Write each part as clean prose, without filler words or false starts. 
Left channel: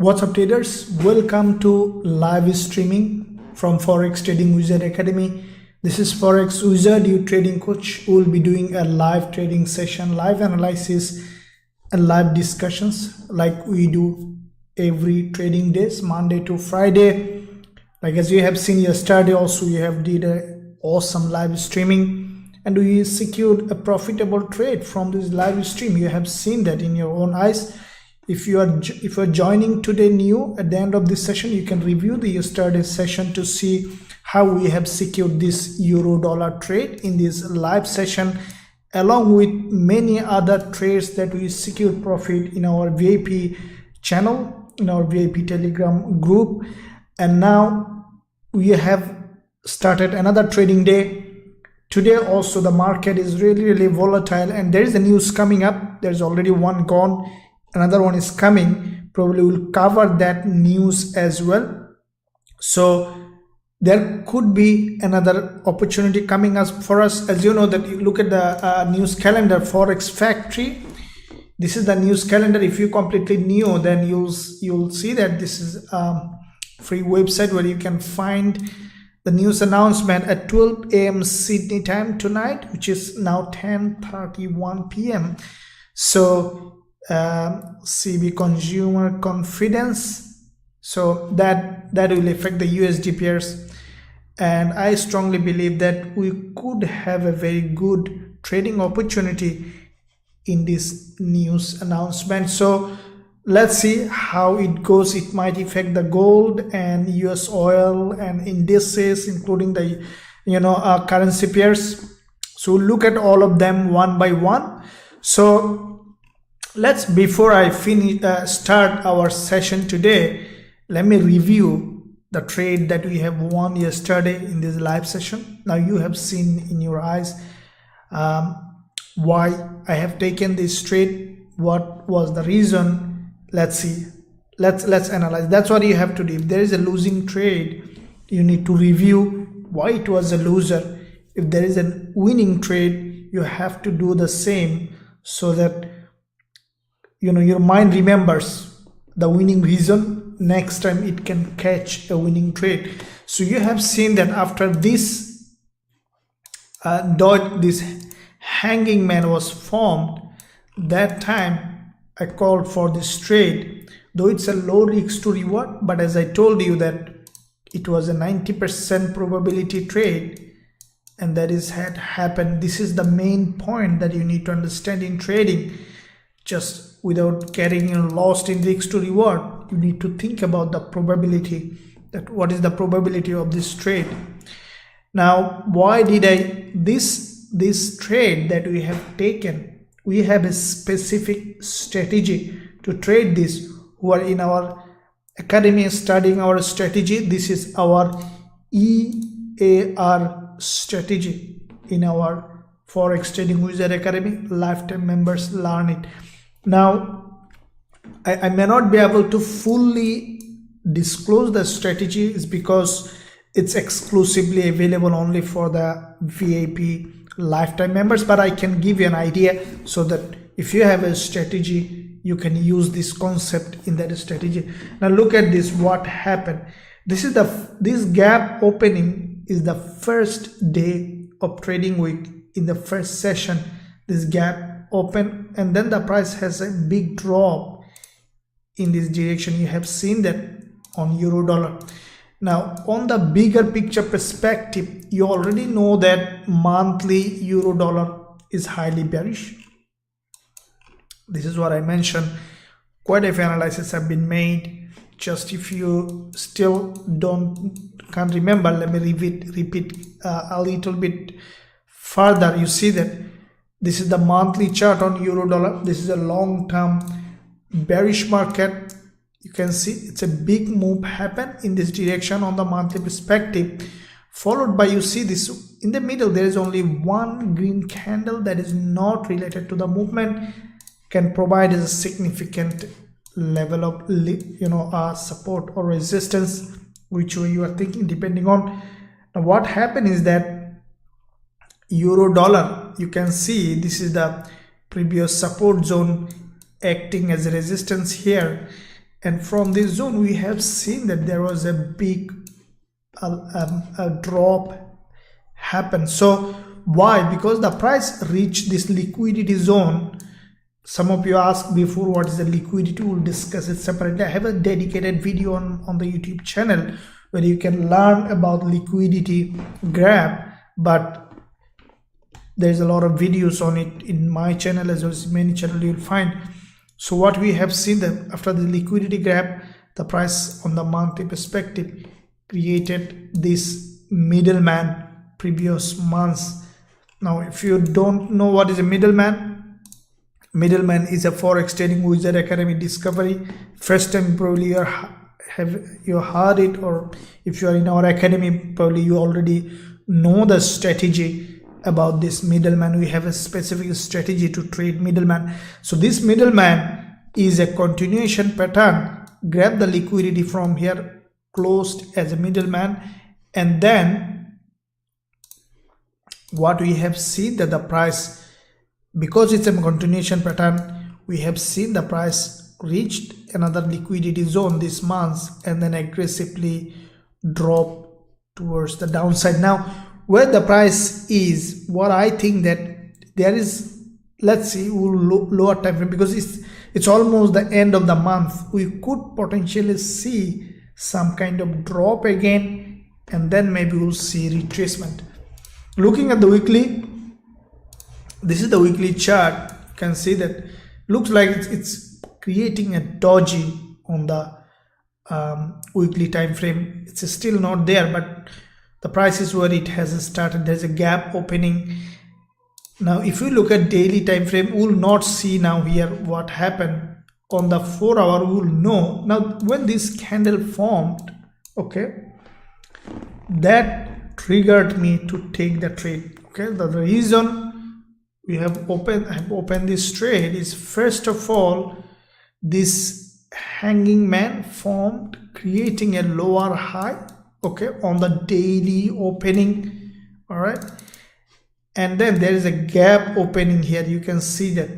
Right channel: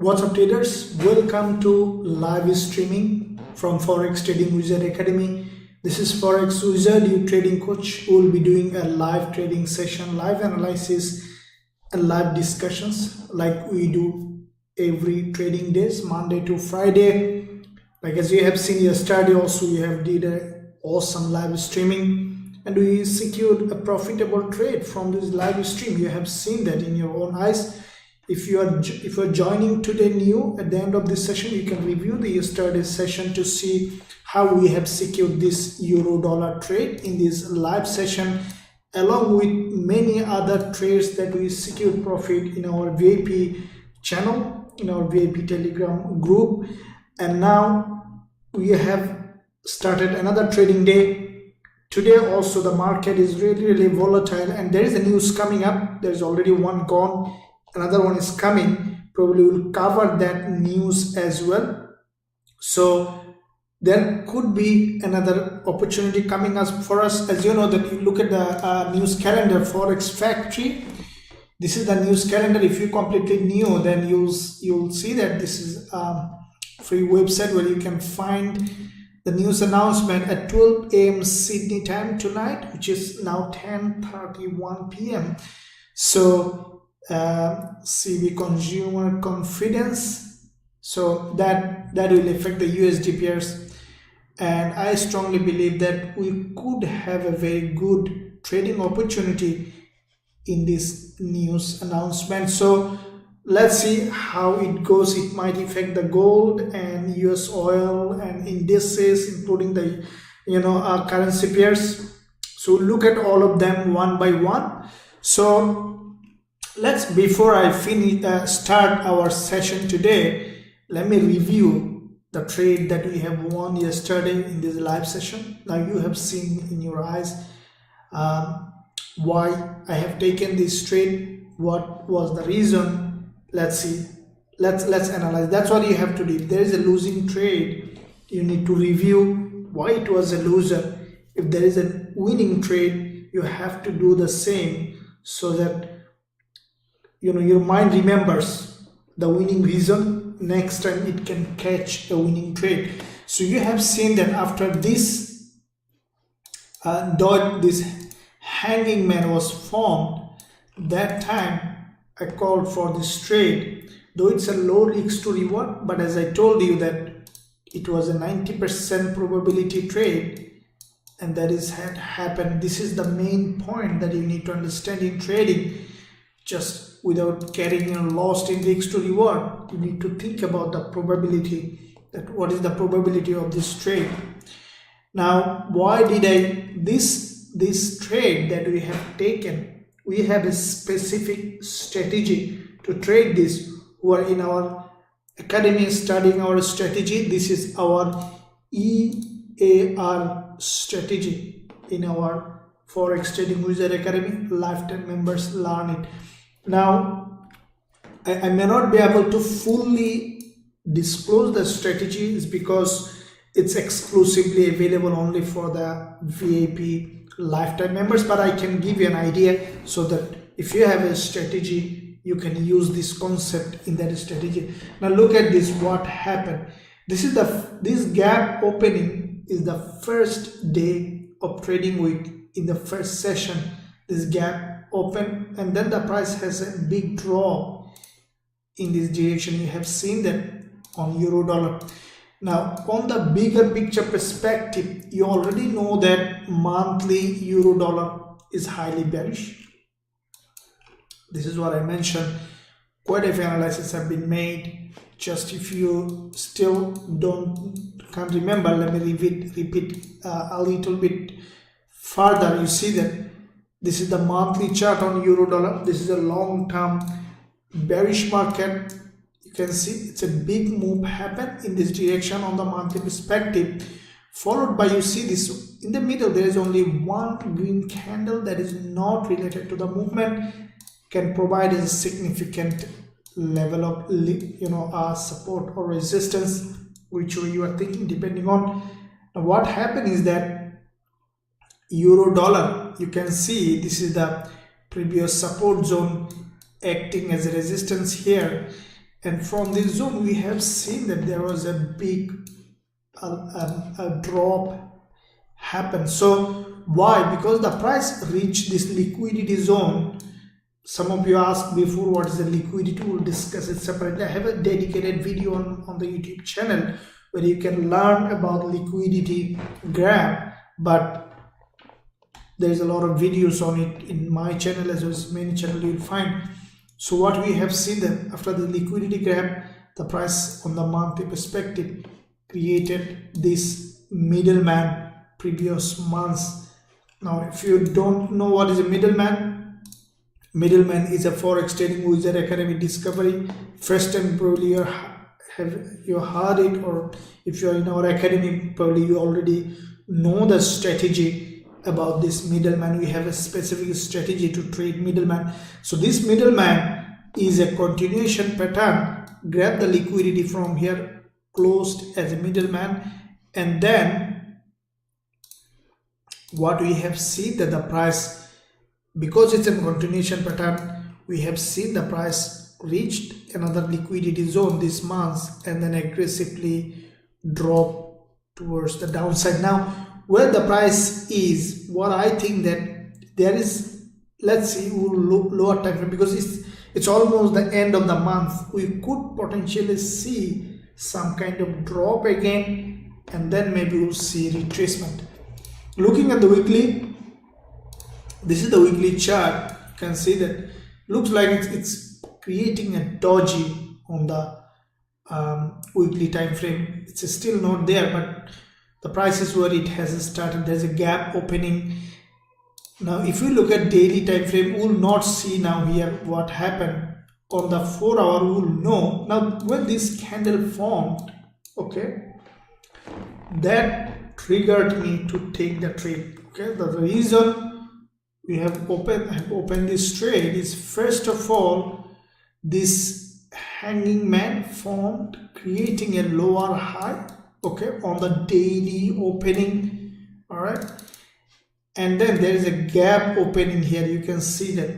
What's up traders, welcome to live streaming from Forex Trading Wizard Academy. This is Forex Wizard, your trading coach, who will be doing a live trading session, live analysis and live discussions like we do every trading days, Monday to Friday. Like as you have seen yesterday also, we have did a awesome live streaming and we secured a profitable trade from this live stream. You have seen that in your own eyes. If you are joining today new, at the end of this session, you can review the yesterday's session to see how we have secured this euro dollar trade in this live session, along with many other trades that we secured profit in our VIP channel, in our VIP Telegram group. And now we have started another trading day. Today also the market is really volatile and there is a news coming up. There is already one gone. Another one is coming. Probably will cover that news as well. So there could be another opportunity coming up for us. As you know, that you look at the news calendar, Forex Factory. This is the news calendar. If you completely new, then you'll see that this is a free website where you can find the news announcement at 12 a.m. Sydney time tonight, which is now 10:31 p.m. So CB consumer confidence, so that will affect the USD pairs, and I strongly believe that we could have a very good trading opportunity in this news announcement. So let's see how it goes. It might affect the gold and US oil and indices, including the currency pairs. So look at all of them one by one. So before I start our session today, let me review the trade that we have won yesterday in this live session. Now you have seen in your eyes why I have taken this trade, what was the reason. Let's see, let's analyze. That's what you have to do. If there is a losing trade, you need to review why it was a loser. If there is a winning trade, you have to do the same, so that your mind remembers the winning reason. Next time it can catch a winning trade. So you have seen that after this this hanging man was formed, that time I called for this trade, though it's a low risk to reward, but as I told you that it was a 90% probability trade, and that is had happened. This is the main point that you need to understand in trading. Just without getting lost in risk to reward, you need to think about the probability, that what is the probability of this trade. Now why did I this trade that we have taken? We have a specific strategy to trade this. Who are in our academy studying our strategy, this is our EAR strategy in our Forex Trading Wizard Academy. Lifetime members learn it. Now I may not be able to fully disclose the strategies because it's exclusively available only for the VIP lifetime members, but I can give you an idea so that if you have a strategy, you can use this concept in that strategy. Now look at this, what happened. This gap opening is the first day of trading week. In the first session, this gap open, and then the price has a big drop in this direction. You have seen that on euro dollar. Now on the bigger picture perspective, you already know that monthly euro dollar is highly bearish. This is what I mentioned. Quite a few analyses have been made. Just if you still can't remember, let me repeat a little bit further. You see that this is the monthly chart on euro dollar. This is a long-term bearish market. You can see it's a big move happen in this direction on the monthly perspective, followed by, you see this in the middle, there is only one green candle that is not related to the movement, can provide a significant level of support or resistance, which way you are thinking, depending on. Now what happened is that euro dollar, you can see this is the previous support zone acting as a resistance here, and from this zone we have seen that there was a big a drop happen. So why? Because the price reached this liquidity zone. Some of you asked before what is the liquidity. We'll discuss it separately. I have a dedicated video on the YouTube channel where you can learn about liquidity graph, but there's a lot of videos on it in my channel as well as many channels you'll find. So what we have seen that after the liquidity graph, the price on the monthly perspective created this middleman previous months. Now if you don't know what is a middleman is a Forex Trading Wizard Academy discovery. First time probably you heard it, or if you are in our academy probably you already know the strategy about this middleman. We have a specific strategy to trade middleman. So this middleman is a continuation pattern. Grab the liquidity from here, closed as a middleman, and then what we have seen that the price, because it's a continuation pattern, we have seen the price reached another liquidity zone this month and then aggressively drop towards the downside. Now where the price is, what I think that there is, let's see, lower time frame, because it's almost the end of the month. We could potentially see some kind of drop again, and then maybe we'll see retracement. Looking at the weekly, this is the weekly chart. You can see that looks like it's creating a doji on the weekly time frame. It's still not there, but the price is where it has started. There's a gap opening. Now if you look at daily time frame, we will not see now here what happened. On the 4 hour we will know. Now when this candle formed, okay, that triggered me to take the trade. Okay, the reason we have opened this trade is, first of all, this hanging man formed, creating a lower high, okay, on the daily opening. All right, and then there is a gap opening here. You can see that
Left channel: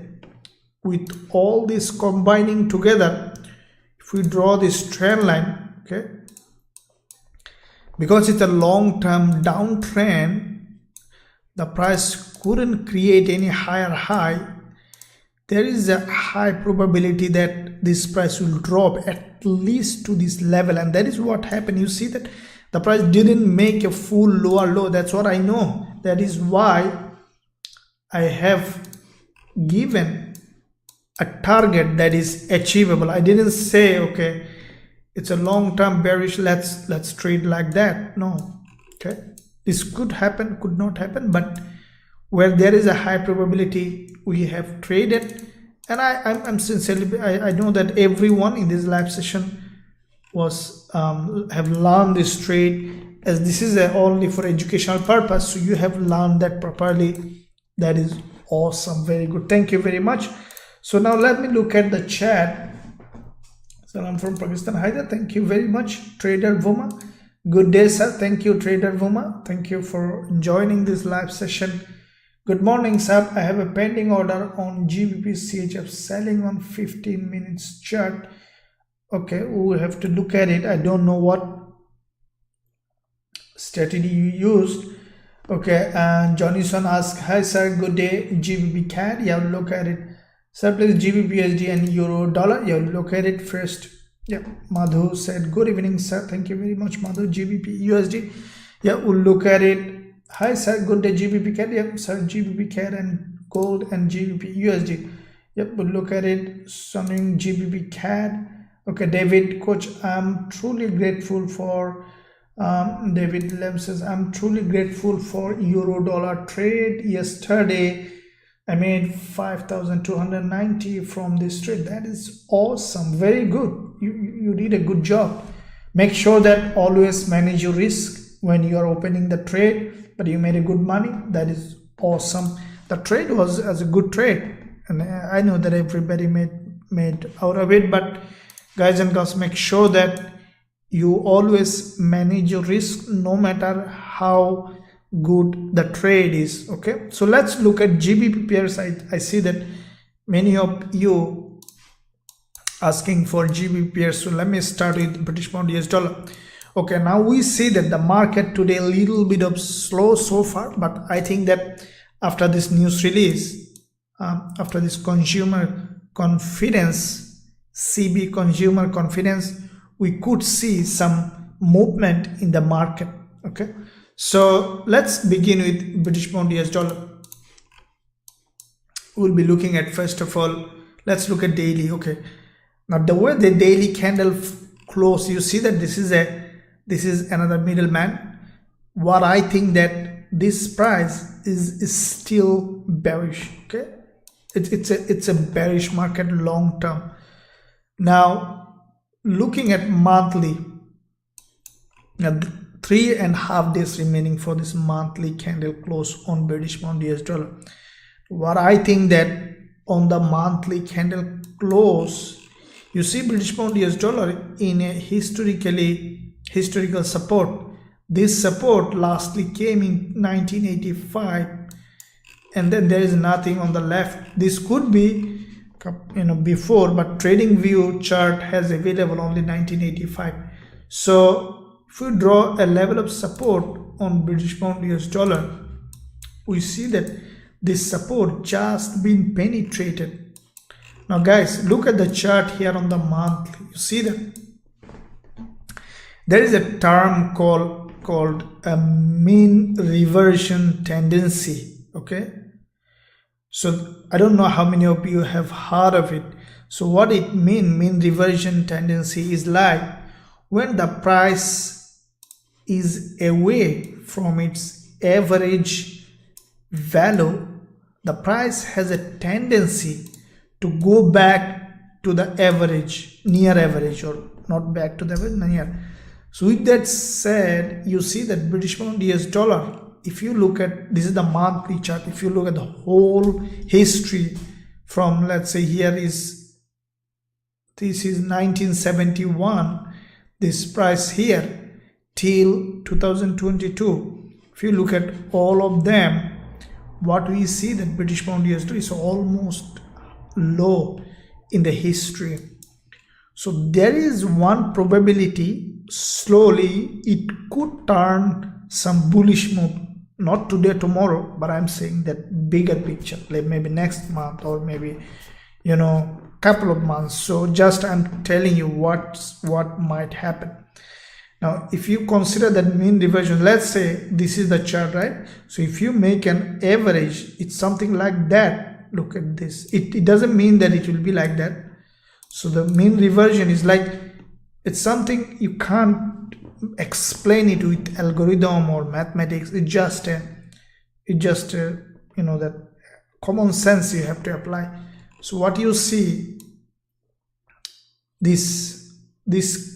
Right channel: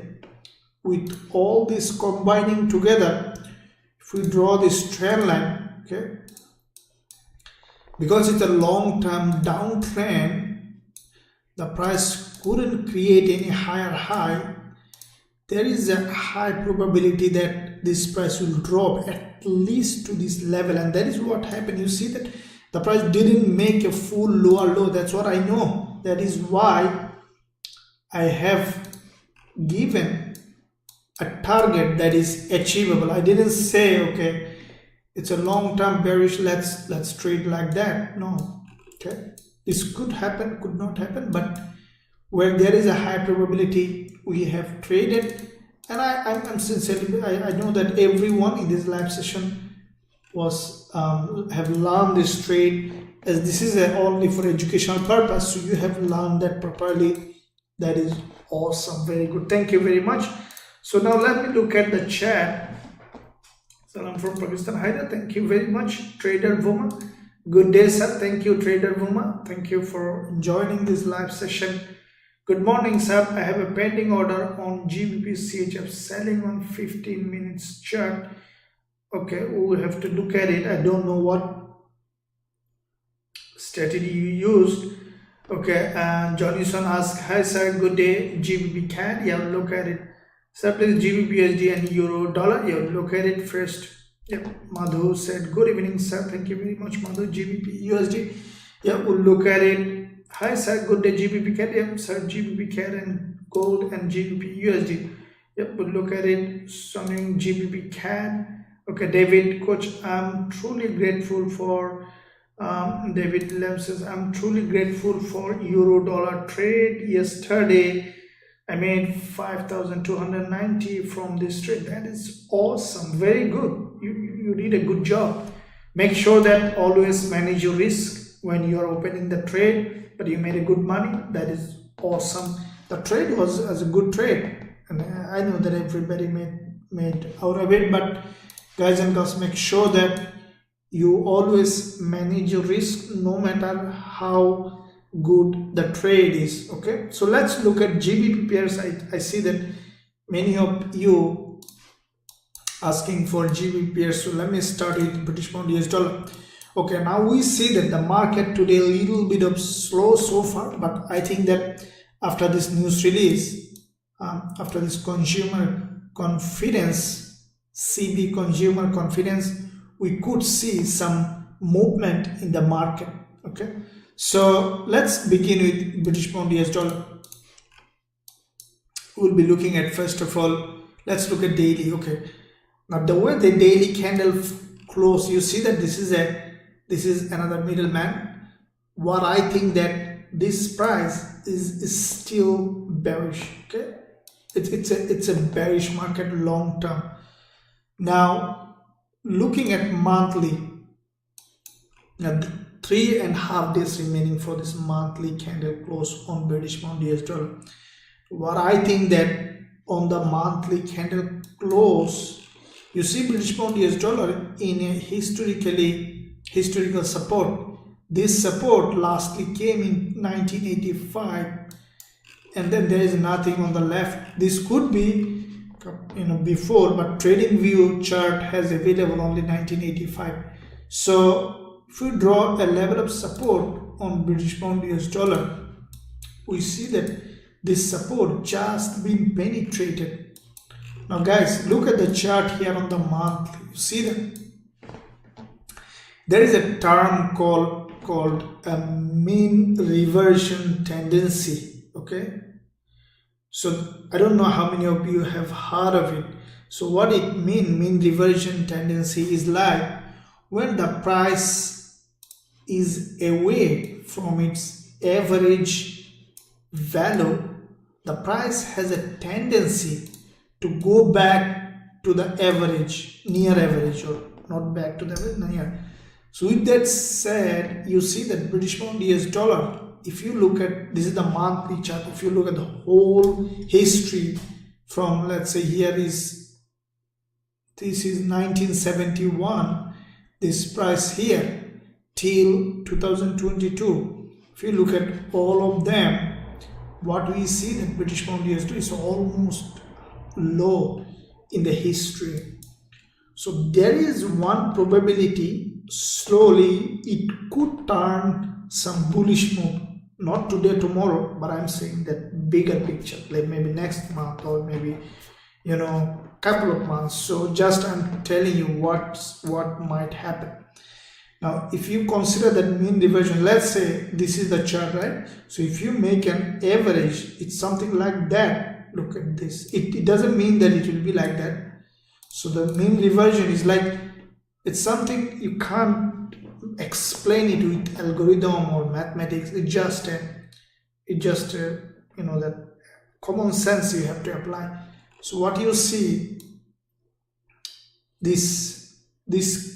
with all this combining together, if we draw this trend line, okay, because it's a long-term downtrend, the price couldn't create any higher high. There is a high probability that this price will drop at least to this level, and that is what happened. You see that the price didn't make a full lower low. That's what I know. That is why I have given a target that is achievable. I didn't say, okay, it's a long-term bearish, let's trade like that. No, okay, this could happen, could not happen, but where there is a high probability, we have traded. And I'm sincerely, I know that everyone in this live session was have learned this trade, as this is only for educational purpose, so you have learned that properly. That is awesome, very good, thank you very much. So now let me look at the chat. Salam from Pakistan. Hi there, thank you very much, Trader Vuma. Good day, sir. Thank you, Trader Vuma. Thank you for joining this live session. Good morning, sir. I have a pending order on Gbpusd CHF selling on 15 minutes chart. Okay, we will have to look at it. I don't know what strategy you used. Okay, and Johnnyson asked, hi sir, good day, Gbp CAD. Yeah, look at it. Sir, please Gbpusd and euro dollar. Yeah, look at it first. Yeah, Madhu said, good evening, sir. Thank you very much, Madhu. Gbp USD. Yeah, we'll look at it. Hi, sir. Good day, Gbp CAD. Yeah, sir, Gbp CAD and gold and Gbp USD. Yep, we'll look at it. Something Gbp CAD. Okay, David, coach, I'm truly grateful for. David Lem says, I'm truly grateful for euro dollar trade. Yesterday, I made 5,290 from this trade. That is awesome. Very good. You did a good job. Make sure that always manage your risk when you are opening the trade, but you made a good money. That is awesome. The trade was as a good trade, and I know that everybody made out of it, but guys and girls, make sure that you always manage your risk no matter how good the trade is. Okay, so let's look at GBP pairs. I see that many of you asking for GB pairs. So let me start with British pound US dollar. Okay, now we see that the market today a little bit of slow so far, but I think that after this news release, after this consumer confidence, CB consumer confidence, we could see some movement in the market. Okay, so let's begin with British pound US dollar. We'll be looking at, first of all, let's look at daily. Okay, now the way the daily candle close, you see that this is another middleman. What I think that this price is still bearish. Okay, it's a bearish market long term. Now looking at monthly, now 3.5 days remaining for this monthly candle close on British pound US dollar. What I think that on the monthly candle close, you see British pound US dollar in a historical support. This support lastly came in 1985, and then there is nothing on the left. This could be before, but trading view chart has available only 1985. So if we draw a level of support on British pound US dollar, we see that this support just been penetrated. Now guys, look at the chart here on the monthly. You see that there is a term called a mean reversion tendency. Okay, so I don't know how many of you have heard of it. So what it mean reversion tendency is like when the price is away from its average value, the price has a tendency to go back to the average, near average, or not back to the average, near. So with that said, you see that British pound US dollar, if you look at, this is the monthly chart, if you look at the whole history from, let's say this is 1971, this price here till 2022, if you look at all of them, what we see that British pound US dollar is almost low in the history. So there is one probability slowly it could turn some bullish move, not today, tomorrow, but I'm saying that bigger picture, like maybe next month or maybe couple of months. So just I'm telling you what might happen. Now, if you consider that mean reversion, let's say this is the chart, right? So if you make an average, it's something like that. Look at this. It doesn't mean that it will be like that. So the mean reversion is like, it's something you can't explain it with algorithm or mathematics. It just that common sense you have to apply. So what you see, this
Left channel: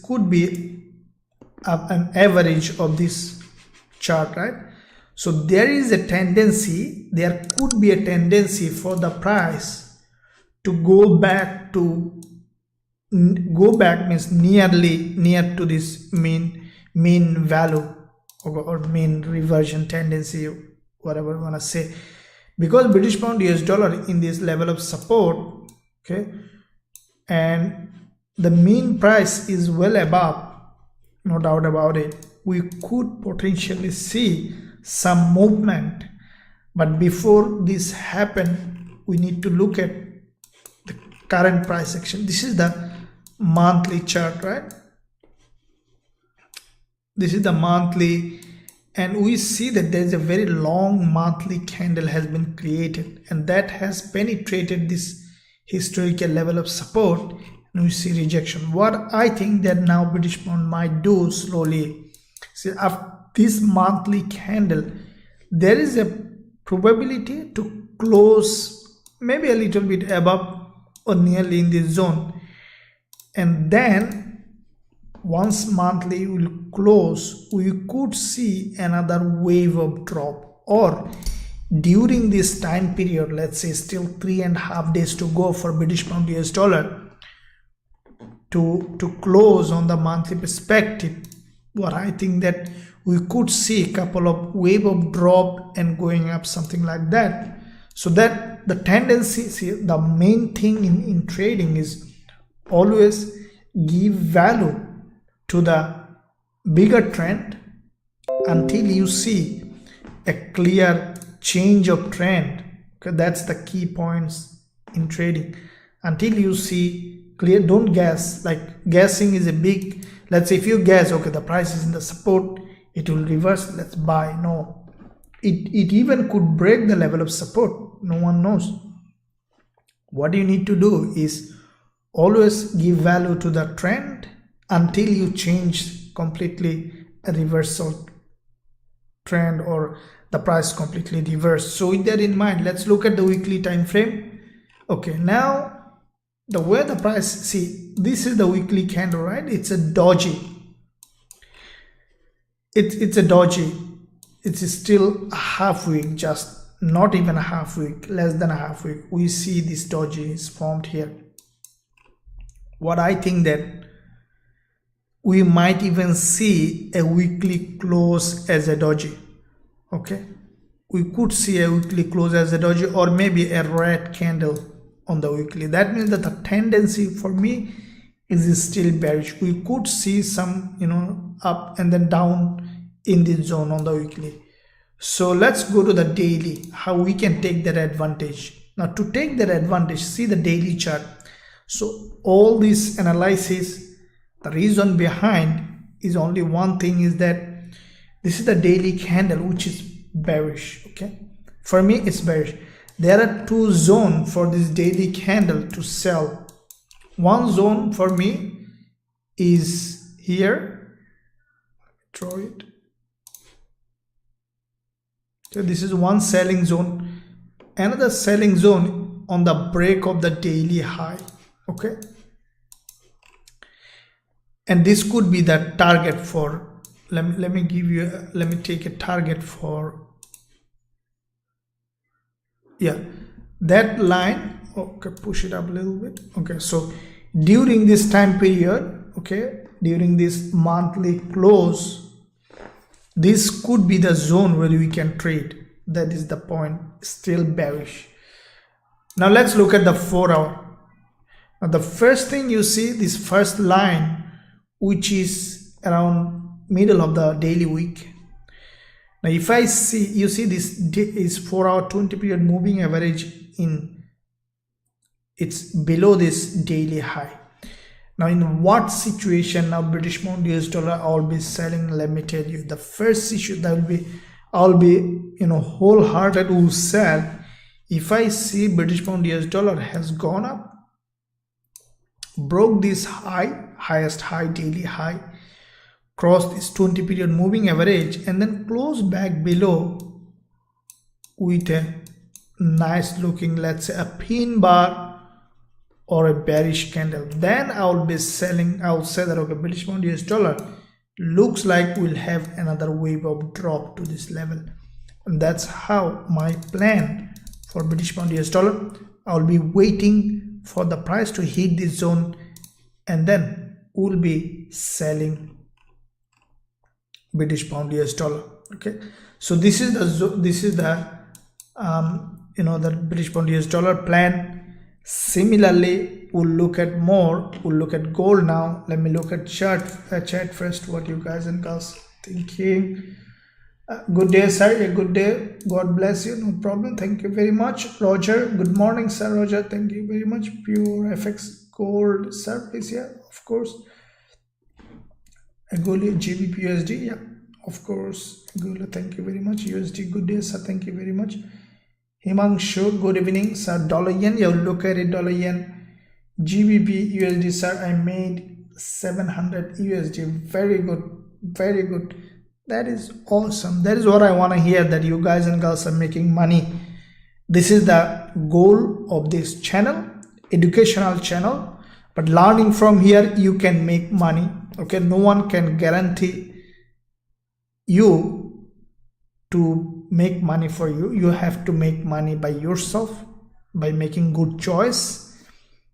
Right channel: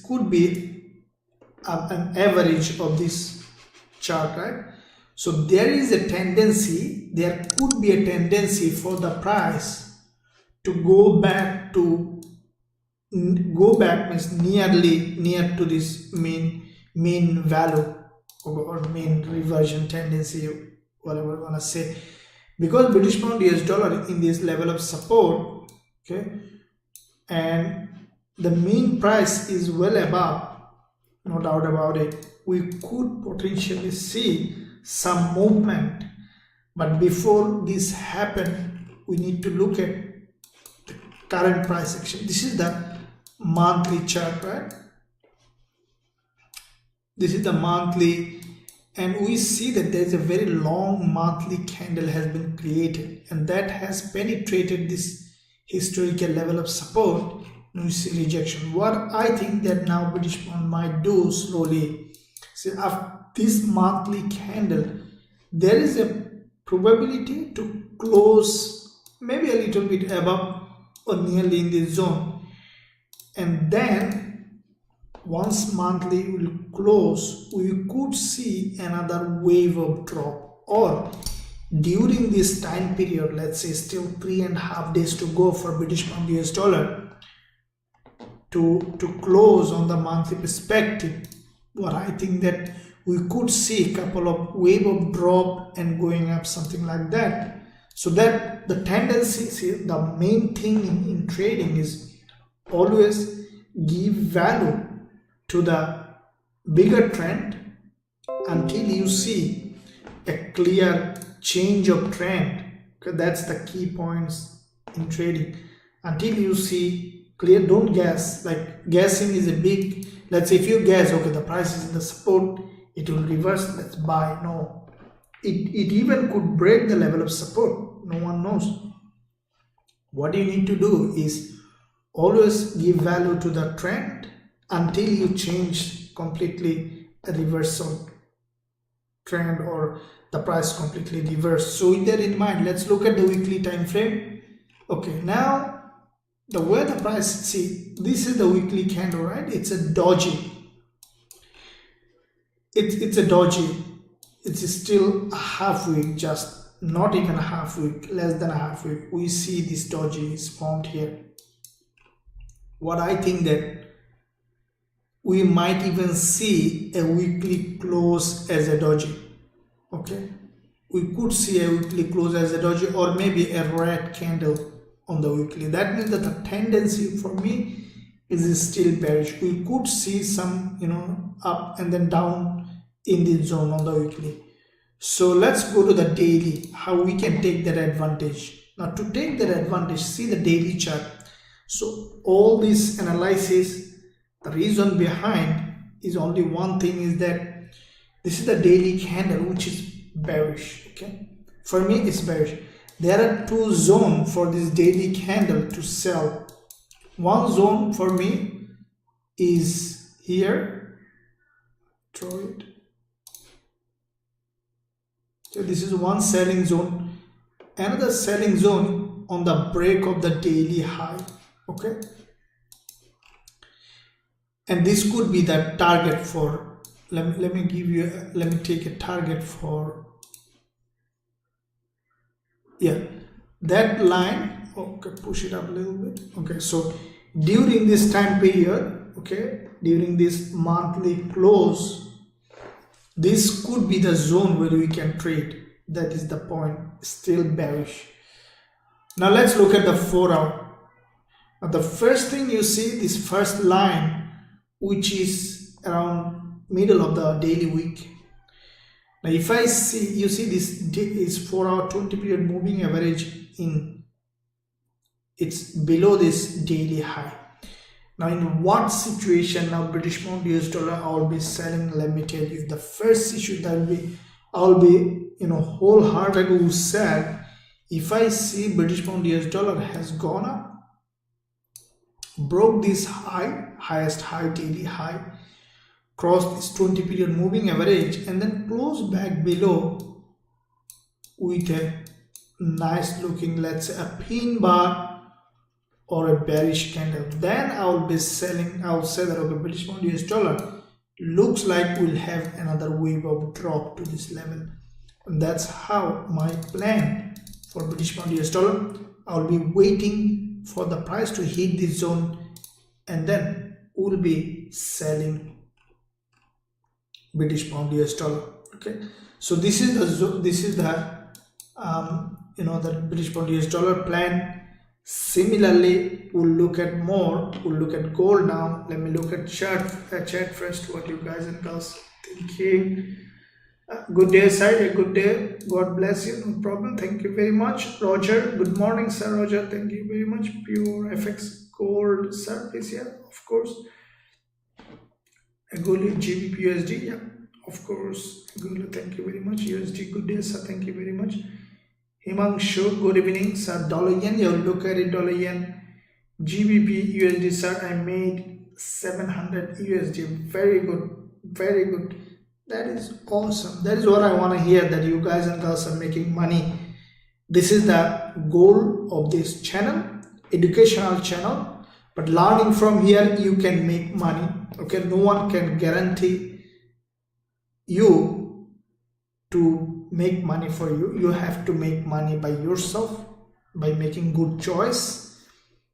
could be an average of this chart, right? So there is a tendency, there could be a tendency for the price to go back means near to this mean value or mean reversion tendency, whatever you want to say, because British pound US dollar in this level of support, okay, and the mean price is well above, no doubt about it, we could potentially see some movement. But before this happen, we need to look at the current price action. This is the monthly chart, right? This is the monthly, and we see that there is a very long monthly candle has been created, and that has penetrated this historical level of support. We see rejection. What I think that now British pound might do slowly, see, after this monthly candle, there is a probability to close maybe a little bit above or nearly in this zone, and then once monthly will close, we could see another wave of drop, or during this time period, let's say still 3.5 days to go for British pound US dollar to close on the monthly perspective, what I think that we could see a couple of wave of drop and going up, something like that. So that the tendency, see, the main thing in trading is always give value to the bigger trend until you see a clear change of trend. Okay, that's the key points in trading. Until you see clear, don't guess. Like guessing is a big, let's say if you guess, okay, the price is in the support, it will reverse, let's buy. No, it even could break the level of support. No one knows. What you need to do is always give value to the trend until you change completely a reversal trend or the price completely reversed. So with that in mind, let's look at the weekly time frame. Okay, now the way the price, see, this is the weekly candle, right? It's a doji. It's a doji. It's still a half week, just not even a half week, less than a half week. We see this doji is formed here. What I think that we might even see a weekly close as a doji. Okay, we could see a weekly close as a doji, or maybe a red candle on the weekly. That means that the tendency for me is still bearish. We could see some, up and then down in this zone on the weekly. So let's go to the daily, how we can take that advantage. Now to take that advantage, see the daily chart. So all this analysis, the reason behind is only one thing, is that this is the daily candle which is bearish. Okay, for me it's bearish. There are two zones for this daily candle to sell. One zone for me is here. Draw it. So this is one selling zone. Another selling zone on the break of the daily high. Okay, and this could be the target for, let me take a target for, yeah, that line. Okay, push it up a little bit. Okay, so during this time period, okay, during this monthly close, this could be the zone where we can trade. That is the point, still bearish. Now let's look at the 4 hour. Now the first thing you see, this first line, which is around middle of the daily week. Now if I see, you see this is 4 hour 20 period moving average in, it's below this daily high. Now in what situation now British pound US dollar I will be selling? Let me tell you, the first issue that will be, I'll be wholehearted will sell if I see British pound US dollar has gone up, broke this high, highest high, daily high, crossed this 20 period moving average, and then close back below with a nice looking, let's say a pin bar or a bearish candle. Then I will be selling. I will say that, okay, British pound US dollar looks like we'll have another wave of drop to this level, and that's how my plan for British pound US dollar. I will be waiting for the price to hit this zone, and then we'll be selling British pound US dollar. Okay, so this is the the British pound US dollar plan. Similarly, we'll look at gold now. Let me look at chart first. What you guys and girls thinking? Good day, sir. Good day. God bless you. No problem. Thank you very much, Roger. Good morning, sir. Roger. Thank you very much. Pure FX gold, sir. Please, yeah, of course. Agoli Gbpusd, yeah, of course. Agoli, thank you very much. USD, good day, sir. Thank you very much. Himanshu, good evening, sir. Dollar yen, yeah, we'll look at it. Dollar yen, GBP USD, sir. I made 700 USD. Very good, very good. That is awesome. That is what I want to hear, that you guys and girls are making money. This is the goal of this channel, educational channel. But learning from here, you can make money. Okay, no one can guarantee you to make money for you. You have to make money by yourself, by making good choice.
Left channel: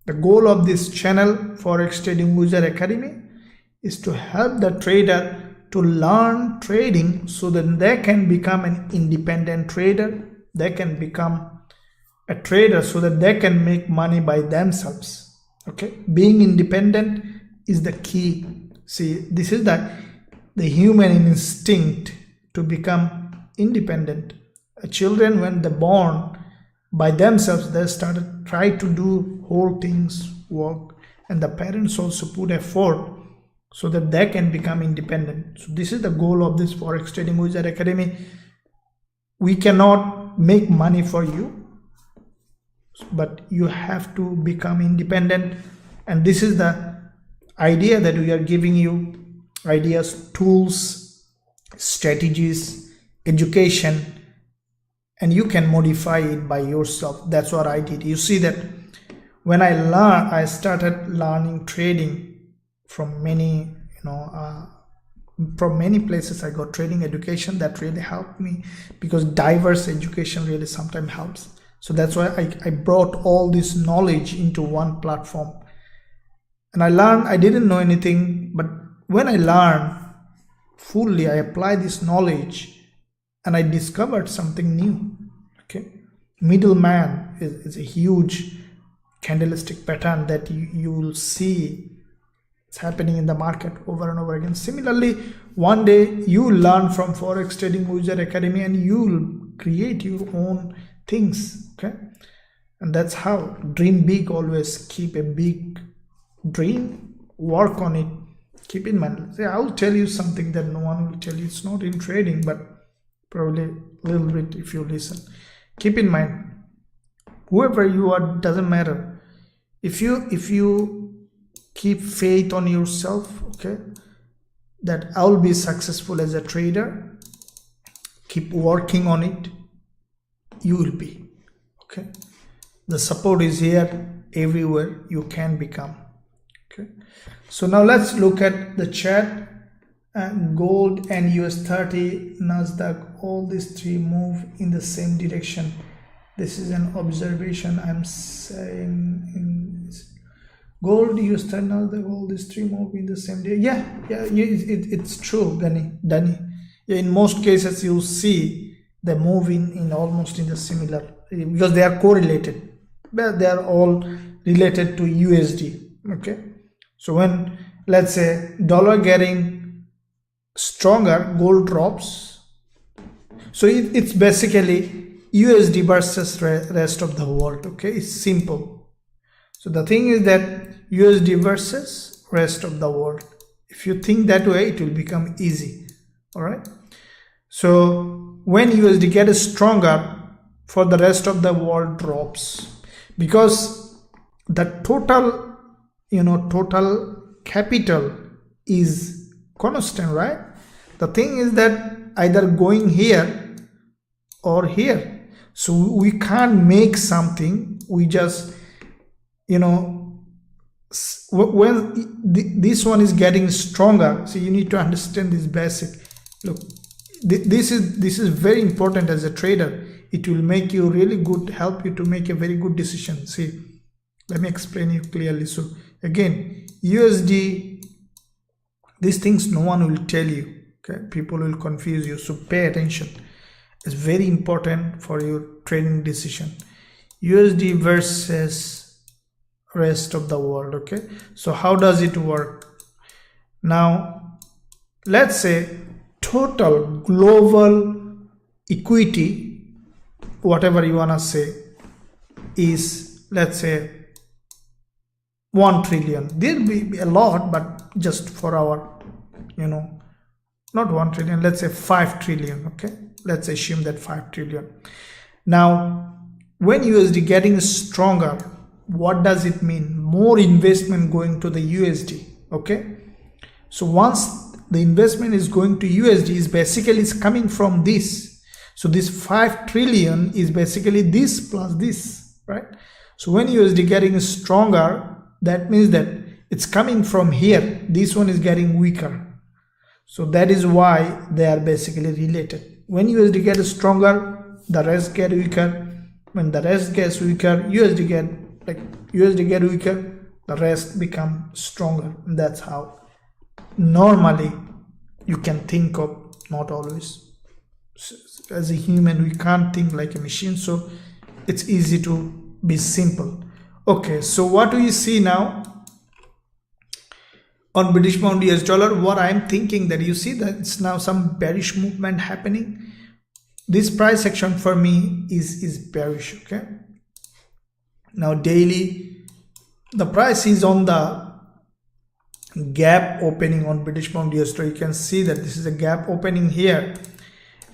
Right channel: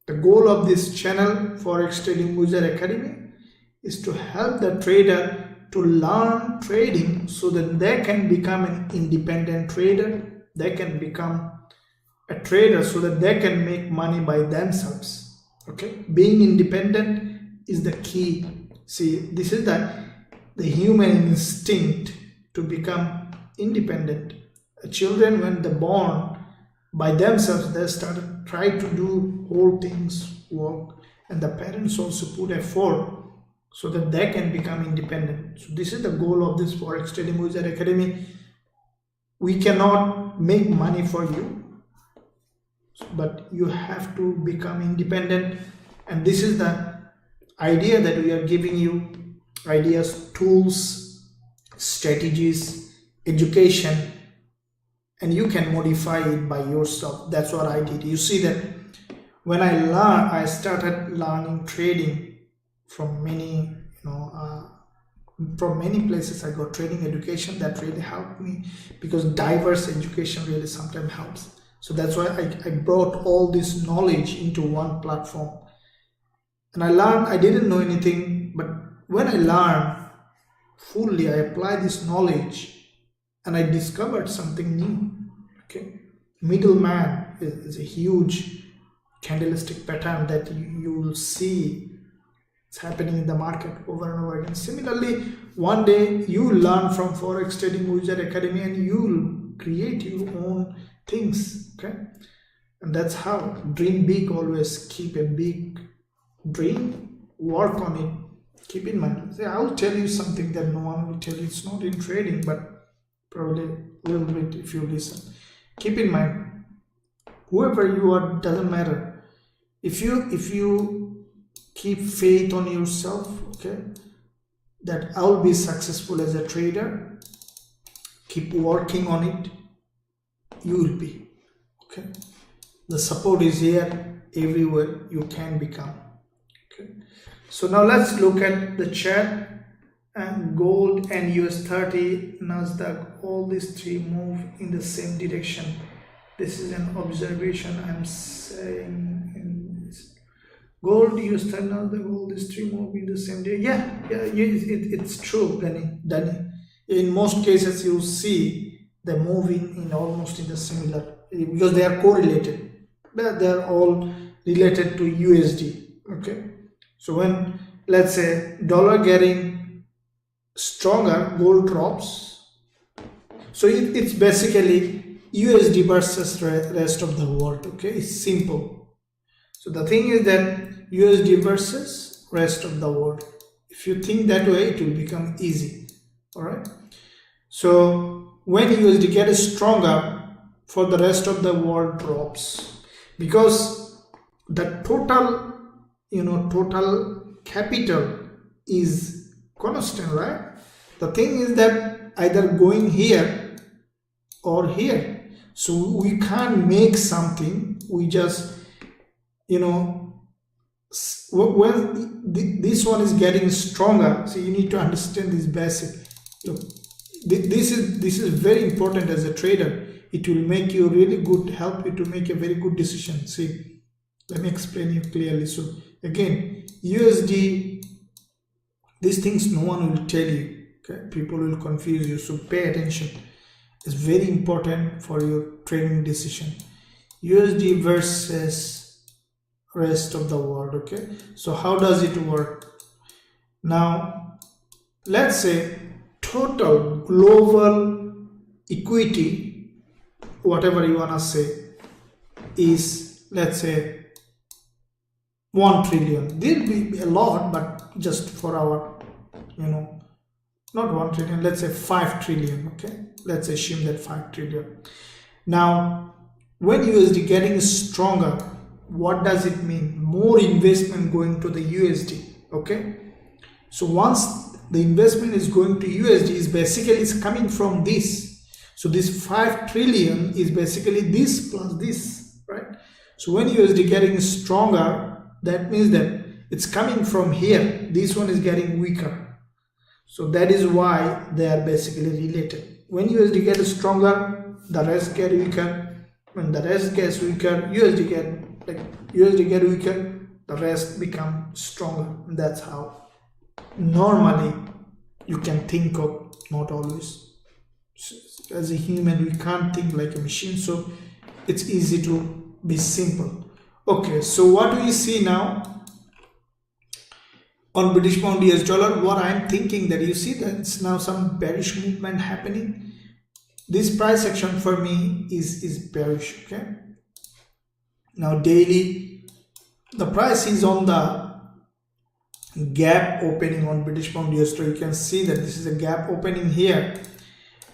The goal of this channel, Forex Trading User Academy, is to help the trader to learn trading so that they can become an independent trader. They can become a trader so that they can make money by themselves. Okay, being independent is the key. See, this is the human instinct to become independent. Children, when they're born by themselves, they started try to do whole things work, and the parents also put effort so that they can become independent. So this is the goal of this Forex Trading Wizard Academy. We cannot make money for you, but you have to become independent, and this is the idea that we are giving you: ideas, tools, strategies, education, and you can modify it by yourself. That's what I did. You see that when I started learning trading from many, from many places. I got trading education that really helped me, because diverse education really sometimes helps. So that's why I brought all this knowledge into one platform. And I learned, I didn't know anything, but when I learned fully, I applied this knowledge and I discovered something new. Okay, middleman is a huge candlestick pattern that you will see it's happening in the market over and over again. Similarly, one day you will learn from Forex Trading Wizard Academy and you will create your own things. Okay, and that's how. Dream big, always keep a big dream, work on it, keep in mind. See, I will tell you something that no one will tell you. It's not in trading, but probably a little bit if you listen. Keep in mind, whoever you are doesn't matter. If you keep faith on yourself, okay, that I'll be successful as a trader, keep working on it, you will be. Okay, the support is here everywhere. You can become. Okay, so now let's look at the chart. And gold and US30, Nasdaq, all these three move in the same direction. This is an observation I'm saying. In gold, US30, Nasdaq, all these three move in the same direction. It's true, Danny. In most cases, you see they move in almost in the similar, because they are correlated. But they are all related to USD. Okay, so when, let's say, dollar getting stronger, gold drops. So it's basically USD versus rest of the world. Okay, it's simple. So the thing is that USD versus rest of the world. If you think that way, it will become easy. All right, so when USD gets stronger, for the rest of the world drops, because the total capital is constant, right? The thing is that either going here or here. So we can't make something. We just, when this one is getting stronger. So you need to understand this basic. Look, this is very important as a trader. It will make you really good, help you to make a very good decision. See, let me explain you clearly. So again, USD, these things no one will tell you. Okay, people will confuse you, so pay attention. It's very important for your trading decision. USD versus rest of the world. Okay, so how does it work? Now let's say total global equity, whatever you wanna say, is, let's say, 1 trillion. There'll be a lot, but just for our, not 1 trillion, let's say 5 trillion. Okay, let's assume that 5 trillion. Now when USD getting stronger, what does it mean? More investment going to the USD. Okay, so once the investment is going to USD, is basically it's coming from this. So this 5 trillion is basically this plus this, right? So when USD getting stronger, that means that it's coming from here. This one is getting weaker. So that is why they are basically related. When USD gets stronger, the rest get weaker. When the rest gets weaker, USD get weaker, the rest become stronger. And that's how normally you can think of, not always. As a human, we can't think like a machine, so it's easy to be simple. Okay, so what do you see now on British pound US dollar? What I'm thinking that you see that it's now some bearish movement happening. This price action for me is bearish. Okay, now daily the price is on the gap opening on British pound US dollar. You can see that this is a gap opening here,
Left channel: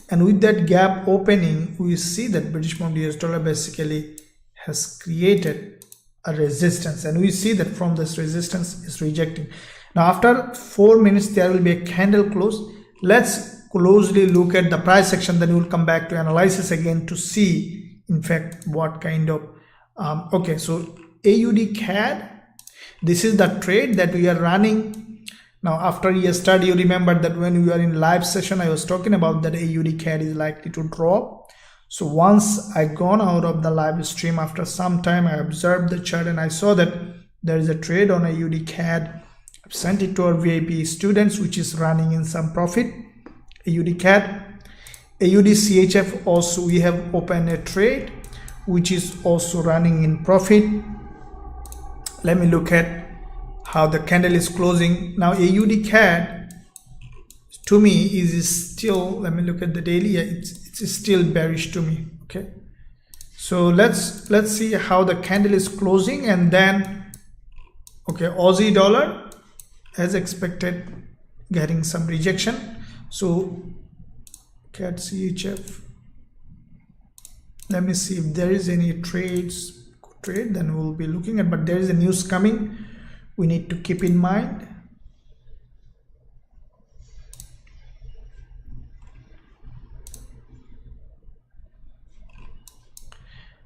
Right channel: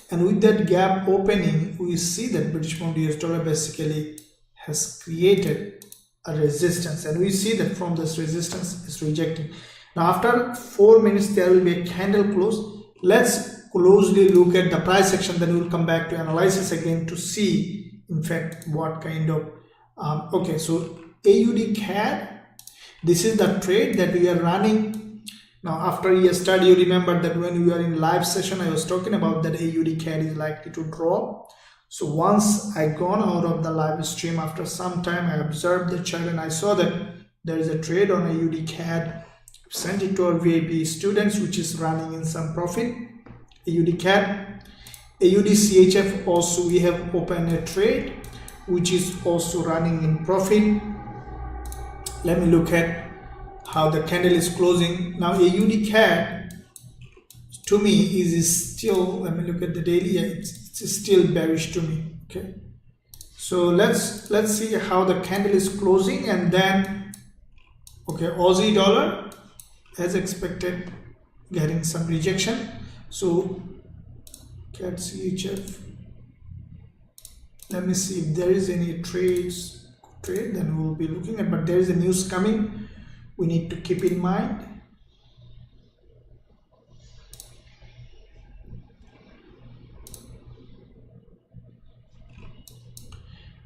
and with that gap opening we see that British pound US dollar basically has created a resistance, and we see that from this resistance is rejecting. Now after 4 minutes there will be a candle close. Let's closely look at the price action, then we will come back to analysis again to see in fact what kind of okay, so AUD CAD, this is the trade that we are running. Now after yesterday you remember that when we were in live session I was talking about that AUD CAD is likely to drop. So once I gone out of the live stream, after some time I observed the chart and I saw that there is a trade on AUD CAD. I've sent it to our VIP students which is running in some profit. AUD CAD, AUD CHF also we have opened a trade which is also running in profit. Let me look at how the candle is closing. Now AUD CAD to me is still, let me look at the daily, it's still bearish to me. Okay, so let's see how the candle is closing, and then okay, Aussie dollar as expected getting some rejection. So CAD CHF, let me see if there is any trade, then we will be looking at, but there is a news coming we need to keep in mind.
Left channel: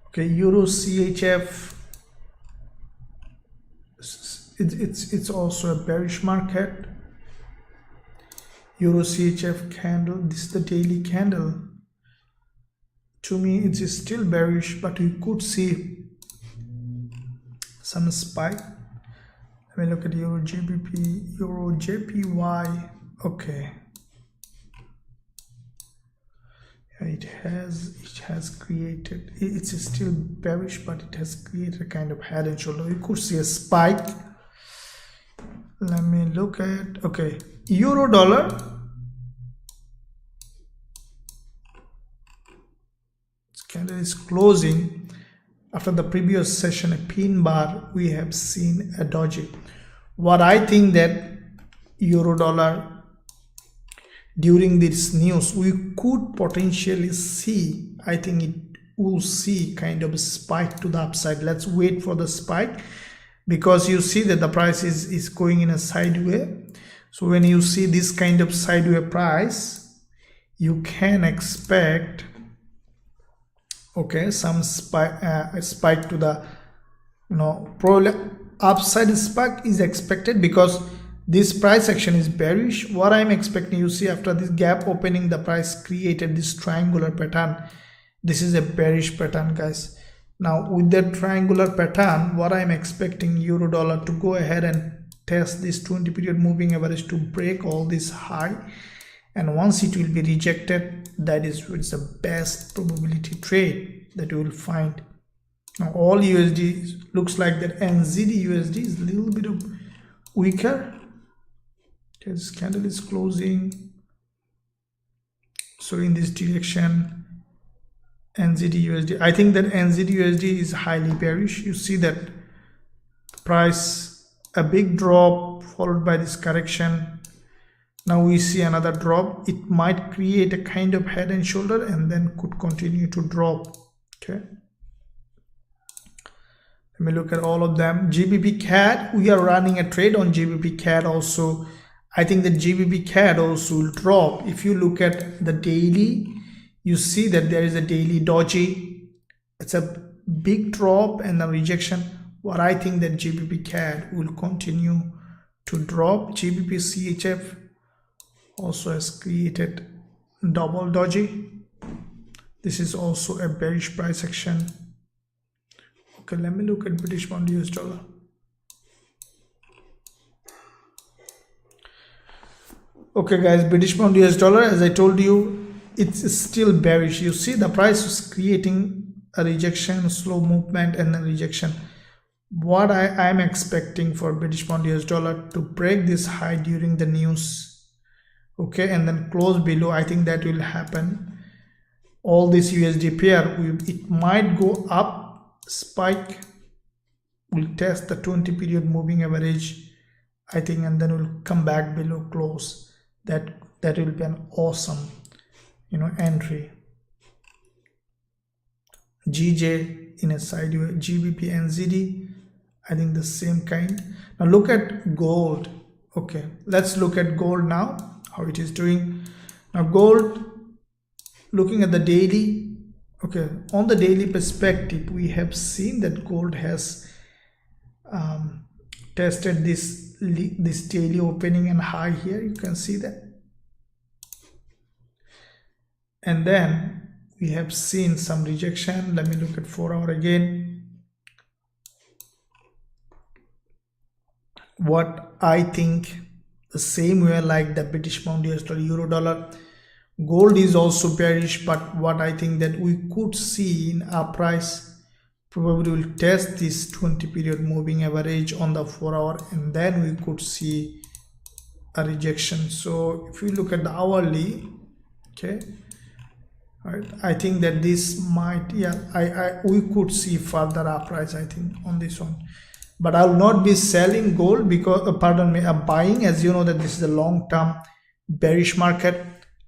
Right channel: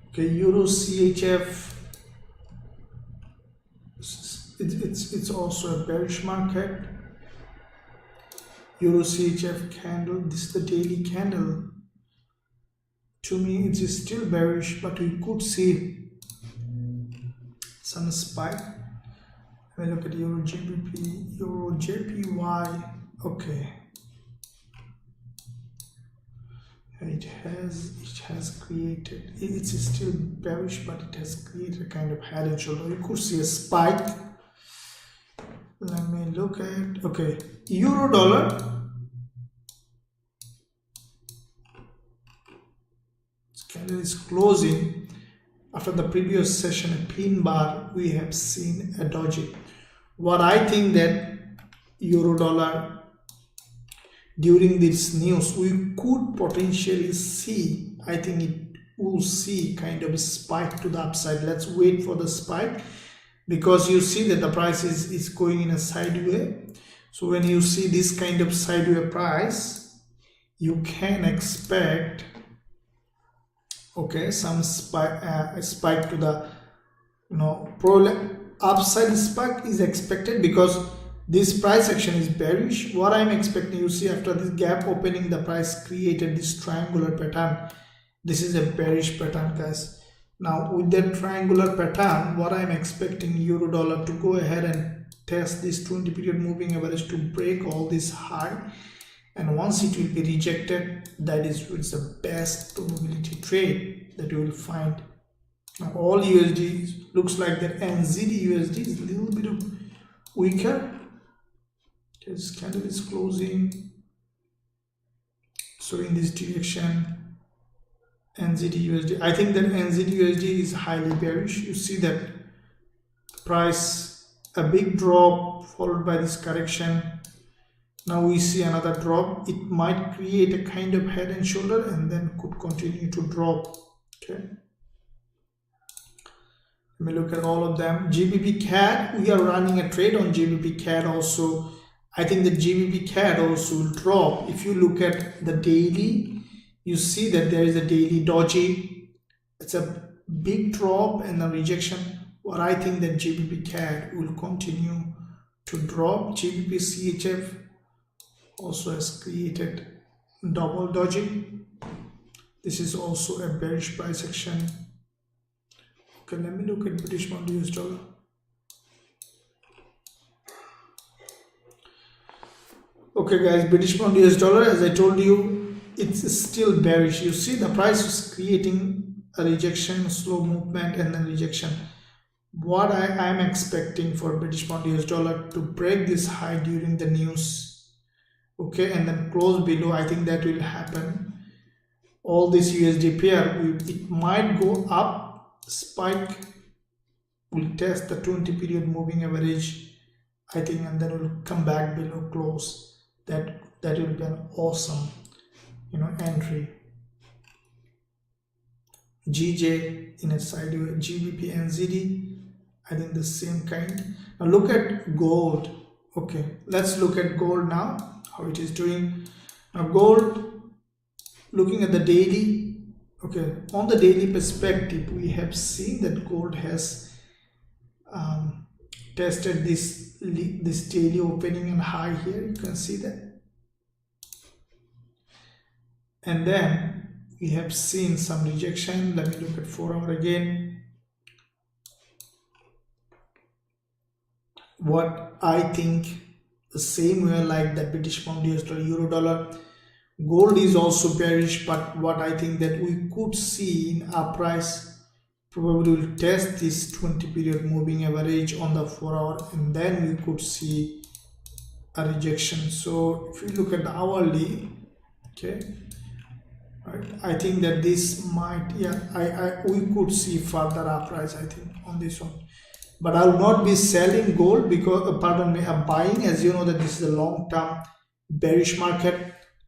Okay, Euro CHF, it's also a bearish market. Euro CHF candle, this is the daily candle. To me it is still bearish, but we could see some spike. Let me look at Euro GBP, Euro JPY. Okay, it has created, it's still bearish, but it has created a kind of head and shoulder. You could see a spike. Let me look at, okay, euro dollar, this candle is closing after the previous session a pin bar. We have seen a doji. What I think that euro dollar during this news we could potentially see, I think it will see kind of a spike to the upside. Let's wait for the spike, because you see that the price is going in a sideways. So when you see this kind of sideways price, you can expect okay some spike to the, you know, probably upside spike is expected, because this price action is bearish. What I'm expecting, you see after this gap opening the price created this triangular pattern. This is a bearish pattern, guys. Now with that triangular pattern, what I'm expecting euro dollar to go ahead and test this 20 period moving average to break all this high, and once it will be rejected, that is it's the best probability trade that you will find. Now all USD looks like that NZD USD is a little bit weaker. This candle is closing, so in this direction NZD USD, I think that NZD USD is highly bearish. You see that price a big drop followed by this correction. Now we see another drop. It might create a kind of head and shoulder and then could continue to drop. Okay, let me look at all of them. GBP CAD, we are running a trade on GBP CAD also. I think the GBP CAD also will drop. If you look at the daily, you see that there is a daily doji. It's a big drop and a rejection. What I think that GBP CAD will continue to drop. GBP CHF also has created double doji. This is also a bearish price action. Okay, let me look at British pound US dollar. Okay guys, British pound US dollar, as I told you, it's still bearish. You see the price is creating a rejection, slow movement and then rejection. what I am expecting for British pound US dollar to break this high during the news, okay, and then close below. I think that will happen. All this USD pair, it might go up, spike, will test the 20 period moving average, I think, and then will come back below close. That will be an awesome, entry. GJ in a side, GBP NZD, I think the same kind. Now look at gold. Okay, let's look at gold now, how it is doing. Now gold, looking at the daily, okay, on the daily perspective, we have seen that gold has tested this daily opening and high here. You can see that, and then we have seen some rejection. Let me look at 4 hour again. What I think, the same way like the British pound US dollar, euro dollar, gold is also bearish, but what I think that we could see in our price probably will test this 20 period moving average on the 4 hour, and then we could see a rejection. So if you look at the hourly, okay, right, I think that this might, we could see further uprise, I think, on this one. But I'll not be selling gold because, I'm buying, as you know that this is a long-term bearish market.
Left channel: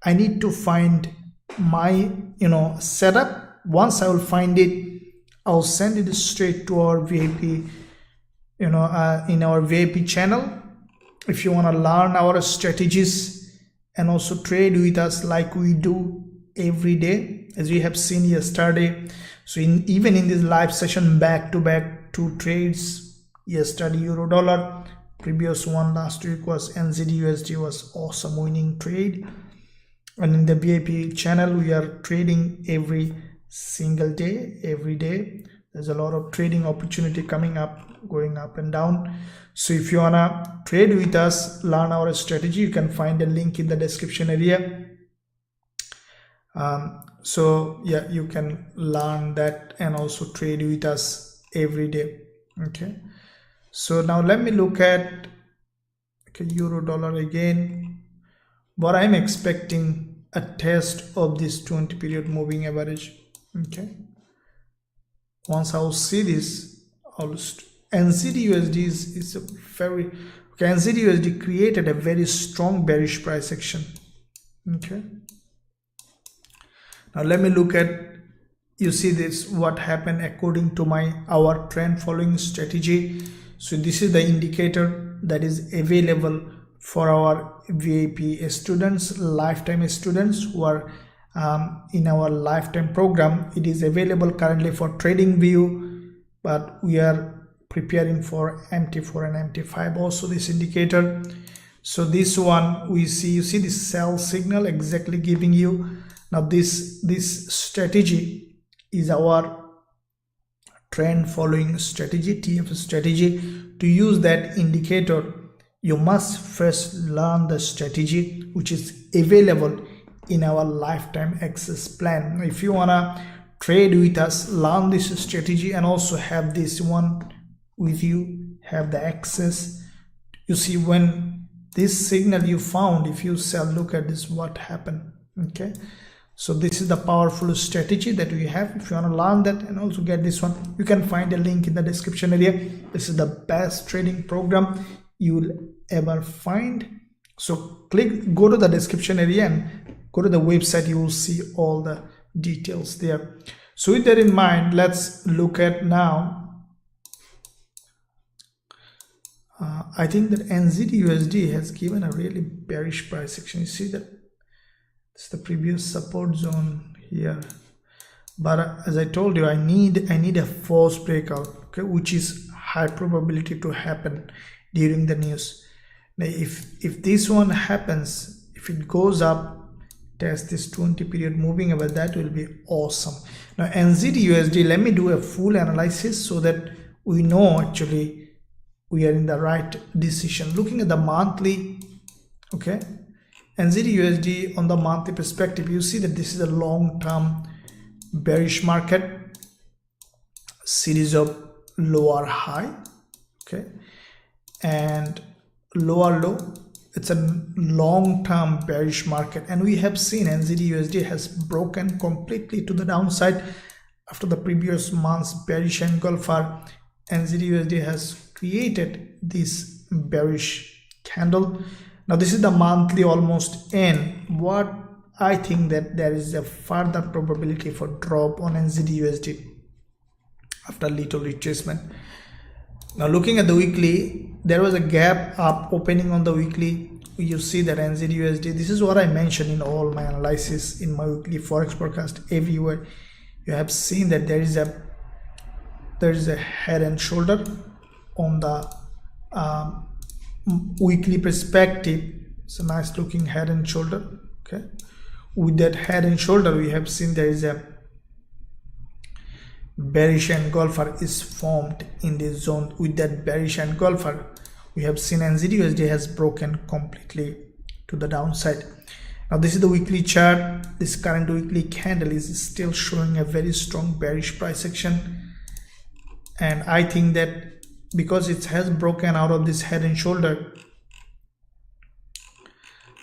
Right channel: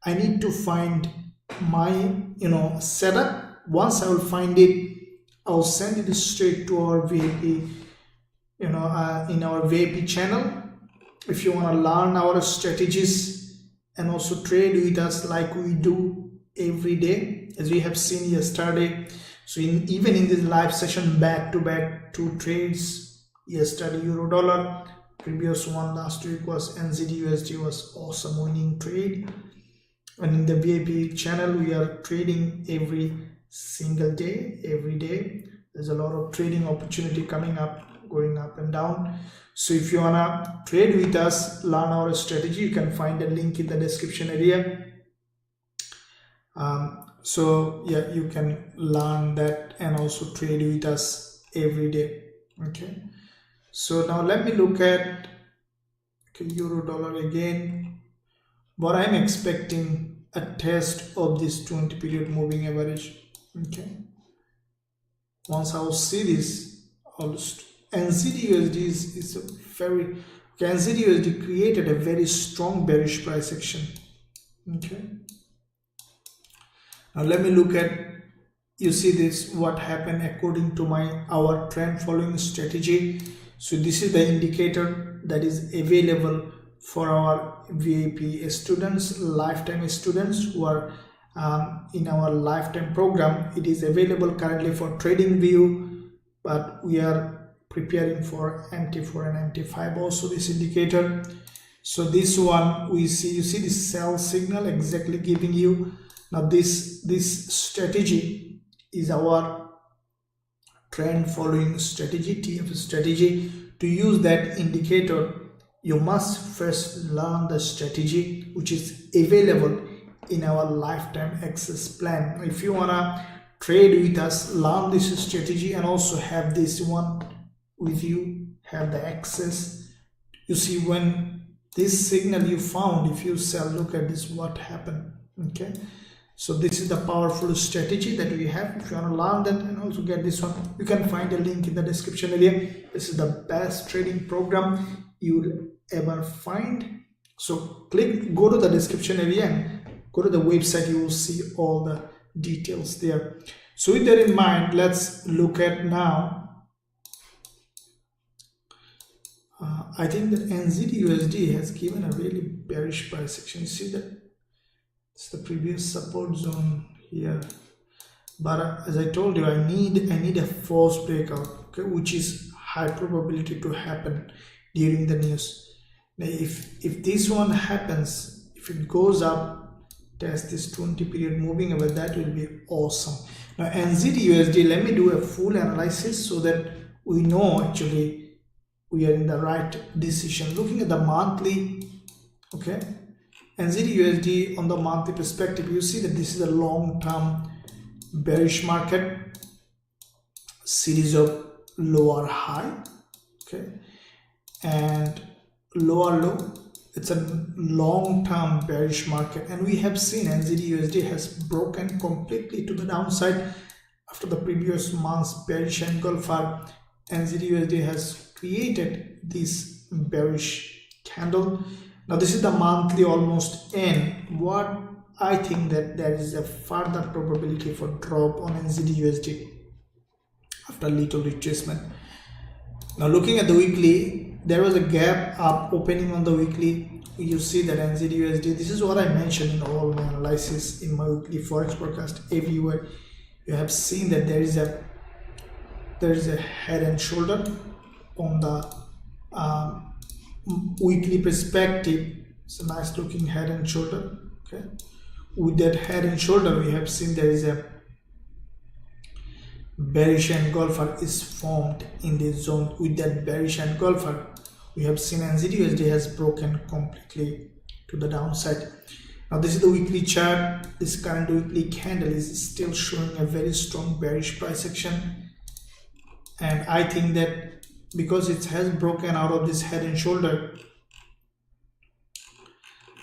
I need to find my, setup. Once I will find it, I'll send it straight to our VIP, in our VIP channel. If you want to learn our strategies and also trade with us like we do every day, as we have seen yesterday. So even in this live session, back-to-back 2 trades, yesterday euro dollar, previous one last week was NZD USD, was awesome winning trade. And in the VIP channel, we are trading every single day, every day. There's a lot of trading opportunity coming up, going up and down. So if you wanna trade with us, learn our strategy, you can find a link in the description area. So yeah, you can learn that and also trade with us every day. Okay, so now let me look at euro dollar again. What I'm expecting, a test of this 20 period moving average. Okay, once I will see this, NZD USD is a very, okay, NZD USD created a very strong bearish price action. Okay, now let me look at, you see this, what happened according to our trend following strategy. So this is the indicator that is available for our VIP students, lifetime students who are in our lifetime program. It is available currently for trading view, but we are preparing for MT4 and MT5 also, this indicator. So this one we see, you see this sell signal exactly giving you. Now this strategy is our trend following strategy, TF strategy. To use that indicator, you must first learn the strategy which is available in our lifetime access plan. If you wanna trade with us, learn this strategy and also have this one with you, have the access. You see, when this signal you found, if you sell, look at this, what happened. Okay, so this is the powerful strategy that we have. If you want to learn that and also get this one, you can find a link in the description area. This is the best trading program you will ever find. So go to the description area and go to the website. You will see all the details there. So with that in mind, let's look at now. I think that NZD USD has given a really bearish price action. You see that it's the previous support zone here, but as I told you, I need a false breakout, okay, which is high probability to happen during the news. Now if this one happens, if it goes up, test this 20 period moving average, that will be awesome. Now NZD USD, let me do a full analysis so that we know actually we are in the right decision. Looking at the monthly, okay, NZD USD on the monthly perspective, you see that this is a long-term bearish market, series of lower high, okay, and lower low. It's a long-term bearish market, and we have seen NZD/USD has broken completely to the downside after the previous month's bearish engulfer. NZD/USD has created this bearish candle. Now this is the monthly almost end. What I think that there is a further probability for drop on NZD/USD after little retracement. Now looking at the weekly, there was a gap up opening on the weekly. You see that NZD/USD, this is what I mentioned in all my analysis in my weekly forex forecast. Everywhere you have seen that there is a head and shoulder on the weekly perspective. It's a nice looking head and shoulder. Okay, with that head and shoulder we have seen there is a bearish engulfer is formed in this zone. With that bearish engulfer we have seen NZD/USD has broken completely to the downside. Now this is the weekly chart. This current weekly candle is still showing a very strong bearish price action, and I think that because it has broken out of this head and shoulder,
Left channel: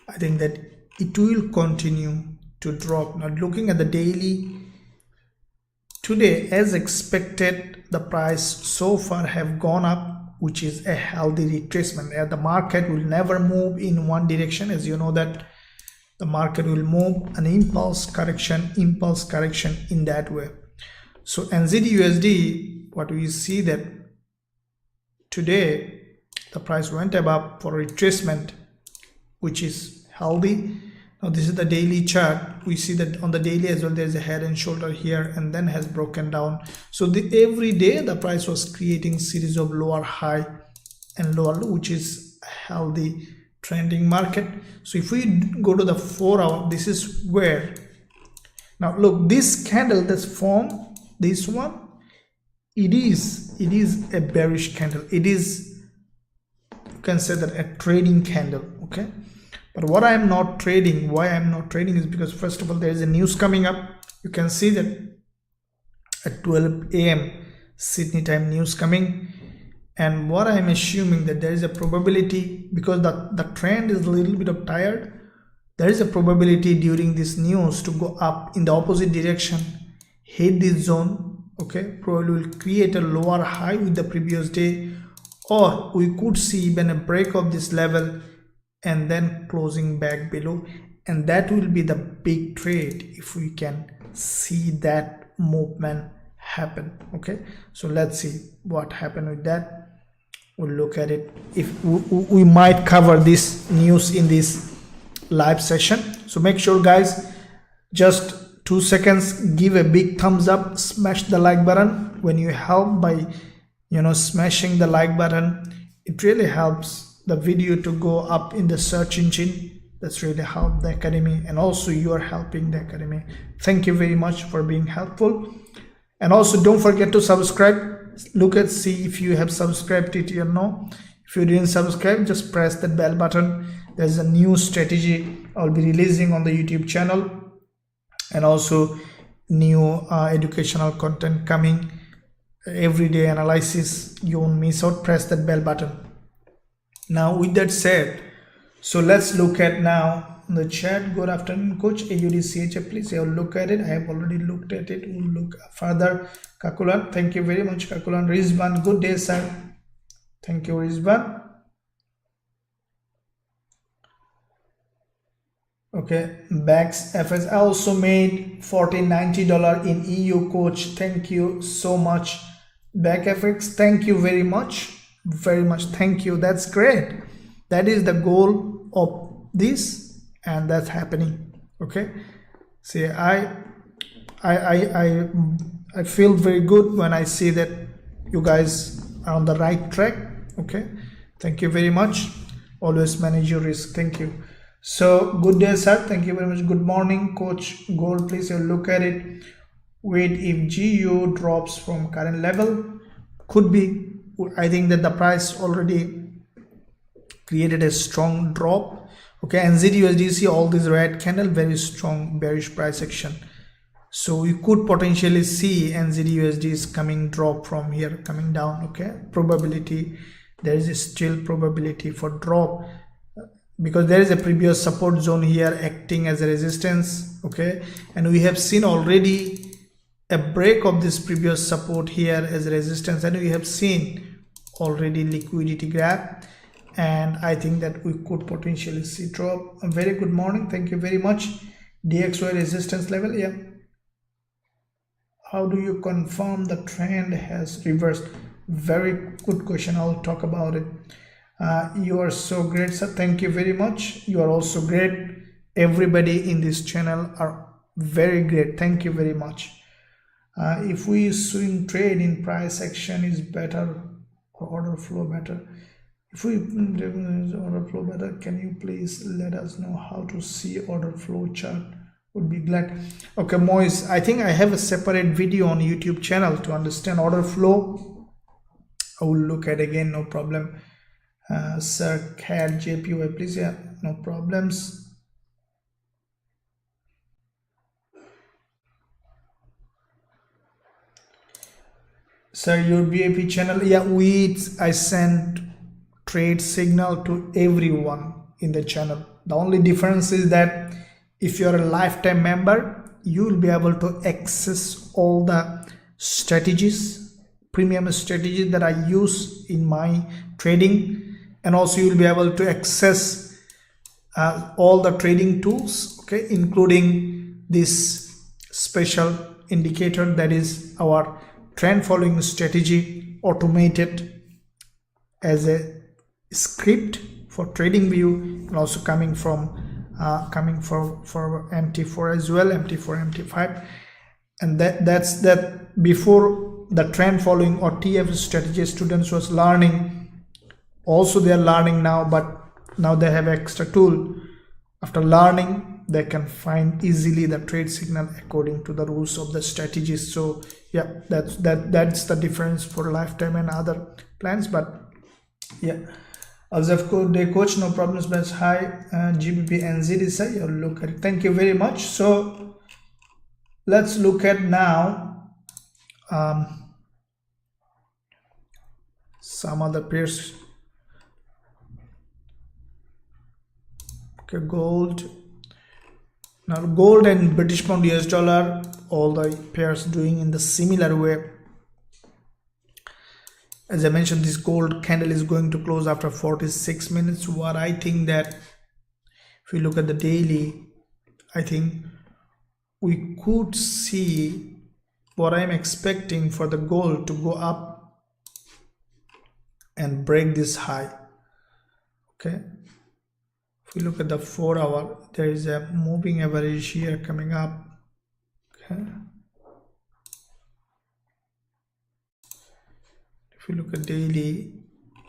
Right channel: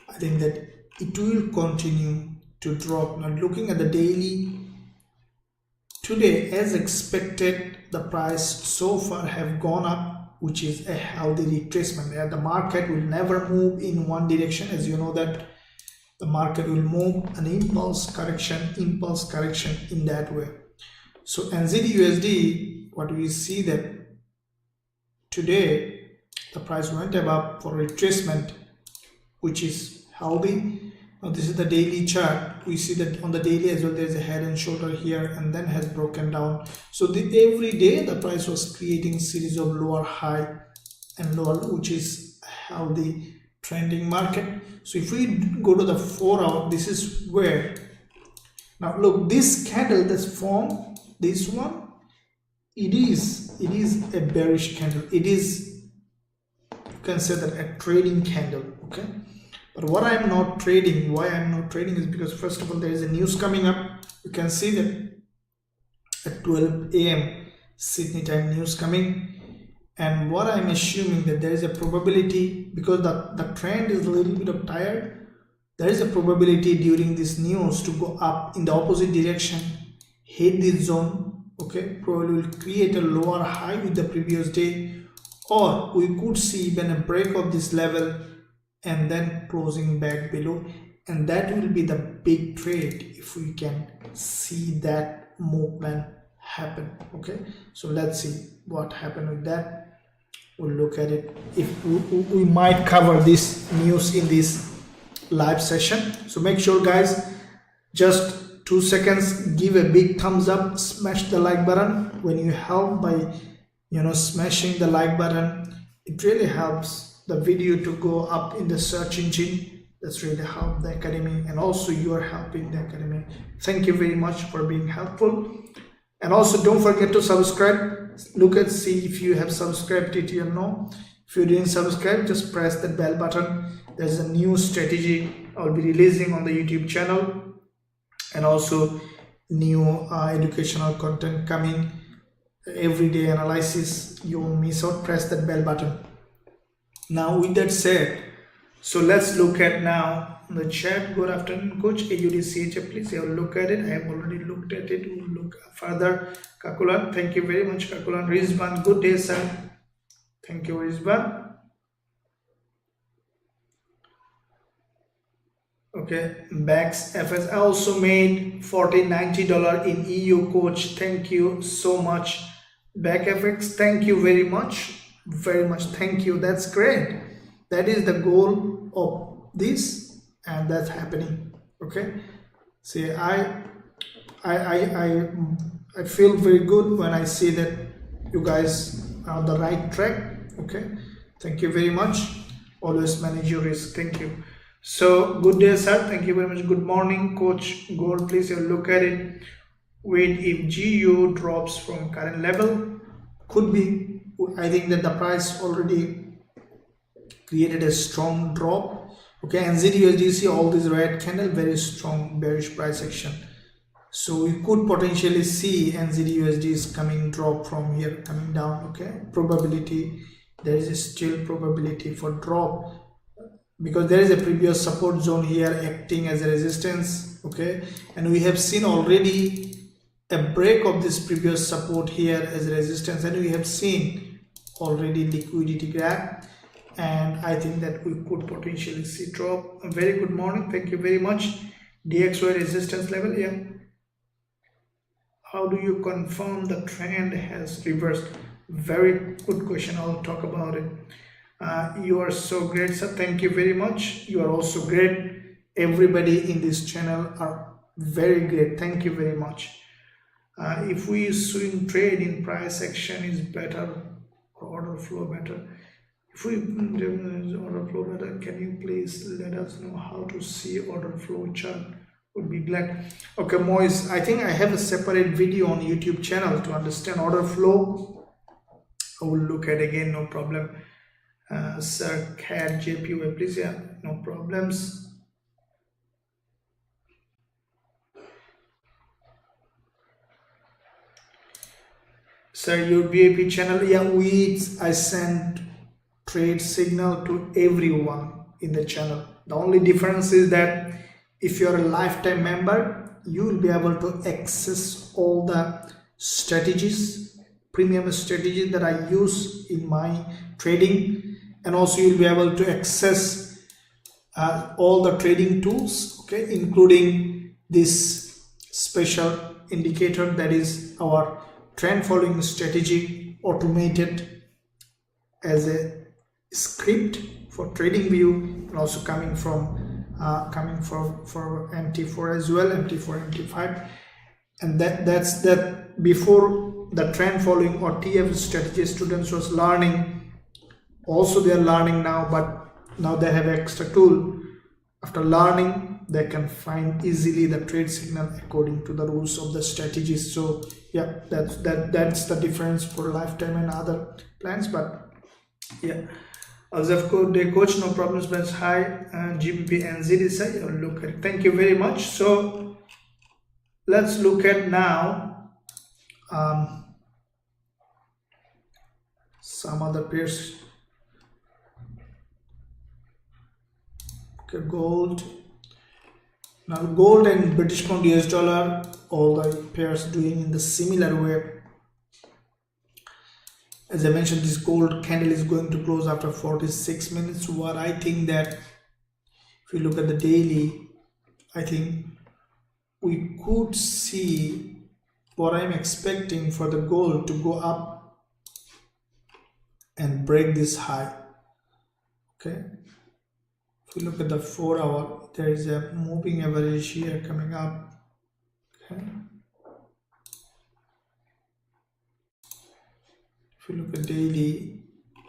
I think that it will continue to drop. Now looking at the daily, today as expected the price so far have gone up, which is a healthy retracement. The market will never move in one direction, as you know that the market will move an impulse correction in that way. So NZD/USD, what we see that today the price went above for retracement, which is healthy. Now this is the daily chart. We see that on the daily as well there is a head and shoulder here and then has broken down. So every day the price was creating series of lower high and lower low, which is a healthy trending market. So if we go to the 4 hour, this is where, now look, this candle that's formed, this one, it is a bearish candle. It is, you can say that, a trading candle. Okay, but what I am not trading, why I am not trading is because first of all there is a news coming up. You can see that at 12 AM Sydney time news coming, and what I am assuming that there is a probability, because the trend is a little bit of tired, there is a probability during this news to go up in the opposite direction, hit this zone. Okay, probably will create a lower high with the previous day, or we could see even a break of this level and then closing back below, and that will be the big trade if we can see that movement happen. Okay, so let's see what happened with that. We'll look at it. If we might cover this news in this live session, so make sure guys, just 2 seconds, give a big thumbs up, smash the like button. When you help by smashing the like button, it really helps the video to go up in the search engine. That's really helped the academy, and also you are helping the academy. Thank you very much for being helpful, and also don't forget to subscribe. Look at see if you have subscribed it or no. If you didn't subscribe, just press the bell button. There's a new strategy I'll be releasing on the YouTube channel, and also new educational content coming, everyday analysis. You won't miss out. Press that bell button. Now with that said, so let's look at now the chat. Good afternoon coach. Usdjpy, please have a look at it. I have already looked at it. We'll look further. Kakulan, thank you very much. Kakulan, Rizban, good day sir. Thank you Rizban. Okay, Bax FS, I also made $14.90 in EU coach. Thank you so much Back FX. Thank you very much, thank you. That's great. That is the goal of this, and that's happening. Okay, see, I feel very good when I see that you guys are on the right track. Okay, thank you very much. Always manage your risk. Thank you. So good day sir, thank you very much. Good morning coach gold, please have a look at it. Wait, if GU drops from current level, could be, I think that the price already created a strong drop. Okay, NZD/USD, see all this red candle, very strong bearish price action. So we could potentially see NZD-USD is drop from here, coming down. Okay, probability, there is still probability for drop because there is a previous support zone here acting as a resistance. Okay, and we have seen already a break of this previous support here as a resistance, and we have seen already liquidity grab, and I think that we could potentially see drop. A very good morning, thank you very much. DXY resistance level, yeah. How do you confirm the trend has reversed? Very good question, I'll talk about it. You are so great, sir, thank you very much. You are also great. Everybody in this channel are very great, thank you very much. If we swing trade in price action is better or order flow better? If we order flow better, can you please let us know how to see order flow chart? Would be glad. Okay, Moise, I think I have a separate video on YouTube channel to understand order flow. I will look at again, no problem. Sir, CAD JPY, please, yeah, no problems. Sir, your BIP channel, yeah, I sent trade signal to everyone in the channel. The only difference is that if you're a lifetime member, you will be able to access all the strategies, premium strategies that I use in my trading, and also you'll be able to access all the trading tools, okay, including this special indicator that is our trend following strategy, automated as a script for trading view, and also coming for MT4 as well, MT4, MT5, and that's before the trend following or TF strategy students was learning. Also they are learning now, but now they have extra tool. After learning, they can find easily the trade signal according to the rules of the strategies. So yeah, that's the difference for lifetime and other plans. But yeah, Azafco day coach, no problems, but hi. GBP NZD, you'll look at it. Thank you very much. So let's look at now some other pairs. Okay, gold. Now gold and British pound, US dollar, all the pairs doing in the similar way. As I mentioned, this gold candle is going to close after 46 minutes. What I think that if we look at the daily, I think we could see what I'm expecting for the gold to go up and break this high. Okay. If we look at the 4 hour, there is a moving average here coming up. Okay. If you look at daily,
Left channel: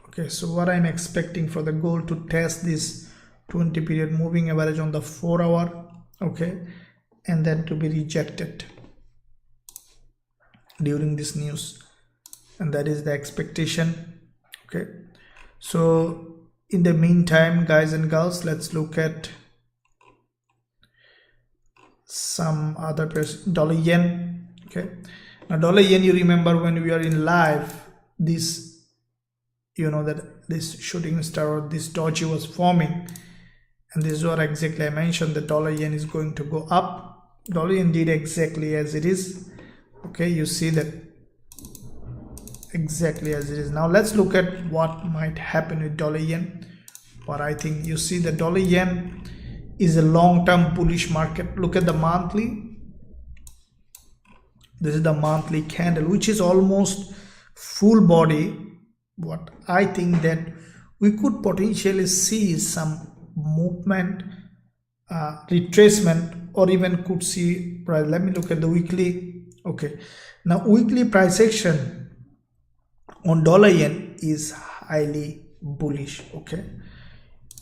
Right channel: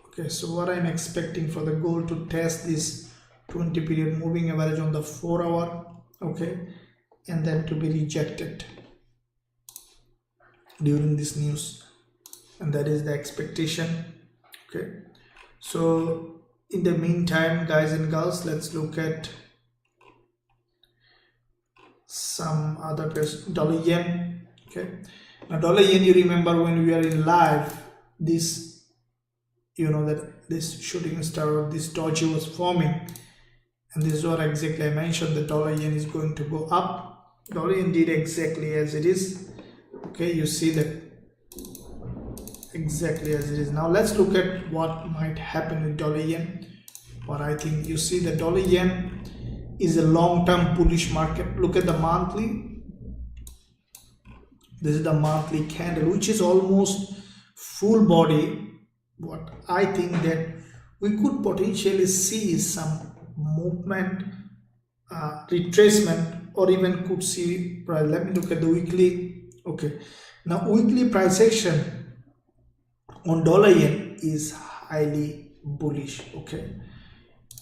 okay, so what I'm expecting for the gold to test this 20 period moving average on the 4 hour, okay, and then to be rejected during this news, and that is the expectation. Okay, so in the meantime, guys and girls, let's look at some other pairs. Dollar yen. Okay, now dollar yen, you remember when we are in live, this, you know, that this shooting star or this doji was forming, and this is what exactly I mentioned. The dollar yen is going to go up. Dollar yen did exactly as it is. Okay, you see that exactly as it is. Now let's look at what might happen with dollar yen. What I think, you see the dollar yen is a long-term bullish market. Look at the monthly. This is the monthly candle, which is almost full body. What I think that we could potentially see some movement, retracement, or even could see price. Let me look at the weekly. Okay, now weekly price action on dollar yen is highly bullish. Okay,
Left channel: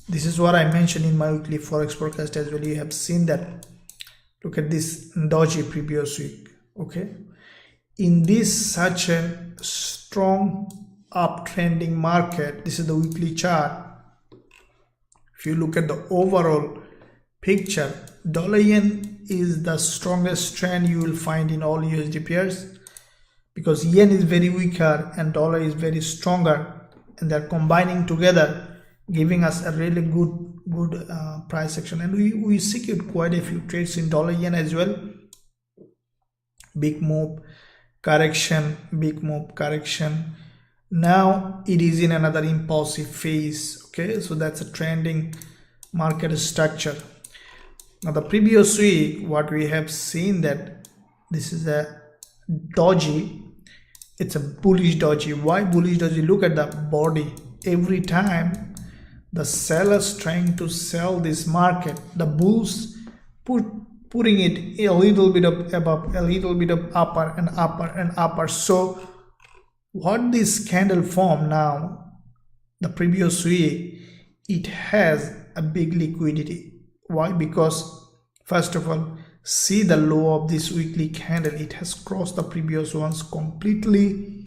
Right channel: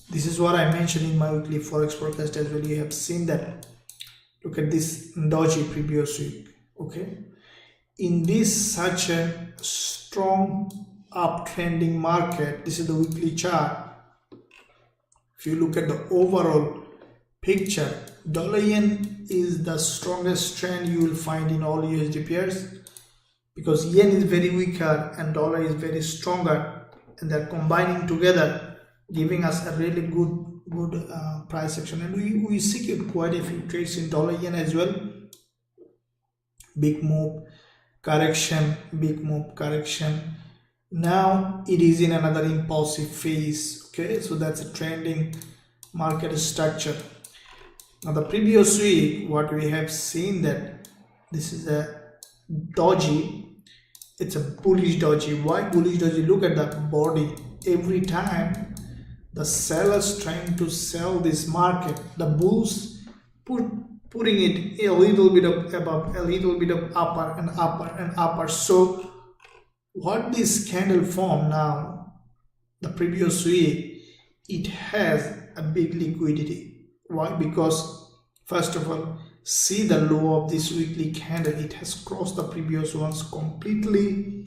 this is what I mentioned in my weekly forex forecast as well. You have seen that. Look at this doji previous week. Okay, in this such a strong uptrending market, this is the weekly chart. If you look at the overall picture, dollar yen is the strongest trend you will find in all USD pairs, because yen is very weaker and dollar is very stronger, and they're combining together, giving us a really good price action. And we secured quite a few trades in dollar yen as well. Big move, correction, big move, correction. Now it is in another impulsive phase. Okay, so that's a trending market structure. Now the previous week, what we have seen, that this is a doji. It's a bullish doji. Why bullish doji? Look at the body. Every time the sellers trying to sell this market, the bulls putting it a little bit of above, a little bit of upper and upper and upper. So what this candle formed now, the previous week, it has a big liquidity. Why? Because first of all, see the low of this weekly candle. It has crossed the previous ones completely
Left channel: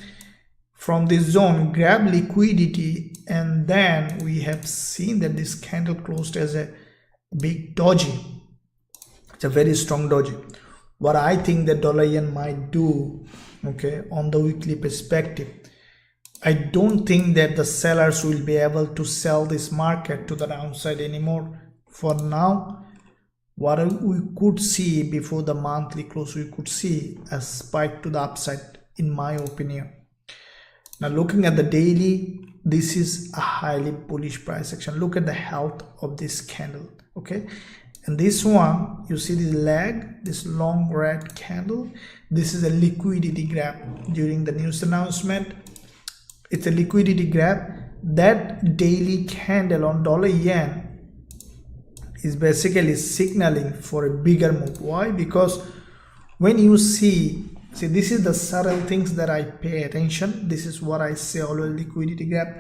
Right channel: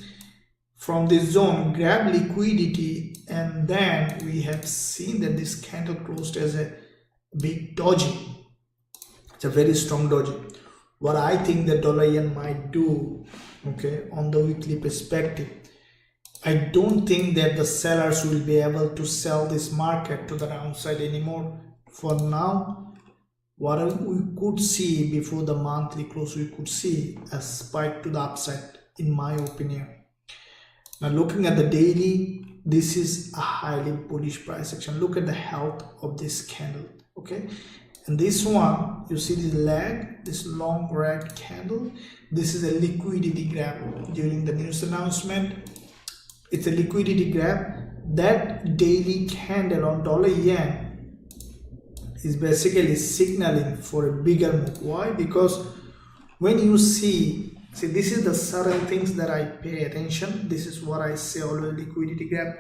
from this zone, grab liquidity, and then we have seen that this candle closed as a big doji. It's a very strong doji. What I think the dollar yen might do, okay, on the weekly perspective, I don't think that the sellers will be able to sell this market to the downside anymore. For now, what we could see before the monthly close, we could see a spike to the upside, in my opinion. Now looking at the daily, this is a highly bullish price action. Look at the health of this candle, okay? And this one, you see the leg, this long red candle, this is a liquidity grab during the news announcement. It's a liquidity grab. That daily candle on dollar yen is basically signaling for a bigger move. Why? Because when you see this is the certain things that I pay attention. This is what I say always, liquidity grab.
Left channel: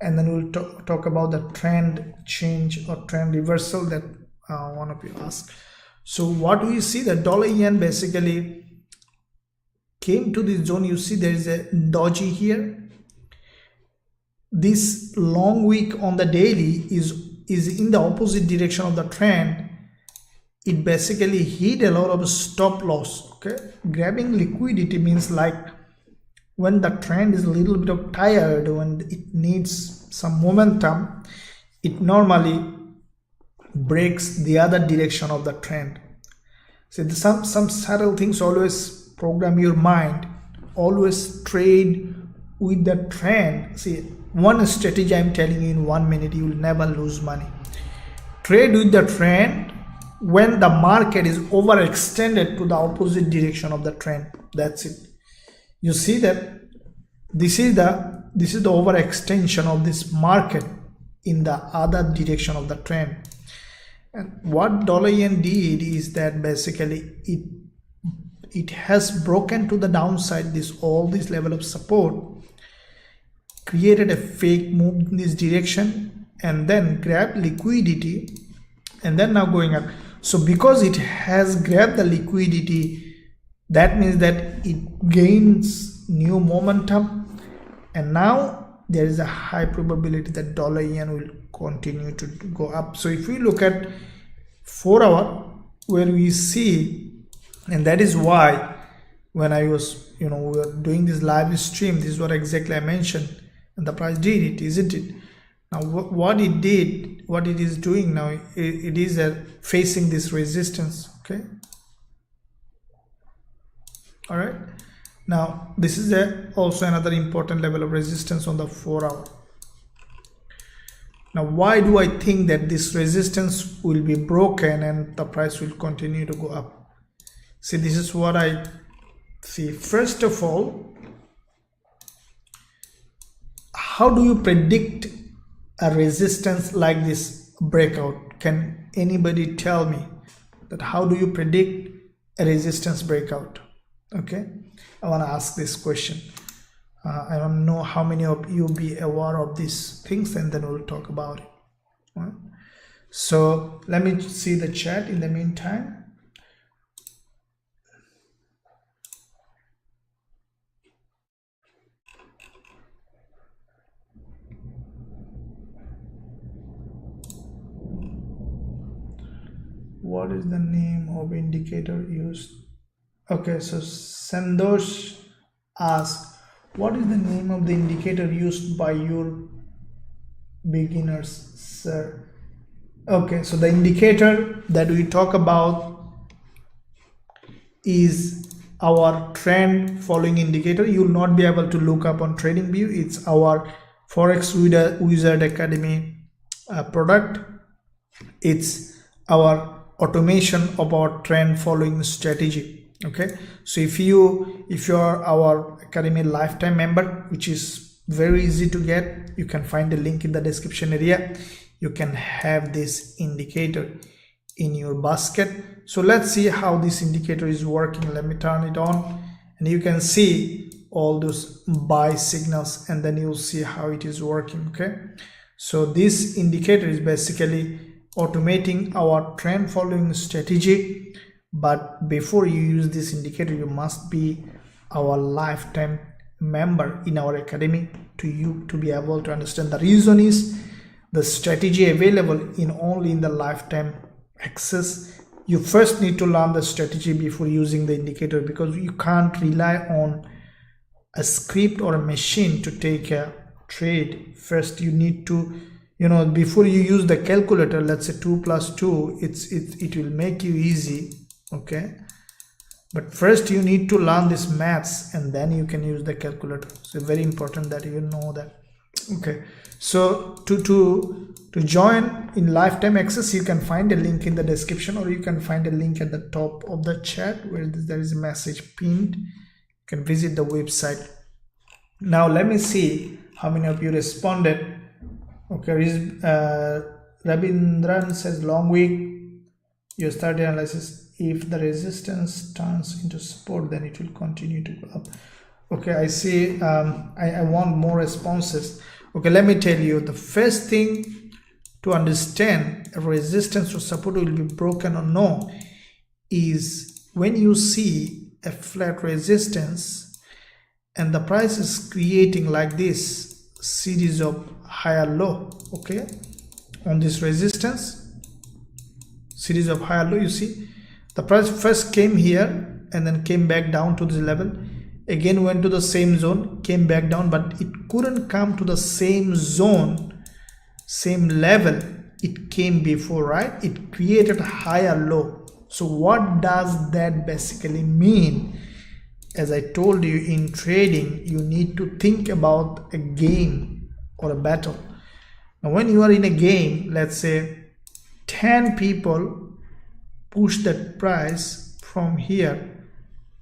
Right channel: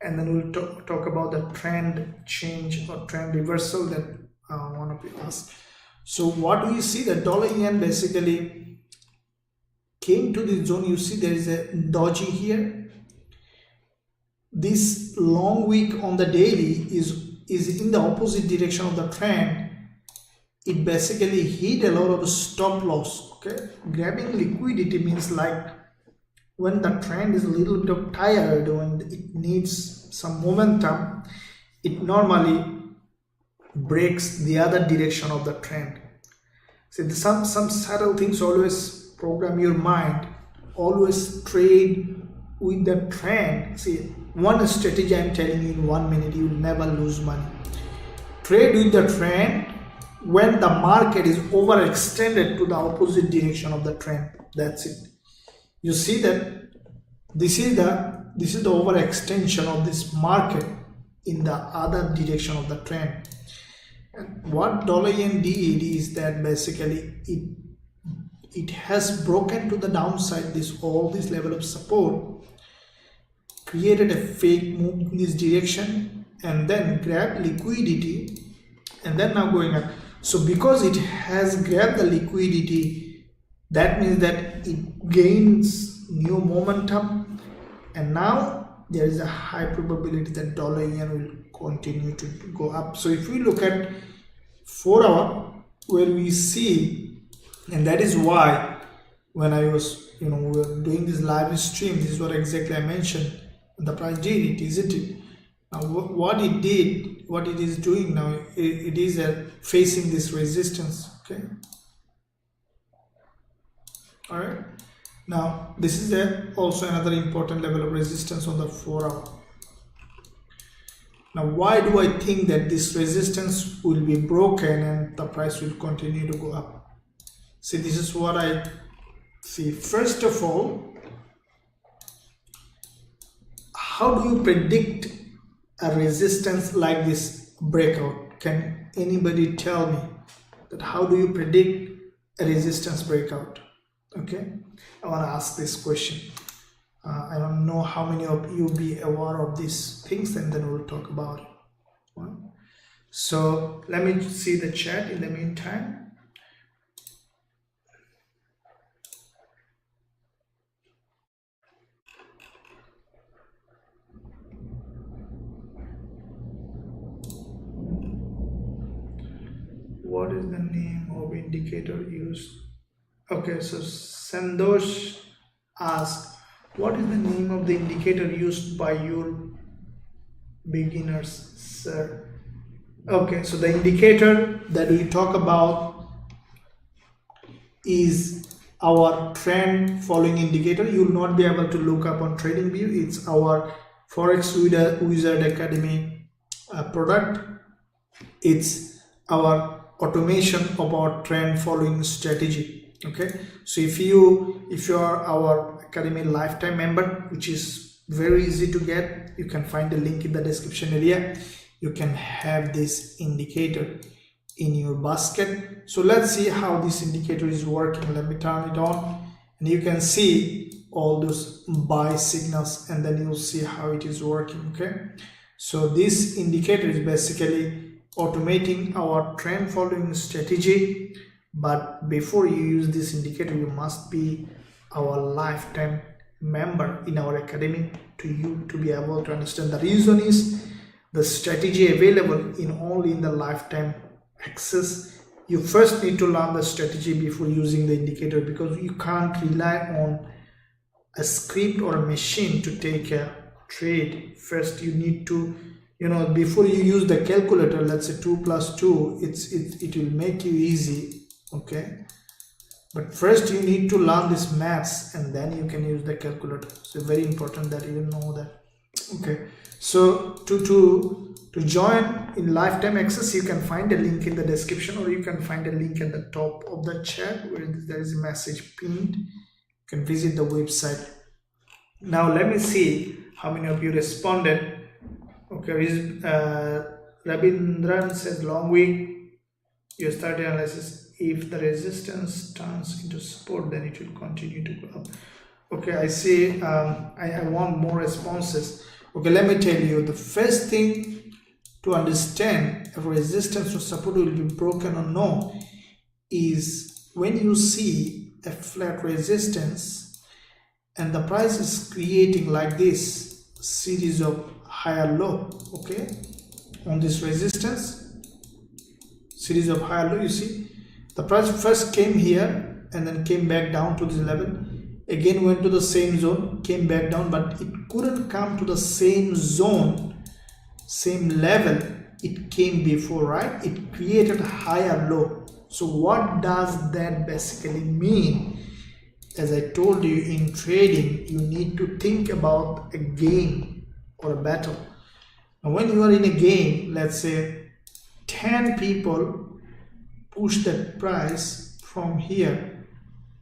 And then we'll talk about the trend change or trend reversal that one of you asked. So what do you see? The dollar yen basically came to this zone. You see there is a doji here. This long wick on the daily is in the opposite direction of the trend. It basically hit a lot of stop loss. Okay, grabbing liquidity means like when the trend is a little bit of tired, when it needs some momentum, it normally breaks the other direction of the trend. So some subtle things. Always program your mind, always trade with the trend. See, one strategy I'm telling you in 1 minute, you will never lose money. Trade with the trend when the market is overextended to the opposite direction of the trend. That's it. You see that this is the overextension of this market in the other direction of the trend. And what dollar yen did is that basically it has broken to the downside, all this level of support, created a fake move in this direction, and then grabbed liquidity, and then now going up. So because it has grabbed the liquidity, that means that it gains new momentum, and now there is a high probability that dollar yen will continue to go up. So if we look at 4 hour, where we see, and that is why when I was we were doing this live stream, this is what exactly I mentioned, and the price did it, isn't it? Now what it is doing now, it is facing this resistance. Okay, all right. Now this is also another important level of resistance on the 4 hour. Now why do I think that this resistance will be broken and the price will continue to go up? See, this is what I see. First of all, how do you predict a resistance like this breakout? Can anybody tell me that? How do you predict a resistance breakout? Okay, I want to ask this question. I don't know how many of you be aware of these things, and then we'll talk about it. Right? So let me see the chat in the meantime. what is the name of indicator used? Okay, so Sandosh asks, what is the name of the indicator used by your beginners, sir? Okay, so the indicator that we talk about is our trend following indicator. You will not be able to look up on TradingView. It's our Forex Wizard Academy product. It's our automation of our trend following strategy. Okay, so if you are our Academy lifetime member, which is very easy to get, you can find a link in the description area. You can have this indicator in your basket. So let's see how this indicator is working. Let me turn it on, and you can see all those buy signals, and then you'll see how it is working. Okay, so this indicator is basically automating our trend following strategy. But before you use this indicator, you must be our lifetime member in our academy to be able to understand. The reason is the strategy available only in the lifetime access. You first need to learn the strategy before using the indicator, because you can't rely on a script or a machine to take a trade. First you need to, before you use the calculator, let's say 2 plus 2, it will make you easy. Okay, but first you need to learn this maths, and then you can use the calculator. So very important that you know that. Okay, so to join in lifetime access, you can find a link in the description, or you can find a link at the top of the chat where there is a message pinned. You can visit the website. Now let me see how many of you responded. Okay, Rabindran says, long week, US30 analysis. If the resistance turns into support, then it will continue to go up. Okay, I see. I want more responses. Okay, let me tell you, the first thing to understand if resistance or support will be broken or no is when you see a flat resistance and the price is creating like this series of higher low. Okay, on this resistance series of higher low, you see the price first came here and then came back down to this level, again went to the same zone, came back down, but it couldn't come to the same zone, same level it came before, right? It created a higher low. So what does that basically mean? As I told you, in trading you need to think about a game or a battle. Now when you are in a game, let's say 10 people push that price from here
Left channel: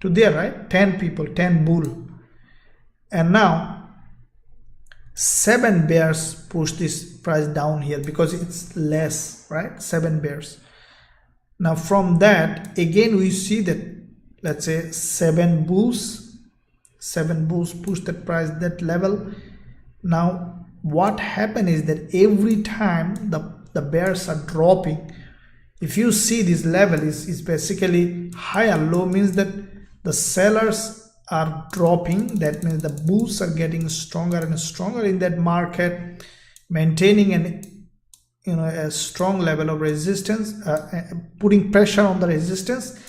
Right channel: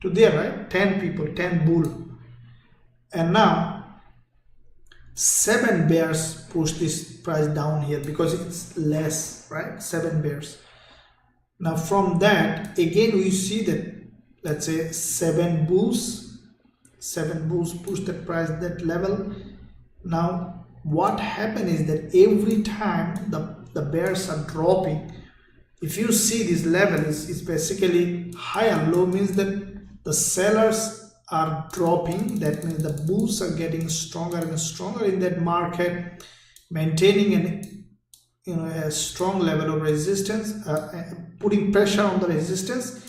to there, right? 10 people, 10 bull, and now 7 bears push this price down here because it's less, right? 7 bears. Now from that again we see that, let's say 7 bulls push the price that level. Now what happened is that every time the bears are dropping, if you see this level is basically higher low, means that the sellers are dropping. That means the bulls are getting stronger and stronger in that market, maintaining a strong level of resistance, putting pressure on the resistance,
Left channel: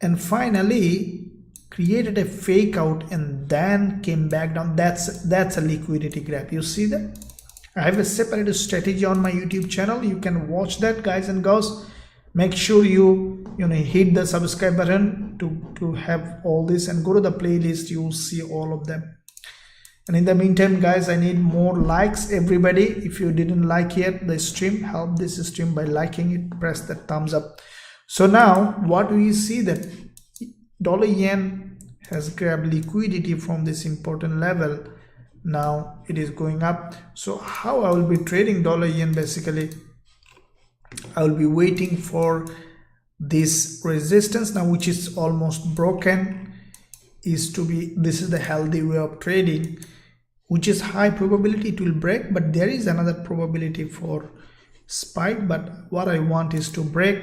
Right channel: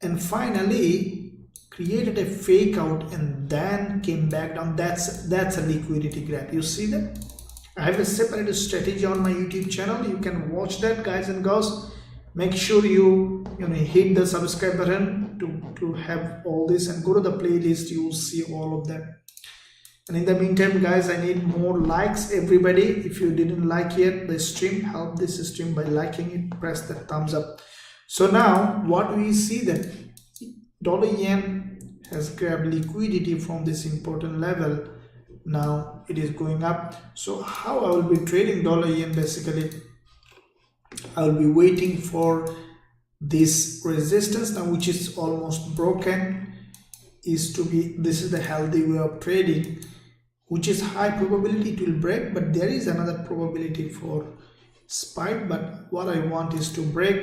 and finally created a fake out and then came back down. That's a liquidity grab. You see that? I have a separate strategy on my YouTube channel. You can watch that, guys and girls. Make sure you hit the subscribe button to have all this, and go to the playlist. You will see all of them. And in the meantime, guys, I need more likes. Everybody, if you didn't like yet the stream, help this stream by liking it. Press the thumbs up. So now what we see that dollar yen has grabbed liquidity from this important level. Now it is going up. So how I will be trading dollar yen? Basically I will be waiting for this resistance now, which is almost broken. This is the healthy way of trading, which is high probability it will break, but there is another probability for spike. But what I want is to break,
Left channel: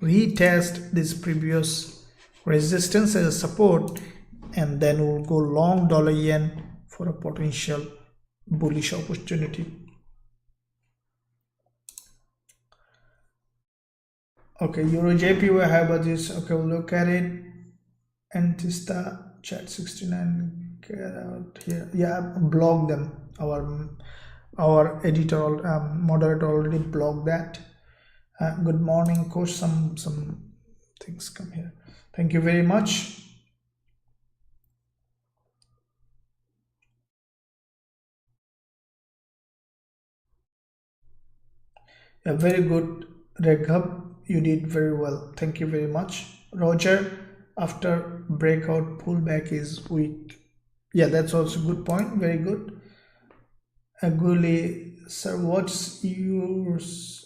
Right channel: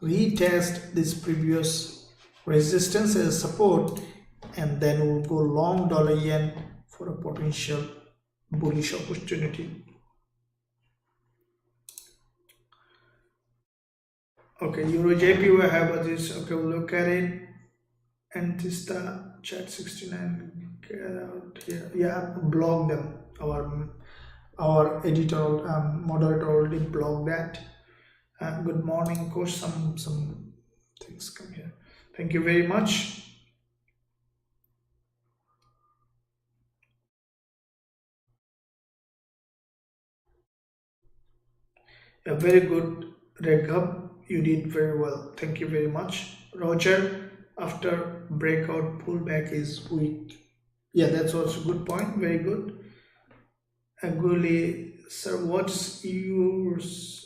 retest this previous resistance as a support, and then we'll go long dollar yen for a potential bullish opportunity. Okay, Eurusdjpy we have this. Okay, we'll look at it. Antista chat 69, get out here. Yeah, block them. Our editor moderator already blocked that. Good morning, coach. Some things come here. Thank you very much. Yeah, very good, Red Hub. You did very well. Thank you very much. Roger, after breakout pullback is weak. Yeah, that's also a good point. Very good. Aguli, sir, what's yours?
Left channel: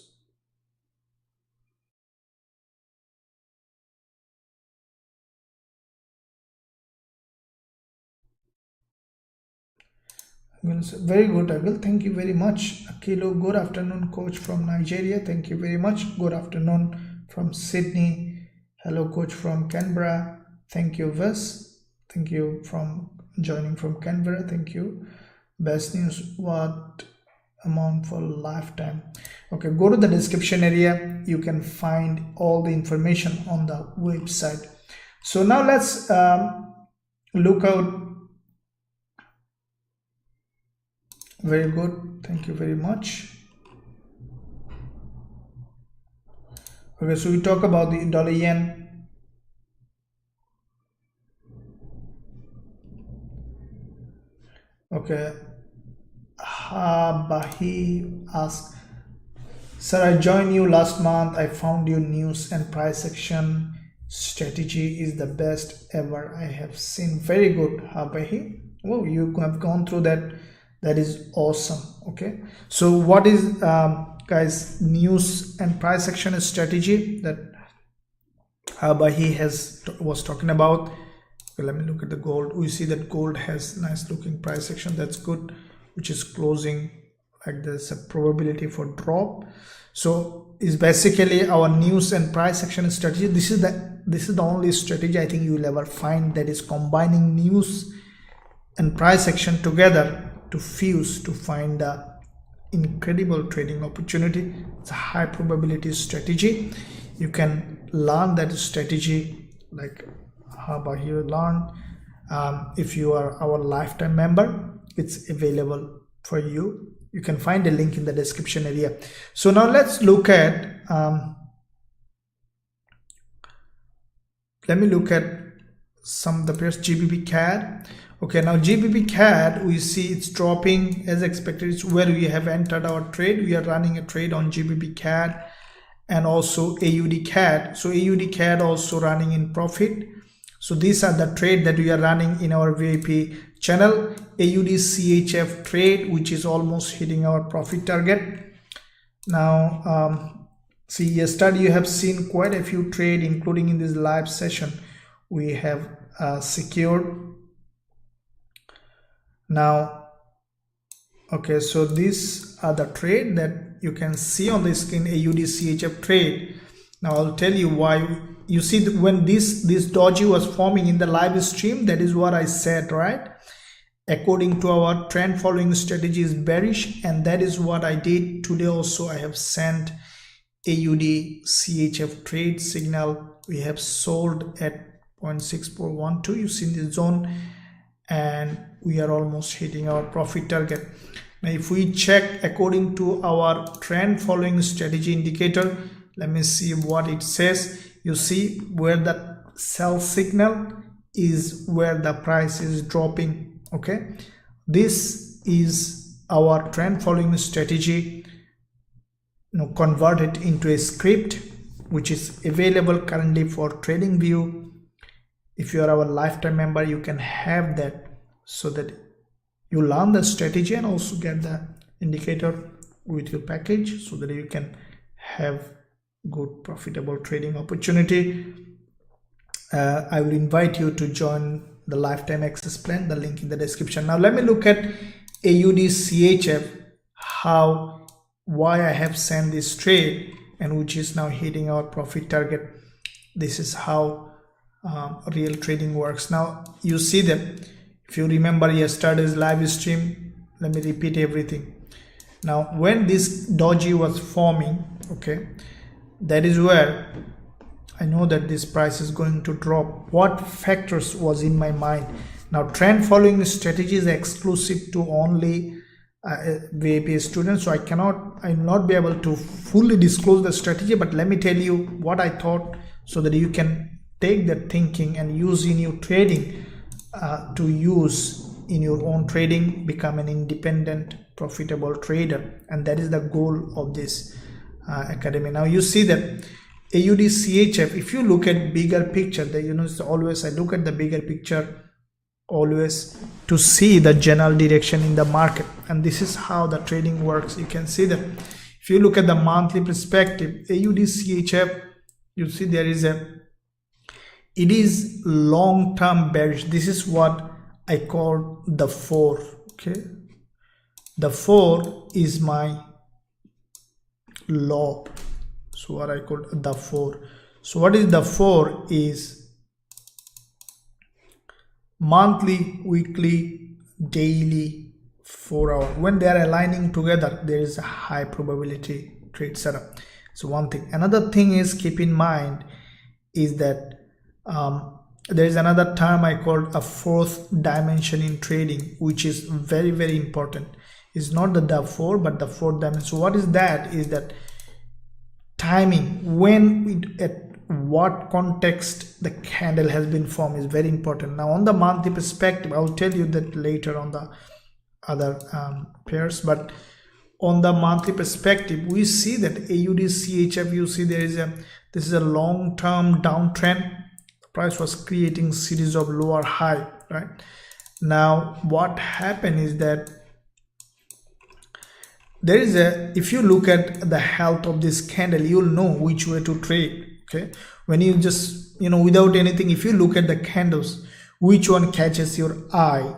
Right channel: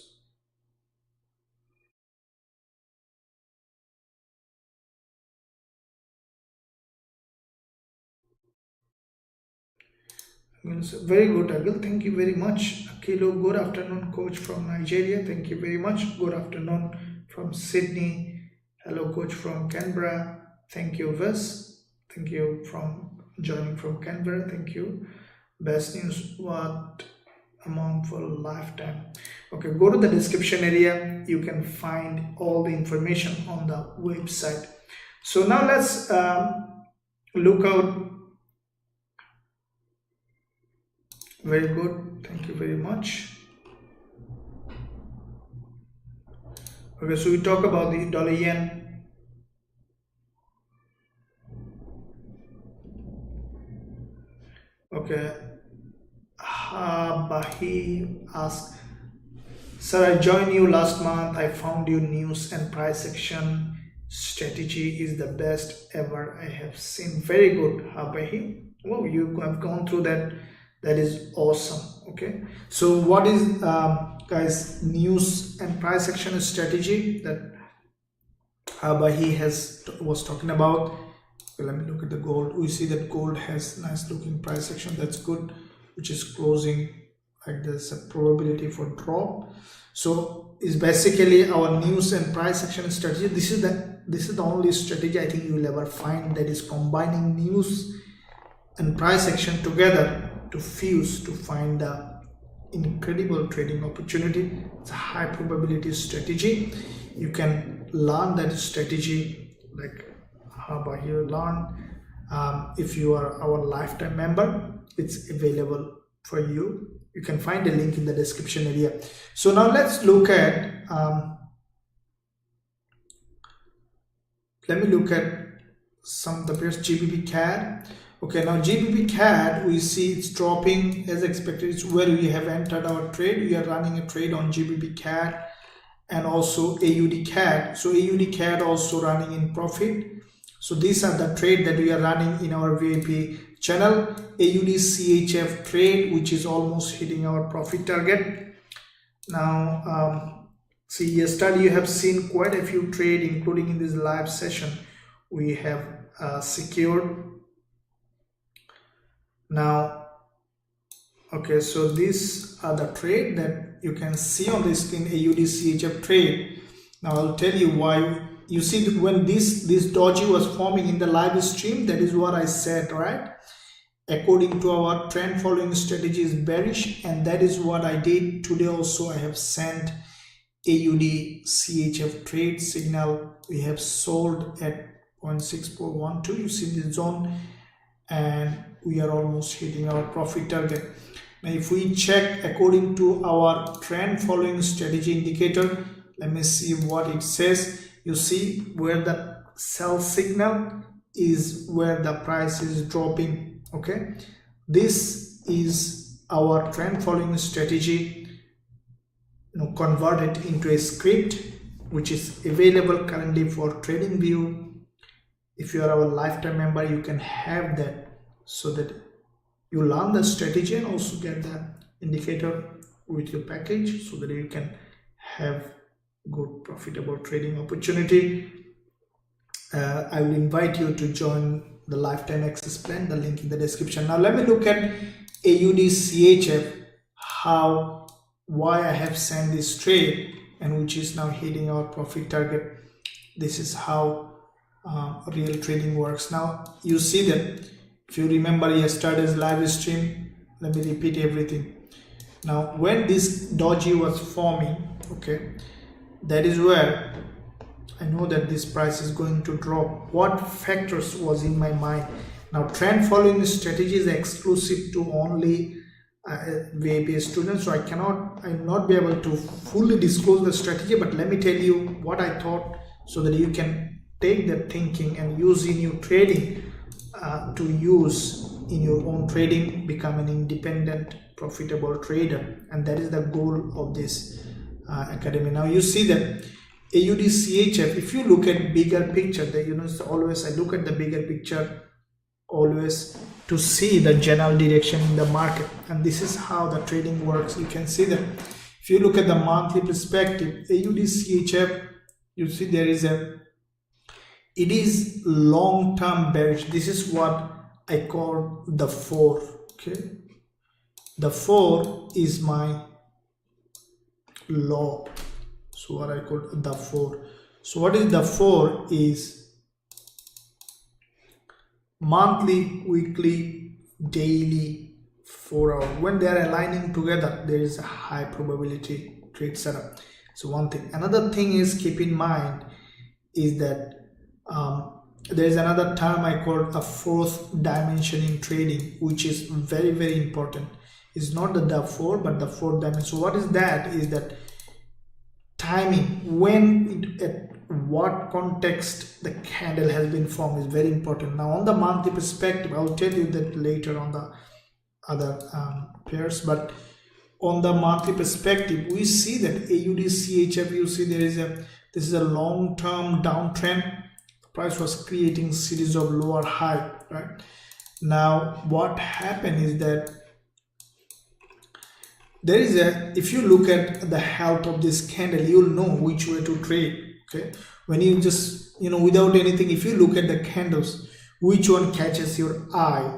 I'm going to say, very good, Agil. Thank you very much. Akilo, good afternoon, coach from Nigeria. Thank you very much. Good afternoon from Sydney. Hello, coach from Canberra. Thank you, Ves. Thank you from joining from Canberra. Thank you. Best news, what amount for lifetime? Okay, go to the description area. You can find all the information on the website. So now let's look out. Very good. Thank you very much. Okay, so we talk about the dollar yen. Okay. Bahi asks, sir, I joined you last month. I found your news and price action strategy is the best ever I have seen. Very good, Bahi. Oh, you have gone through that. That is awesome. Okay, so what is guys news and price action strategy that Bahi was talking about? Okay, let me look at the gold. We see that gold has nice looking price action. That's good, which is closing like there's a probability for drop. So is basically our news and price action strategy. This is the only strategy I think you will ever find that is combining news and price action together to fuse to find the incredible trading opportunity. It's a high probability strategy. You can learn that strategy like how here learn. If you are our lifetime member, it's available for you. You can find a link in the description area. So now let's look at let me look at some of the pairs. GBP Okay, now GBP we see it's dropping as expected. It's where we have entered our trade. We are running a trade on GBP and also AUD So AUD also running in profit. So these are the trade that we are running in our VIP channel. AUD CHF trade, which is almost hitting our profit target. Now, see, yesterday you have seen quite a few trade, including in this live session. We have secured. Now, okay, so these are the trade that you can see on the screen, AUD CHF trade. Now I'll tell you why. You see that when this doji was forming in the live stream, that is what I said, right? According to our trend following strategy is bearish, and that is what I did today. Also, I have sent AUD CHF trade signal. We have sold at 0.6412. You see the zone, and we are almost hitting our profit target. Now if we check according to our trend following strategy indicator, let me see what it says. You see where the sell signal is, where the price is dropping. Okay, this is our trend following strategy. Now convert it into a script which is available currently for TradingView. If you are our lifetime member, you can have that, so that you learn the strategy and also get the indicator with your package, so that you can have good profitable trading opportunity. I will invite you to join the lifetime access plan, the link in the description. Now let me look at AUD CHF, why I have sent this trade and which is now hitting our profit target. This is how real trading works. Now you see that if you remember yesterday's live stream, let me repeat everything. Now when this doji was forming, okay, that is where I know that this price is going to drop. What factors was in my mind? Now, trend following strategy is exclusive to only Gbpusd students, so I will not be able to fully disclose the strategy, but let me tell you what I thought so that you can take that thinking and use in your trading, to use in your own trading, become an independent profitable trader, and that is the goal of this academy. Now you see that Usdjpy, if you look at bigger picture, it's always I look at the bigger picture always to see the general direction in the market, and this is how the trading works. You can see that if you look at the monthly perspective, Usdjpy, you see there is it is long-term bearish. This is what I call the 4. Okay, the 4 is my low, so what I call the 4. So what is the 4 is monthly, weekly, daily, 4 hour. When they are aligning together, there is a high probability trade setup. So one thing. Another thing is, keep in mind is that there is another term I call a fourth dimension in trading, which is very, very important. It's not the 4 but the fourth dimension. So what is that? Is that timing, when at what context the candle has been formed is very important. Now on the monthly perspective, I will tell you that later on the other pairs, but on the monthly perspective, we see that Usdjpy, you see this is a long-term downtrend. The price was creating series of lower high, right? Now what happened is that there is if you look at the health of this candle, you'll know which way to trade. Okay, when you just without anything, if you look at the candles, which one catches your eye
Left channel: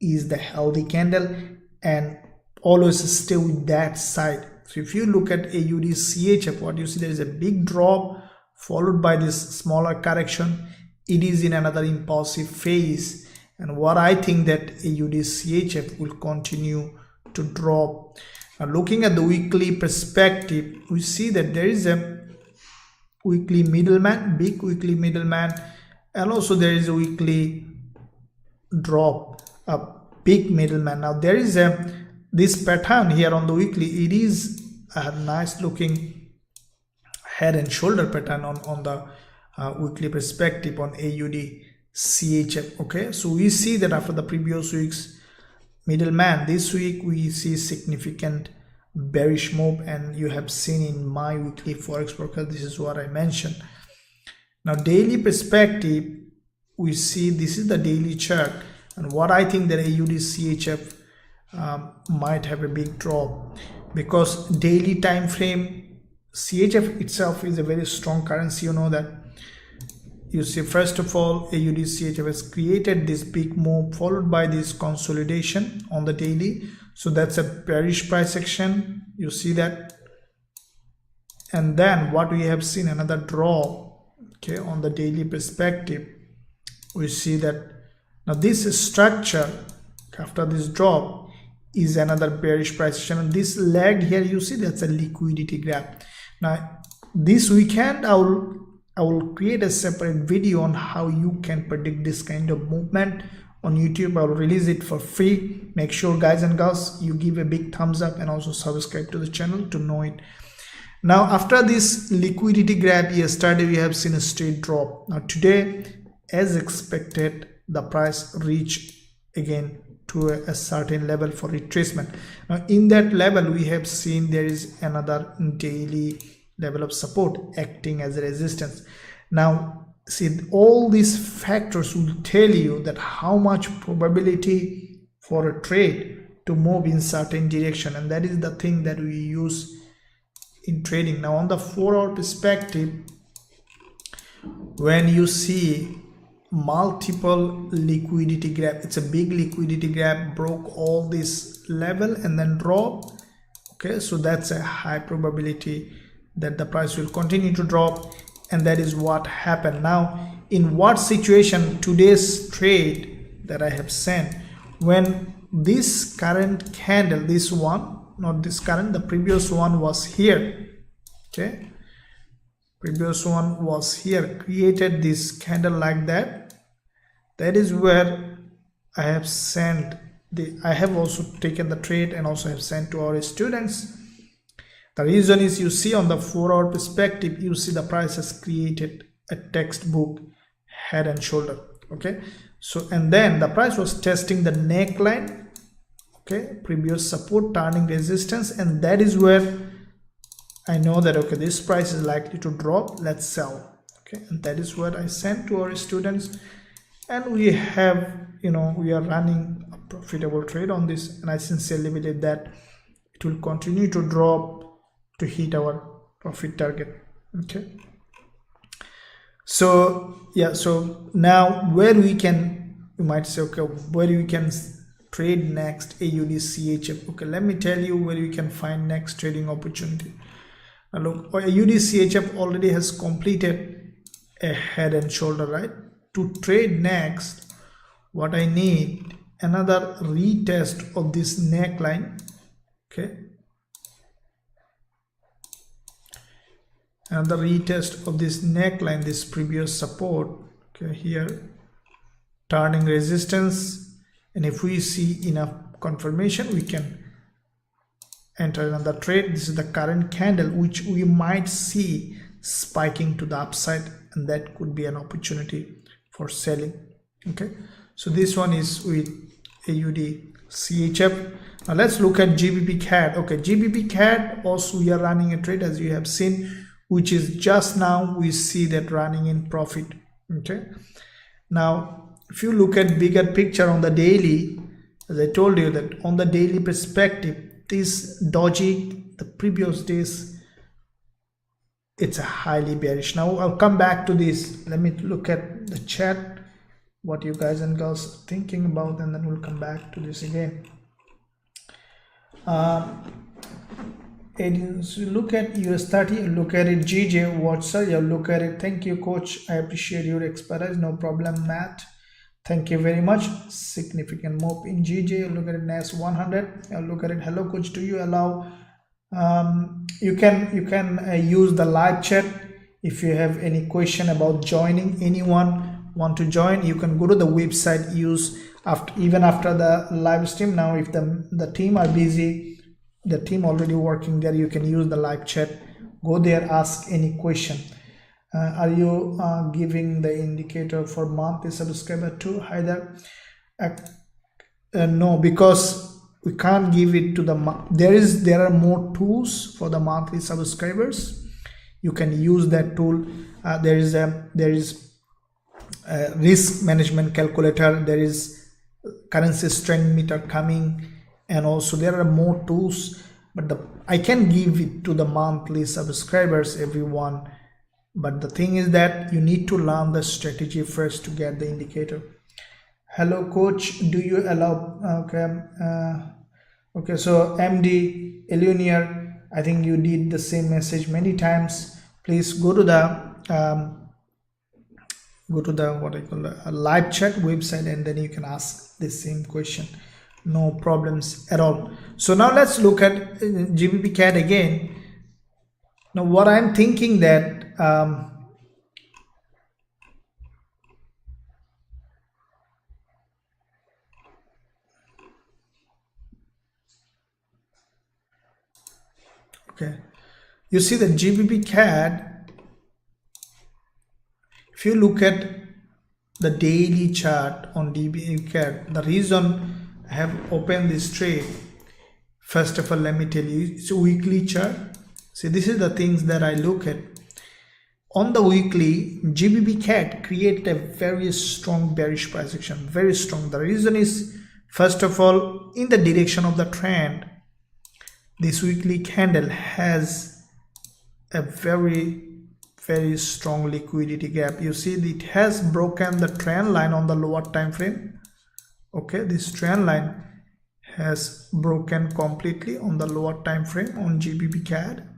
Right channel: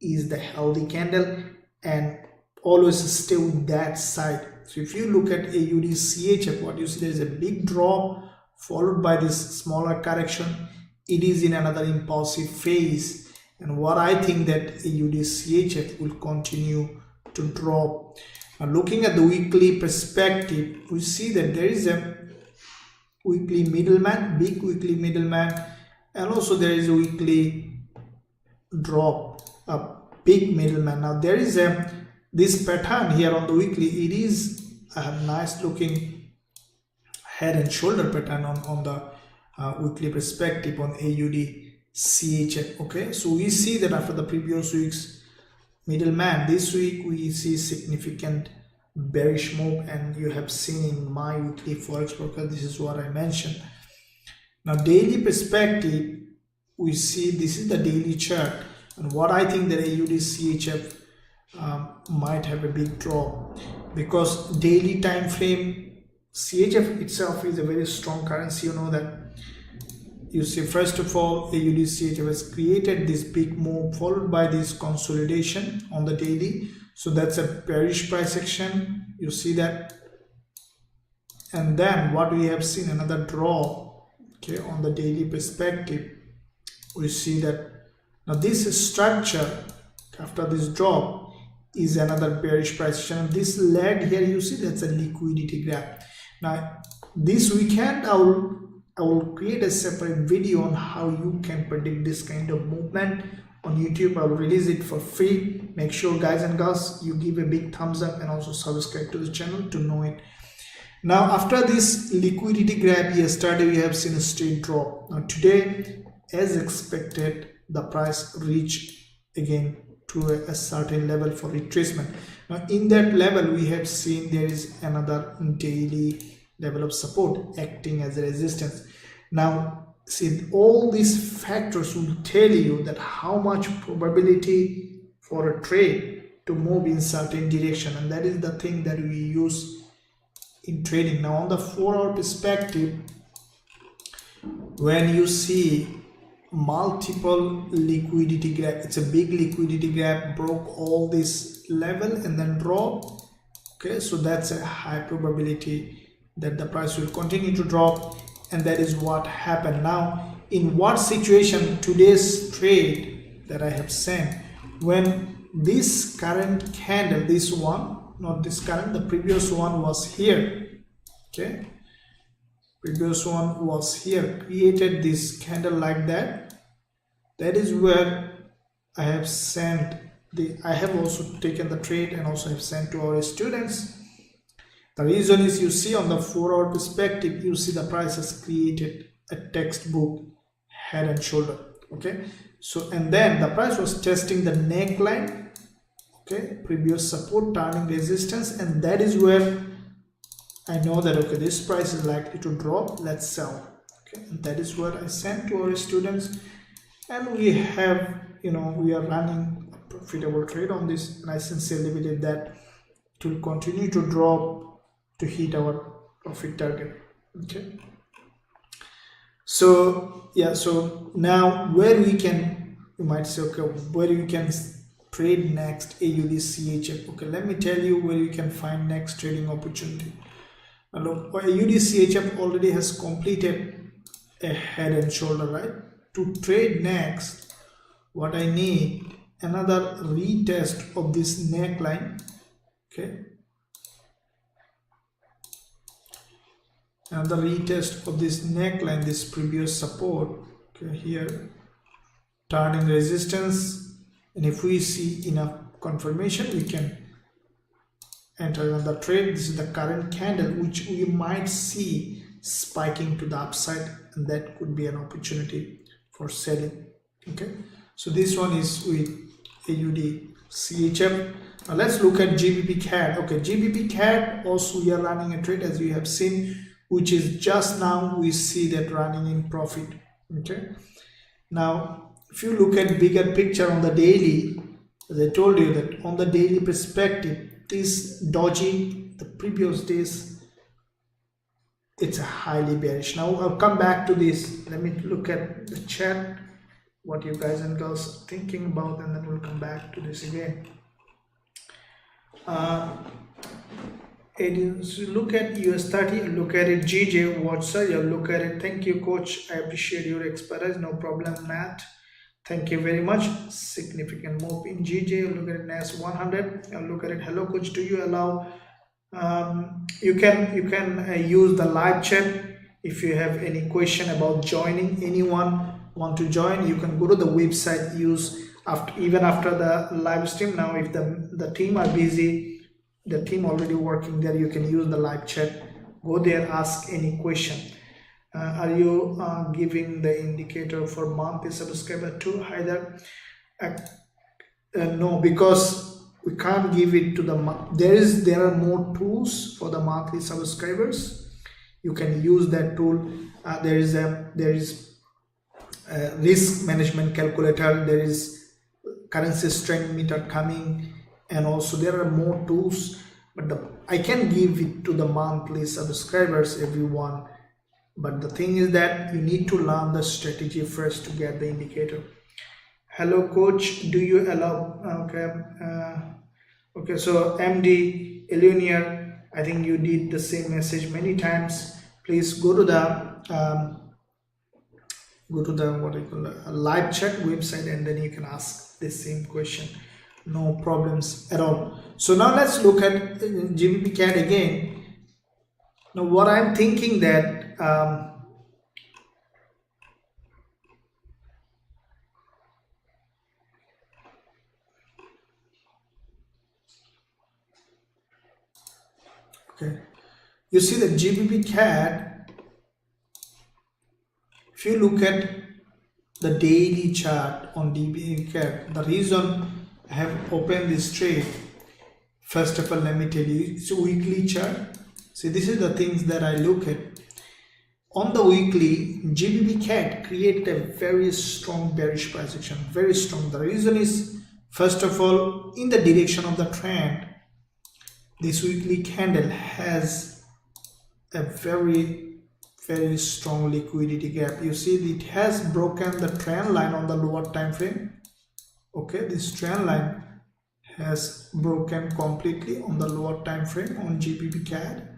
is the healthy candle, and always stay with that side. So if you look at Usdjpy, what you see, there is a big drop followed by this smaller correction. It is in another impulsive phase, and what I think that Usdjpy will continue to drop. Now looking at the weekly perspective, we see that there is a weekly middleman, big weekly middleman, and also there is a weekly drop, a big middleman. Now there is this pattern here on the weekly. It is a nice looking head and shoulder pattern on the weekly perspective on Usdjpy. Okay, so we see that after the previous week's middleman, this week we see significant bearish move, and you have seen in my weekly forex forecast, this is what I mentioned. Now daily perspective, we see this is the daily chart, and what I think that Usdjpy might have a big drop, because daily time frame, CHF itself is a very strong currency. You know that. You see, first of all, Usdjpy has created this big move followed by this consolidation on the daily. So that's a bearish price action. You see that. And then what we have seen, another drop. Okay, on the daily perspective, we see that now this structure after this drop is another bearish price action. This leg here, you see, that's a liquidity gap. Now this weekend I will create a separate video on how you can predict this kind of movement on YouTube. I will release it for free. Make sure, guys and girls, you give a big thumbs up and also subscribe to the channel to know it. Now after this liquidity grab yesterday, we have seen a straight drop. Now today, as expected, the price reached again to a certain level for retracement. Now in that level, we have seen there is another daily level of support acting as a resistance. Now see, all these factors will tell you that how much probability for a trade to move in certain direction, and that is the thing that we use in trading. Now on the 4-hour perspective, when you see multiple liquidity gap, it's a big liquidity gap, broke all this level and then drop. Okay, so that's a high probability that the price will continue to drop, and that is what happened. Now in what situation today's trade that I have sent, when this current candle, this one, not this current, the previous one was here. Okay, Previous one was here, created this candle like that. That is where I have sent I have also taken the trade and also have sent to our students. The reason is, you see on the 4-hour perspective, you see the price has created a textbook head and shoulder. Okay, so and then the price was testing the neckline, okay, previous support, turning resistance, and that is where I know that okay, this price is likely to drop, let's sell. Okay, and that is what I sent to our students, and we have, we are running a profitable trade on this, and I sincerely believe that it will continue to drop to hit our profit target. Okay, so yeah, so now where we can, you might say, okay, where we can trade next AUD CHF. Okay, let me tell you where you can find next trading opportunity. Now look, AUD CHF already has completed a head and shoulder, right? To trade next, what I need, another retest of this neckline. Okay, and the retest of this neckline, this previous support. Okay, here turning resistance, and if we see enough confirmation, we can enter another trade. This is the current candle, which we might see spiking to the upside, and that could be an opportunity for selling. Okay, so this one is with AUD CHF. Now let's look at Gbpusd. Okay, Gbpusd also we are running a trade, as you have seen, which is just now we see that running in profit. Okay, now if you look at bigger picture on the daily, as I told you that on the daily perspective, this doji, the previous days, it's a highly bearish. Now I'll come back to this. Let me look at the chat, what you guys and girls are thinking about, and then we'll come back to this again. So look at US30, look at it. GJ, what's up? You look at it. Thank you, coach. I appreciate your expertise. No problem, Matt. Thank you very much. Significant move in GJ. Look at it, NAS100. Look at it. Hello, coach. Do you allow? You can use the live chat. If you have any question about joining, anyone want to join, you can go to the website. Use even after the live stream. Now, if the team are busy, the team already working there, you can use the live chat. Go there, ask any question. Are you giving the indicator for monthly subscriber too? Hi there. No, because we can't give it to the there are more tools for the monthly subscribers. You can use that tool. There is a risk management calculator. There is currency strength meter coming, and also there are more tools, but I can give it to the monthly subscribers, everyone. But the thing is that you need to learn the strategy first to get the indicator. Hello, coach. Do you allow? Okay. So MD Eleanor, I think you did the same message many times. Please go to the what I call the live chat website, and then you can ask the same question. No problems at all. So now let's look at Gbpusd again. Now what I'm thinking that okay, you see the Gbpusd, if you look at the daily chart on Gbpusd, the reason I have opened this trade, first of all, let me tell you, it's a weekly chart. See, this is the things that I look at. On the weekly, Gbpusd created a very strong bearish price action, very strong. The reason is, first of all, in the direction of the trend, this weekly candle has a very, very strong liquidity gap. You see, it has broken the trend line on the lower time frame. Okay, this trend line has broken completely on the lower time frame on Gbpusd.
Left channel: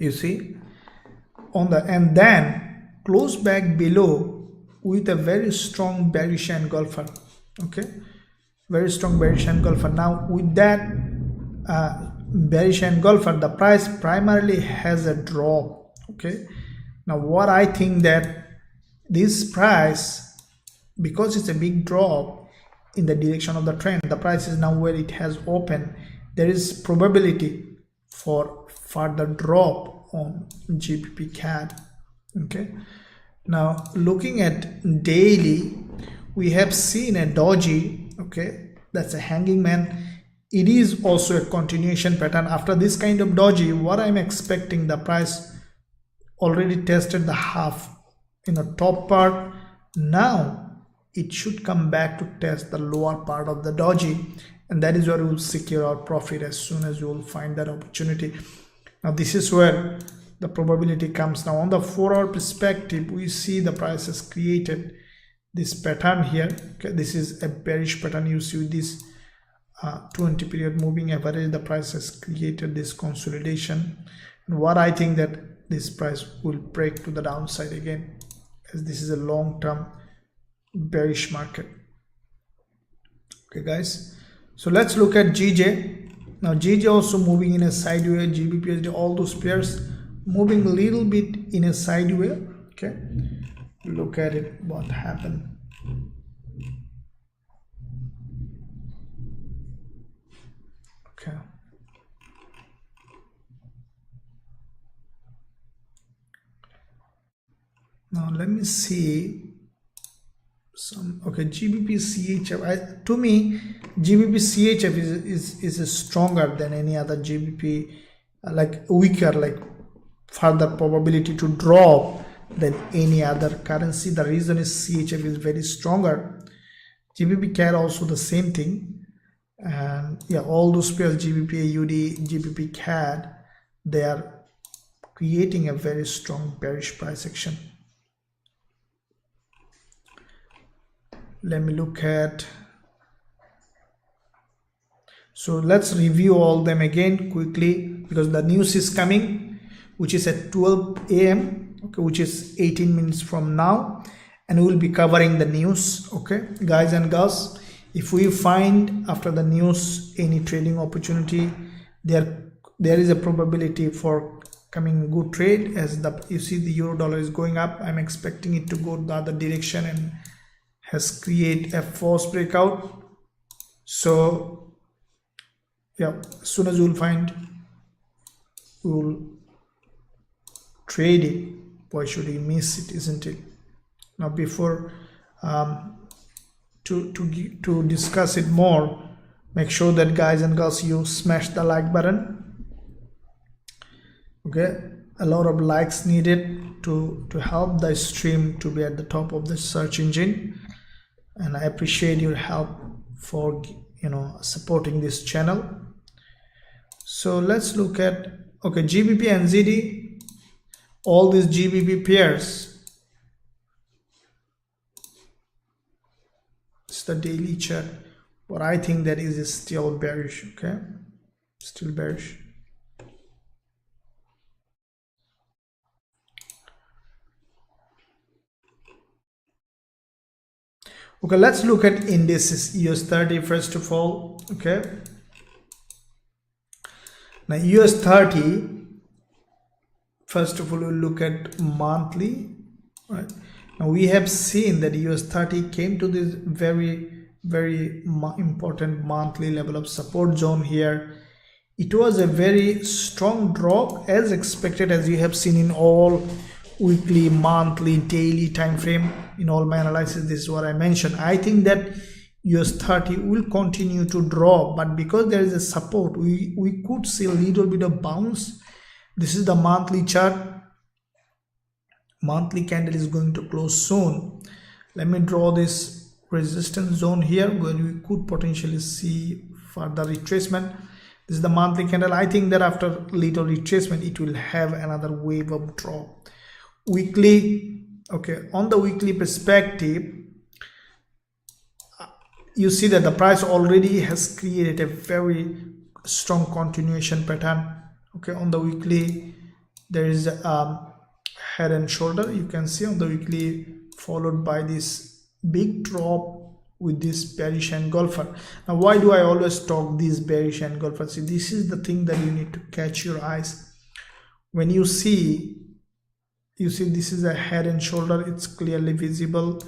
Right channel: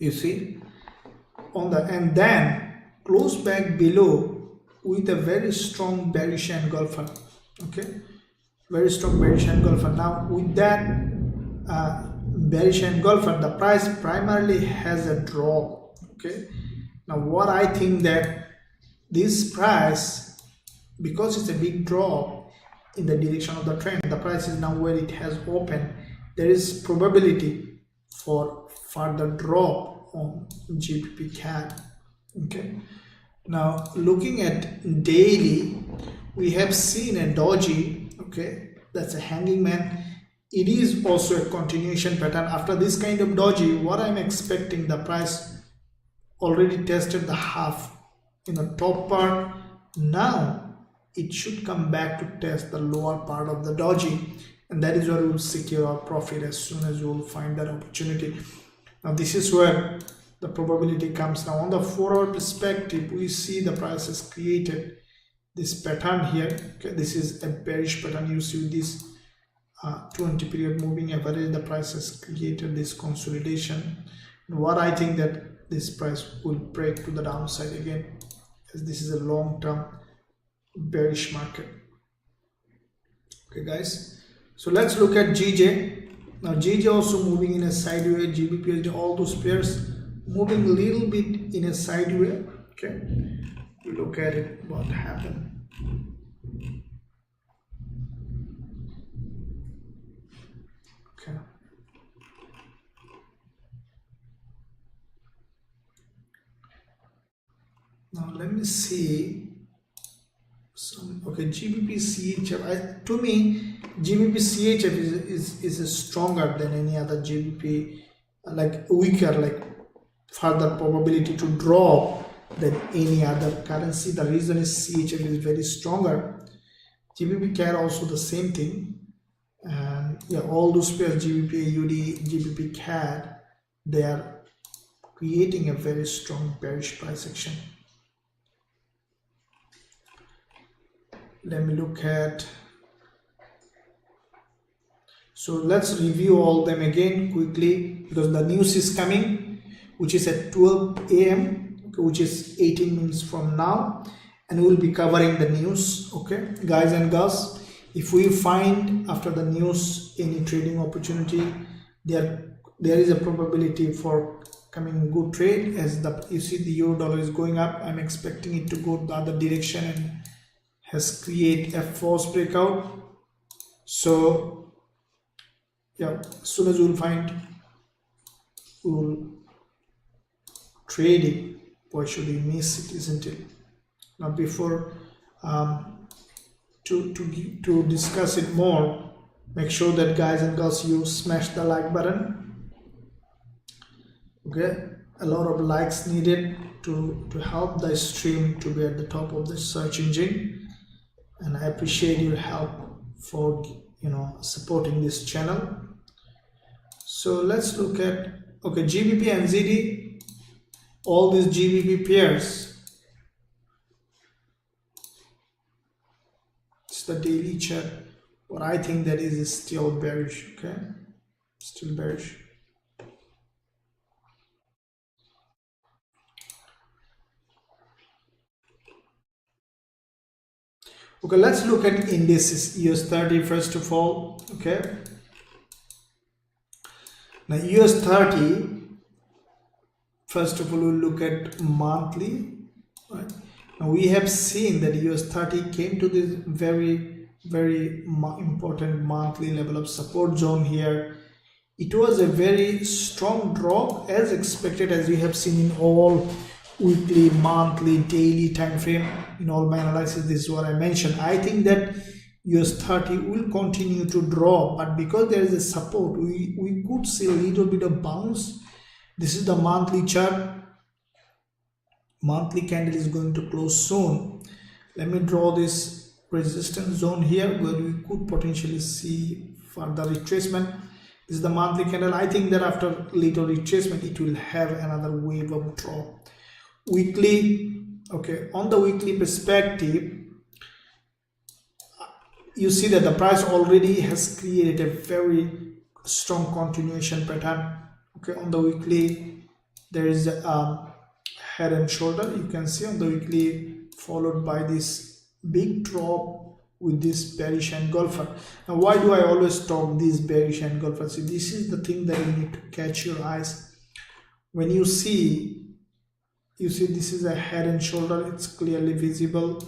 You see, and then close back below with a very strong bearish engulfer. Okay, very strong bearish engulfer. Now with that, bearish engulfer, the price primarily has a drop. Okay, now what I think that this price, because it's a big drop in the direction of the trend, the price is now where it has opened, there is probability for further drop on GBP. Okay, now looking at daily, we have seen a doji. Okay, that's a hanging man. It is also a continuation pattern. After this kind of doji, what I'm expecting, the price already tested the half in the top part. Now it should come back to test the lower part of the doji, and that is where we will secure our profit as soon as you will find that opportunity. Now this is where the probability comes. Now on the 4-hour perspective, we see the price has created this pattern here. Okay, this is a bearish pattern. You see this 20 period moving average, the price has created this consolidation, and what I think that this price will break to the downside again, as this is a long-term bearish market. Okay guys, so let's look at GJ. Now GJ also moving in a sideways, Gbpusd, all those pairs moving a little bit in a sideways. Okay, look at it, what happened. Okay, now let me see some. Okay, GBP CHF, to me GBP CHF is stronger than any other GBP, like weaker, like further probability to drop than any other currency. The reason is CHF is very stronger. GBP CAD also the same thing, and yeah, all those pairs, GBP AUD, GBP CAD, they are creating a very strong bearish price action. Let me look at, so let's review all them again quickly, because the news is coming, which is at 12 a.m. okay, which is 18 minutes from now, and we'll be covering the news. Okay guys and girls, if we find after the news any trading opportunity, there is a probability for coming good trade, as you see the euro dollar is going up. I'm expecting it to go the other direction and has created a false breakout. So yeah, as soon as we'll find, we'll trade it. Why should we miss it, isn't it? Now before to discuss it more, make sure that guys and girls, you smash the like button. Okay, a lot of likes needed to help the stream to be at the top of the search engine, and I appreciate your help for supporting this channel. So let's look at, okay, GBP and ZD, all these GBP pairs. It's the daily chart, but I think that is still bearish. Okay, still bearish. Okay, let's look at indices. US30 first of all. Okay, now US30, first of all we'll look at monthly, right? Now we have seen that US30 came to this very important monthly level of support zone here. It was a very strong drop as expected, as we have seen in all weekly, monthly, daily time frame. In all my analysis, this is what I mentioned. I think that US30 will continue to drop, but because there is a support, we could see a little bit of bounce. This is the monthly chart. Monthly candle is going to close soon. Let me draw this resistance zone here where we could potentially see further retracement. This is the monthly candle. I think that after little retracement, it will have another wave of drop. Weekly, okay, on the weekly perspective, you see that the price already has created a very strong continuation pattern. Okay, on the weekly there is a head and shoulder, you can see on the weekly, followed by this big drop with this bearish engulfer. Now why do I always talk this bearish engulfer? See, this is the thing that you need to catch your eyes. When you see this is a head and shoulder, it's clearly visible,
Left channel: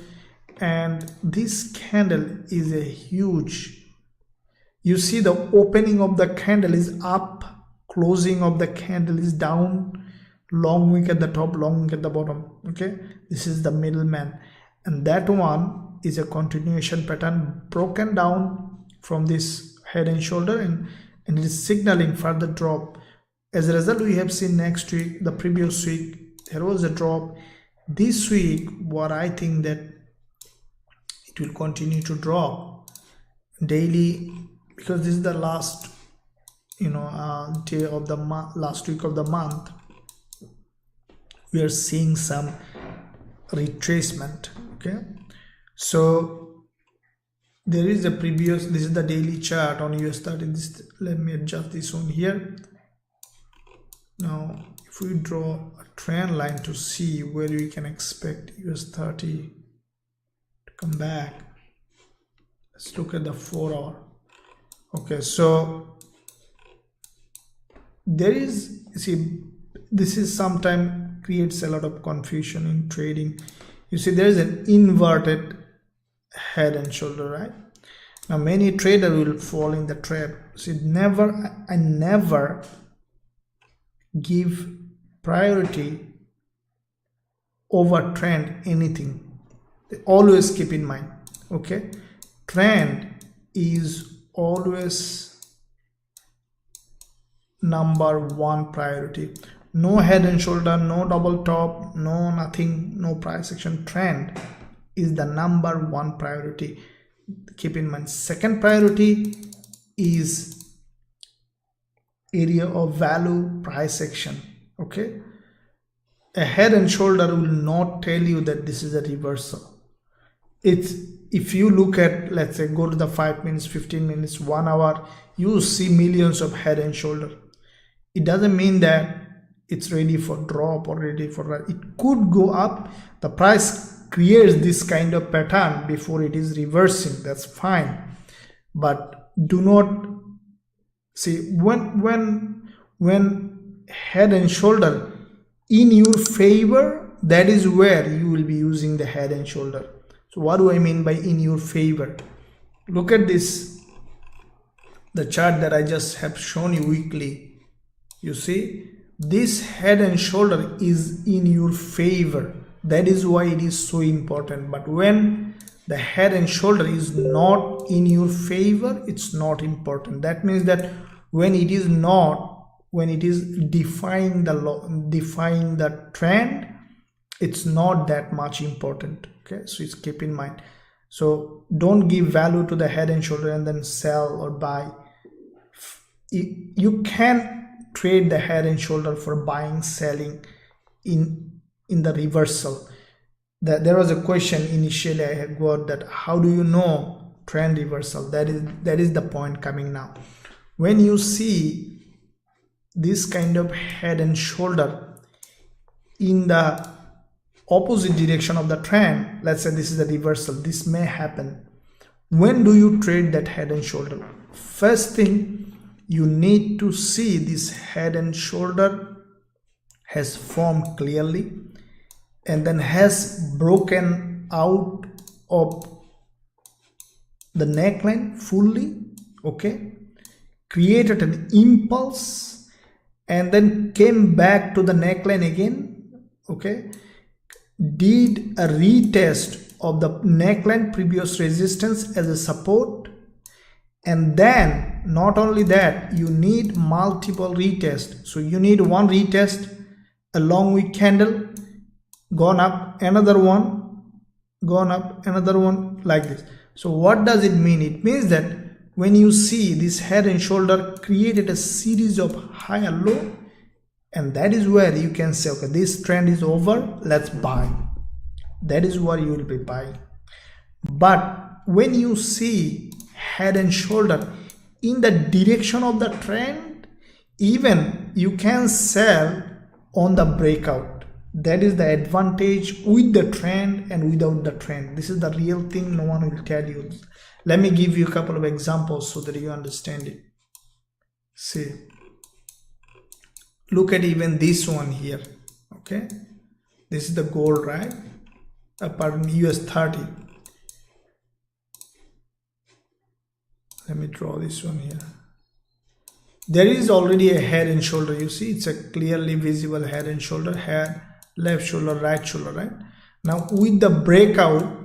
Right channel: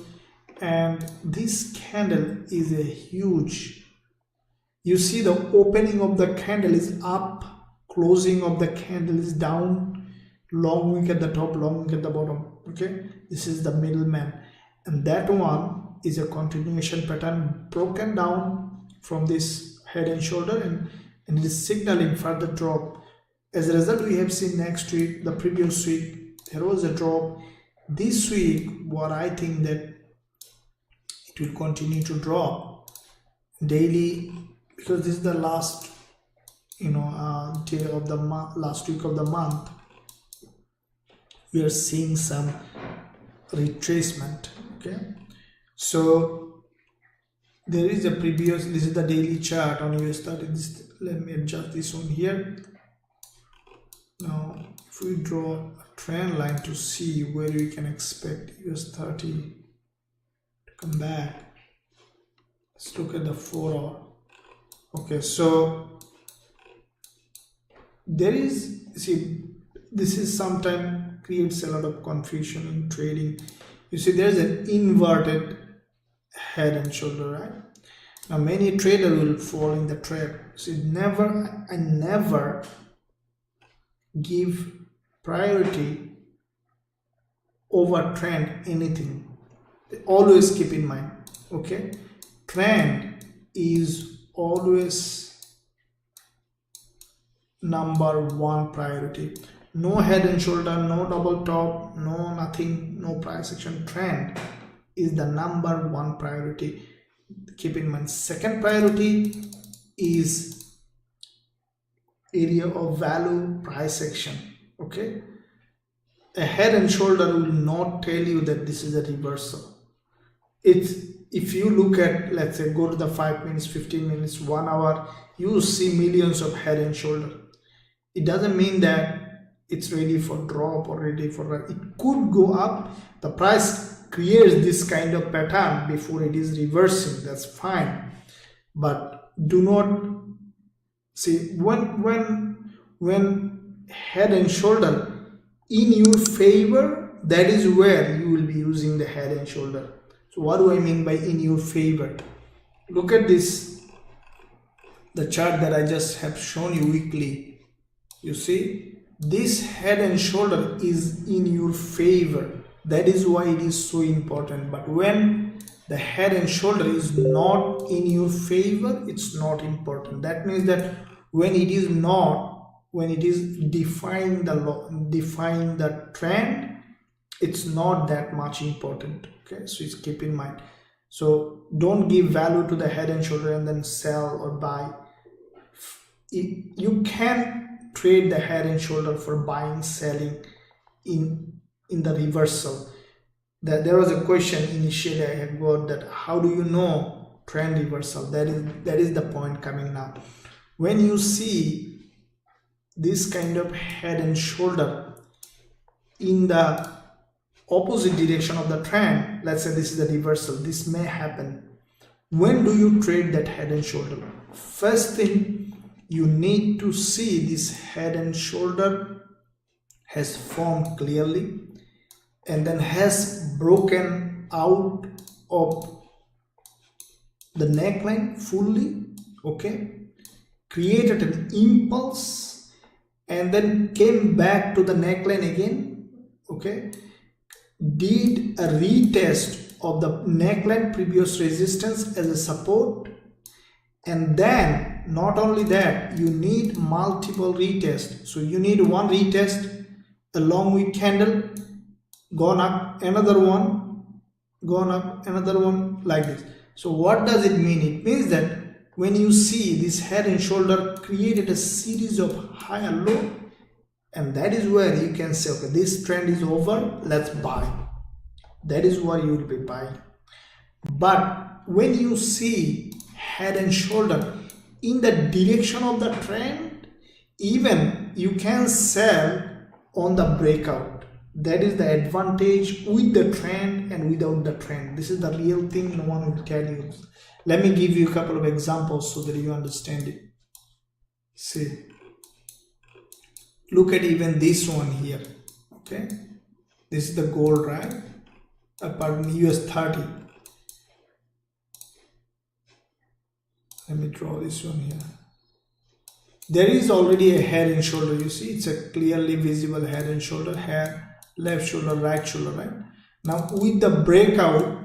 and this candle is a huge, you see the opening of the candle is up, closing of the candle is down, long wick at the top, long wick at the bottom. Okay, this is the middleman, and that one is a continuation pattern broken down from this head and shoulder, and it is signaling further drop. As a result, we have seen next week, the previous week, there was a drop. This week, what I think that it will continue to drop daily, because this is the last day of the month, last week of the month. We are seeing some retracement. Okay, so there is a previous, this is the daily chart on US30. Let me adjust this one here. Now if we draw a trend line to see where we can expect US30 to come back, let's look at the 4 hour. Okay, so there is, see, this is sometimes creates a lot of confusion in trading. You see, there is an inverted head and shoulder, right? Now many traders will fall in the trap. See, I never give priority over trend anything. Always keep in mind, okay, trend is always number one priority. No head and shoulder, no double top, no nothing, no price action. Trend is the number one priority. Keep in mind. Second priority is area of value, price action. Okay, a head and shoulder will not tell you that this is a reversal. If you look at, let's say, go to the 5 minutes, 15 minutes, 1 hour, you see millions of head and shoulder. It doesn't mean that it's ready for drop or ready for rise. It could go up. The price creates this kind of pattern before it is reversing. That's fine, but do not see when head and shoulder in your favor, that is where you will be using the head and shoulder. So what do I mean by in your favor? Look at this, the chart that I just have shown you weekly. You see, this head and shoulder is in your favor. That is why it is so important. But when the head and shoulder is not in your favor, it's not important. That means that when it is not, when it is defying the trend, it's not that much important. Okay, so just keep in mind. So don't give value to the head and shoulder and then sell or buy. You can trade the head and shoulder for buying, selling in the reversal. There was a question initially I had got, that how do you know trend reversal? That is the point coming now. When you see this kind of head and shoulder in the opposite direction of the trend, let's say this is a reversal, this may happen. When do you trade that head and shoulder? First thing, you need to see this head and shoulder has formed clearly and then has broken out of the neckline fully, okay, created an impulse and then came back to the neckline again, okay, did a retest of the neckline previous resistance as a support, and then not only that, you need multiple retests. So you need one retest, a long wick candle, gone up, another one, gone up, another one, like this. So what does it mean? It means that when you see this head and shoulder created a series of high and low, and that is where you can say, okay, this trend is over, let's buy. That is what you will be buying. But when you see head and shoulder in the direction of the trend, even you can sell on the breakout. That is the advantage with the trend and without the trend. This is the real thing, no one will tell you. Let me give you a couple of examples so that you understand it. See, look at even this one here. Okay, this is the gold, right? Pardon, US30. Let me draw this one here. There is already a head and shoulder. You see, it's a clearly visible head and shoulder, head, left shoulder, right shoulder, right? Now with the breakout,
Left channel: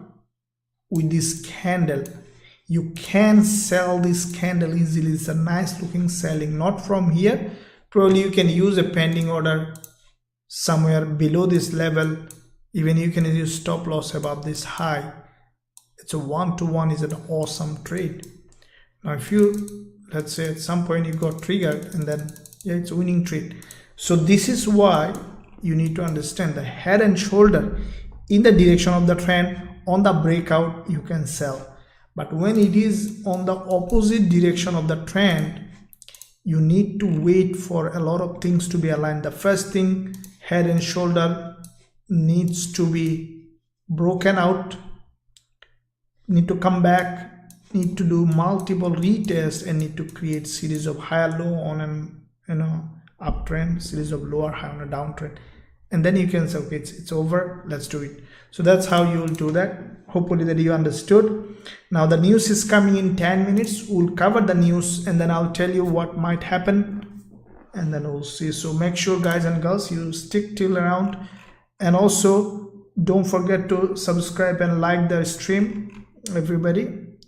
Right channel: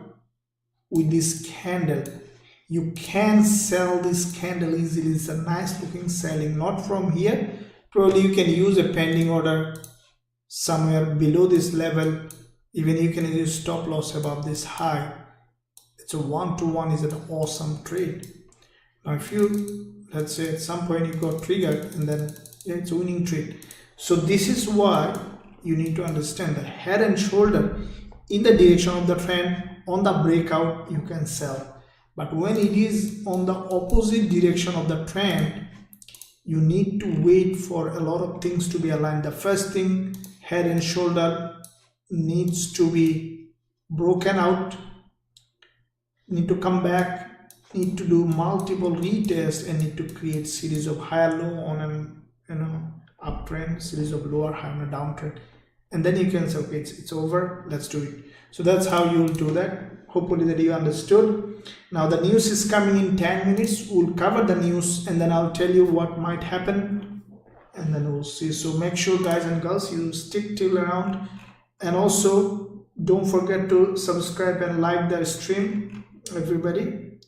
with this candle, you can sell this candle easily. It's a nice looking selling, not from here. Probably you can use a pending order somewhere below this level. Even you can use stop loss above this high. It's a 1-to-1 is an awesome trade. Now if you, let's say at some point you got triggered and then yeah, it's a winning trade. So this is why you need to understand the head and shoulder in the direction of the trend. On the breakout you can sell, but when it is on the opposite direction of the trend, you need to wait for a lot of things to be aligned. The first thing, head and shoulder needs to be broken out, need to come back, need to do multiple retests, and need to create series of higher low on an uptrend, series of lower high on a downtrend, and then you can say, okay, it's over, let's do it. So that's how you will do that. Hopefully that you understood. Now the news is coming in 10 minutes. We'll cover the news and then I'll tell you what might happen, and then we'll see. So make sure, guys and girls, you stick till around, and also don't forget to subscribe and like the stream, everybody.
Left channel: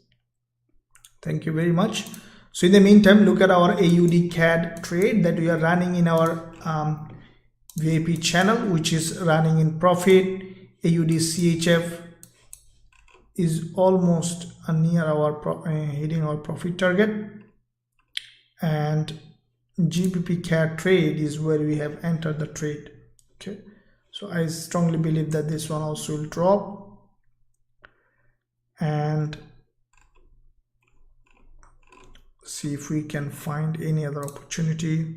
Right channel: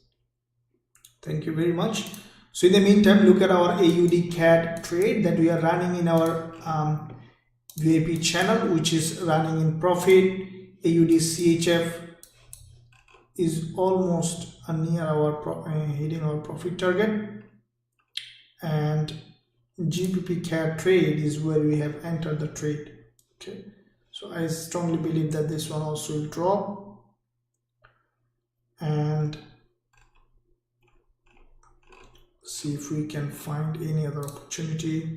Thank you very much. So in the meantime, look at our AUD CAD trade that we are running in our VIP channel, which is running in profit. AUD CHF is almost near our hitting our profit target, and GBP CAD trade is where we have entered the trade. Okay, so I strongly believe that this one also will drop, and see if we can find any other opportunity.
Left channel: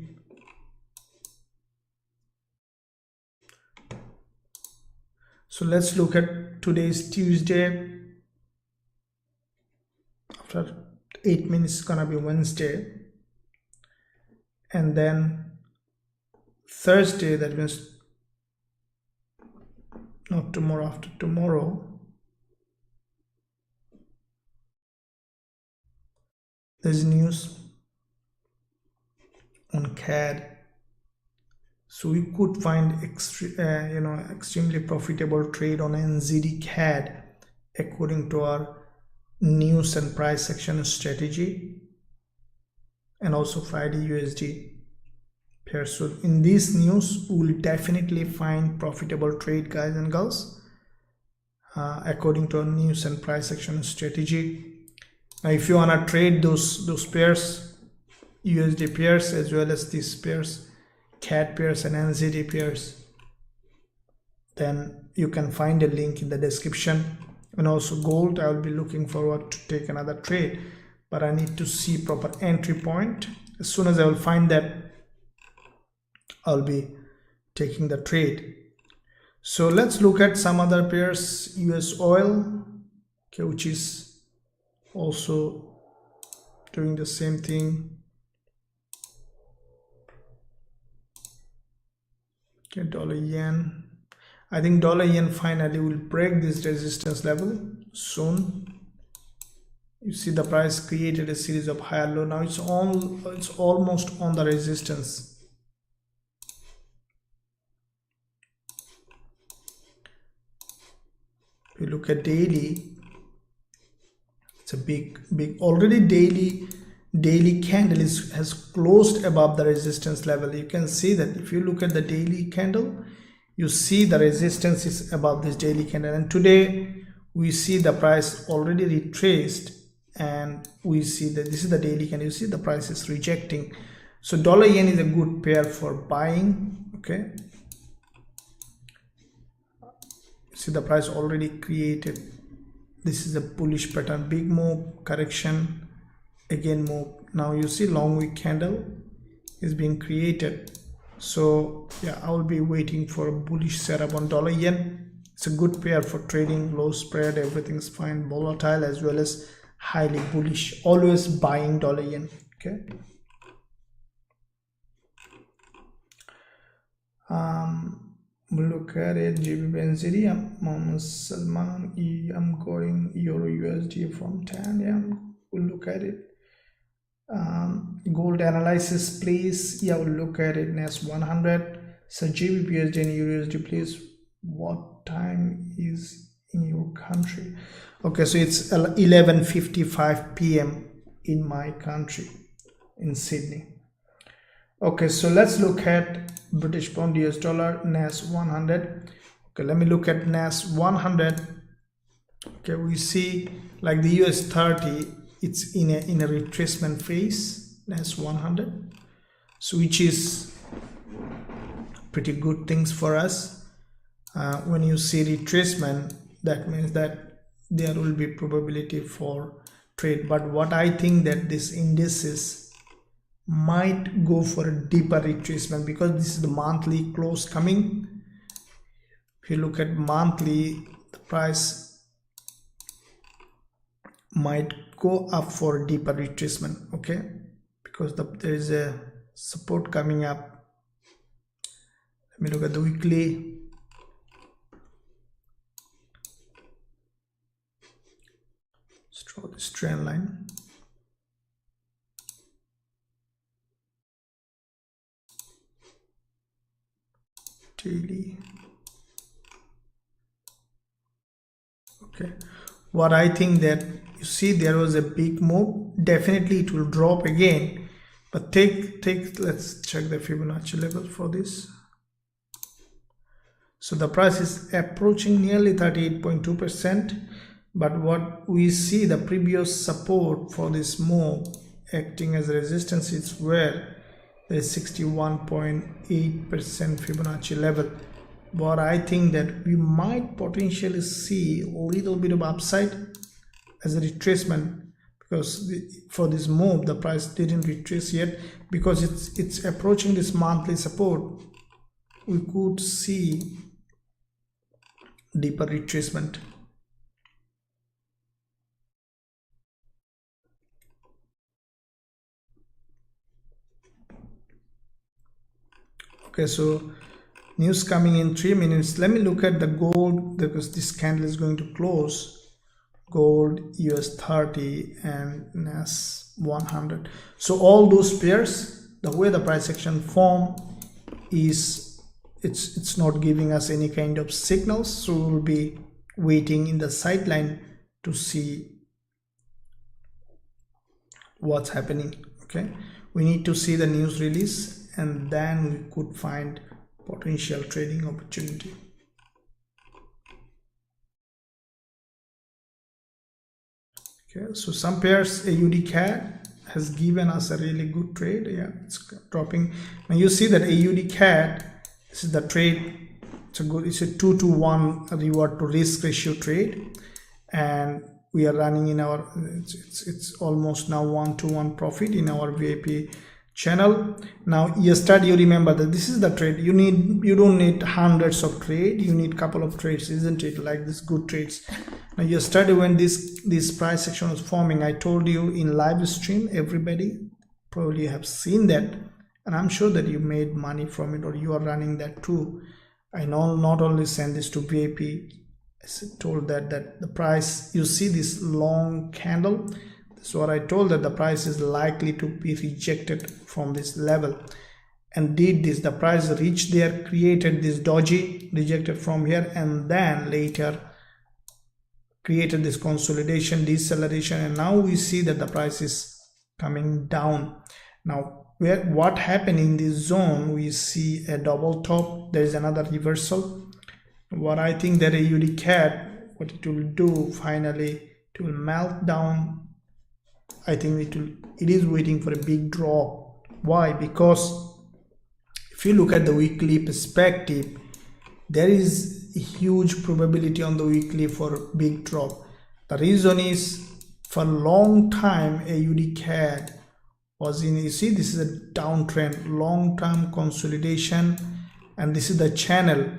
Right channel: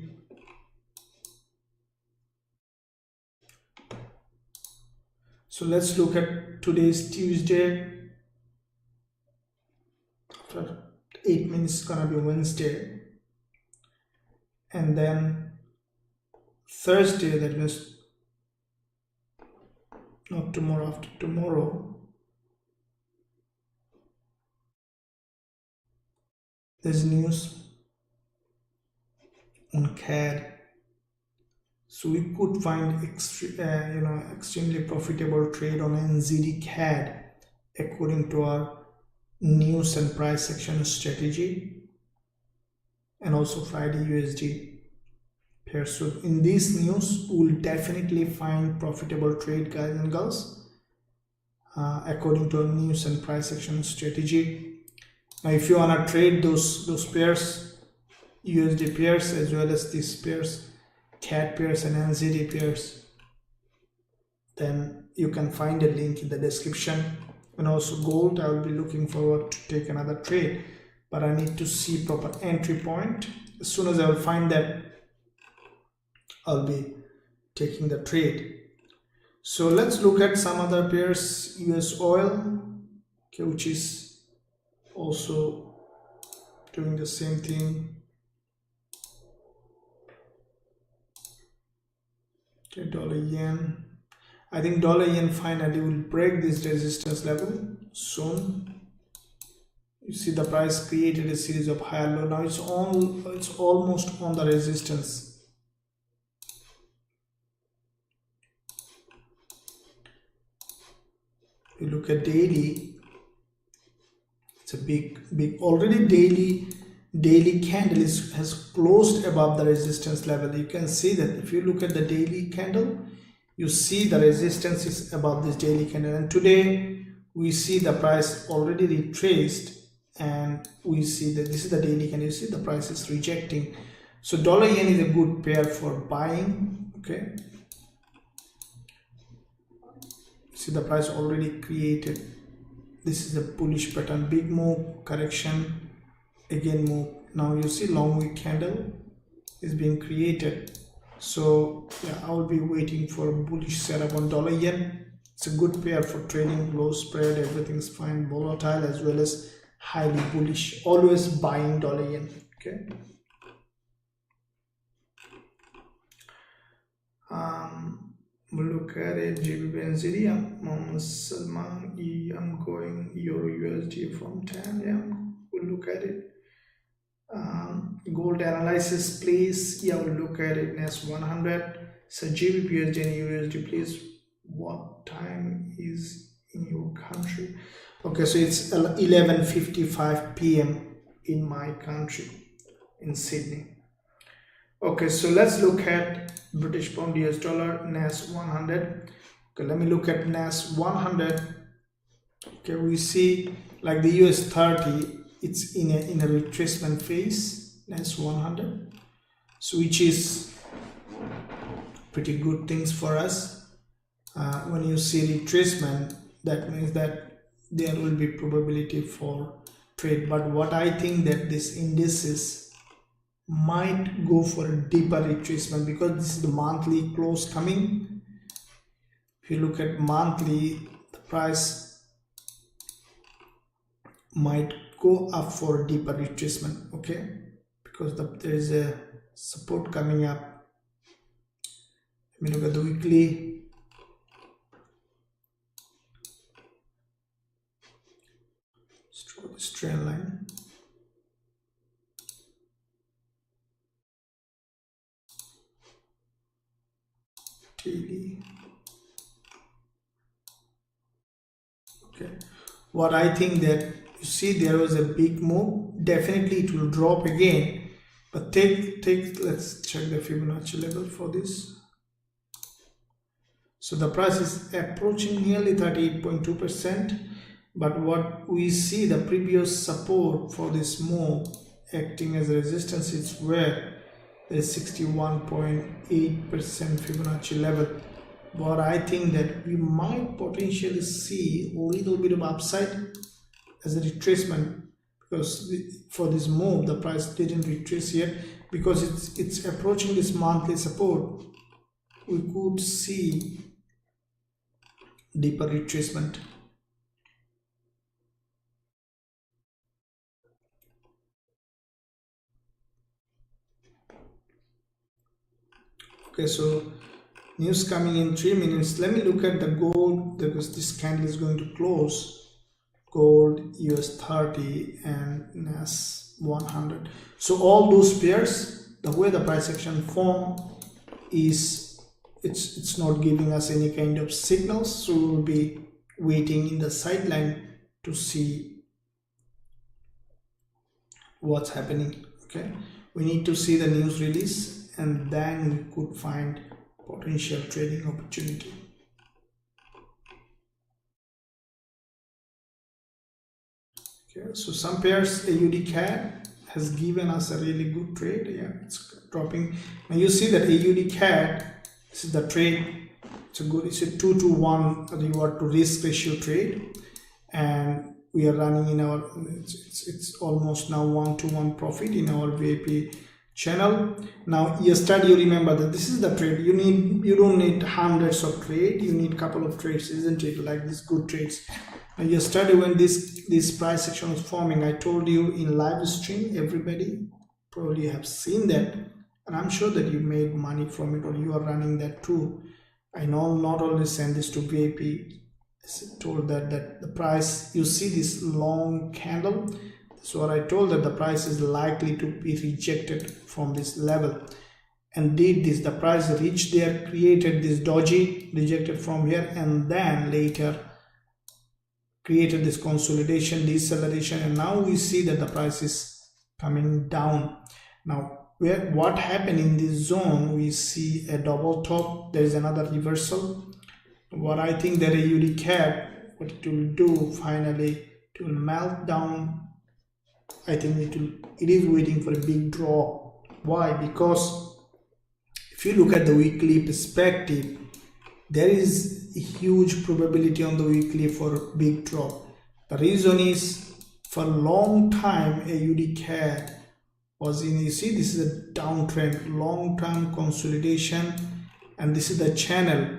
So let's look at today's Tuesday. After 8 minutes, it's gonna be Wednesday, and then Thursday, that means not tomorrow, after tomorrow, there's news on CAD. So we could find extremely profitable trade on NZD CAD according to our news and price action strategy, and also Friday USD pair. So in this news, we'll definitely find profitable trade, guys and girls, according to our news and price action strategy. Now if you want to trade those pairs, USD pairs as well as these pairs, CAD pairs and NZD pairs, then you can find a link in the description. And also gold, I will be looking forward to take another trade, but I need to see proper entry point. As soon as I will find that, I'll be taking the trade. So let's look at some other pairs. US oil, okay, which is also doing the same thing. Okay, dollar yen. I think dollar yen finally will break this resistance level soon. You see the price created a series of higher low. Now it's almost on the resistance. If you look at daily, it's a big already daily candle has closed above the resistance level. You can see that if you look at the daily candle, you see the resistance is above this daily candle, and today we see the price already retraced, and we see that this is the daily candle. You see the price is rejecting. So dollar yen is a good pair for buying. Okay, see the price already created. This is a bullish pattern, big move, correction, again move. Now you see long wick candle is being created. So yeah, I will be waiting for a bullish setup on dollar yen. It's a good pair for trading, low spread, everything's fine, volatile as well as highly bullish. Always buying dollar yen. Okay. We'll look at it. Gbpusd, Mohammed Salman, I'm going Euro USD from 10. Yeah, we'll look at it. Gold analysis, please. Yeah, we'll look at it. NAS100. So Gbpusd and USD, please. What time is in your country? Okay, so it's 11:55 p.m. in my country, in Sydney. Okay, so let's look at British pound US dollar NAS100. Okay, let me look at NAS100. Okay, we see like the US30, it's in a retracement phase, NAS100, so which is pretty good things for us. When you see retracement, that means that there will be probability for trade. But what I think that this indices might go for a deeper retracement, because this is the monthly close coming. If you look at monthly, the price might go up for a deeper retracement. Okay, because there is a support coming up. Let me look at the weekly. Let's draw this trend line. Daily. Okay, what I think that you see there was a big move. Definitely it will drop again, but let's check the Fibonacci level for this. So the price is approaching nearly 38.2%, but what we see, the previous support for this move acting as a resistance is where there is 61.8% Fibonacci level. But I think that we might potentially see a little bit of upside as a retracement, because for this move the price didn't retrace yet, because it's approaching this monthly support. We could see deeper retracement. Okay, so news coming in 3 minutes. Let me look at the gold, because this candle is going to close. Gold, US30 and NAS100. So all those pairs, the way the price action form is, it's not giving us any kind of signals, so we'll be waiting in the sideline to see what's happening. Okay, we need to see the news release, and then we could find potential trading opportunity. Okay, so some pairs, AUD-CAD has given us a really good trade. Yeah, it's dropping. Now you see that AUD-CAD, this is the trade. It's a 2-to-1 reward to risk ratio trade, and we are running in our, it's almost now 1-to-1 profit in our VIP channel. Now yesterday, you remember that this is the trade. You don't need hundreds of trades, you need a couple of trades, isn't it? Like these good trades. Now yesterday, when this price action was forming, I told you in live stream, everybody probably have seen that, and I'm sure that you made money from it, or you are running that too. I know not only send this to VIP, I told that the price, you see this long candle, that's what I told, that the price is likely to be rejected from this level, and did this. The price reached there, created this doji, rejected from here, and then later created this consolidation, deceleration, and now we see that the price is coming down. Now what happened in this zone, we see a double top, there is another reversal. What I think that AUD-CAD, what it will do finally, it will melt down. I think it is waiting for a big drop. Why? Because if you look at the weekly perspective, there is a huge probability on the weekly for a big drop. The reason is, for a long time AUD-CAD Aussie, you see this is a downtrend, long-term consolidation, and this is the channel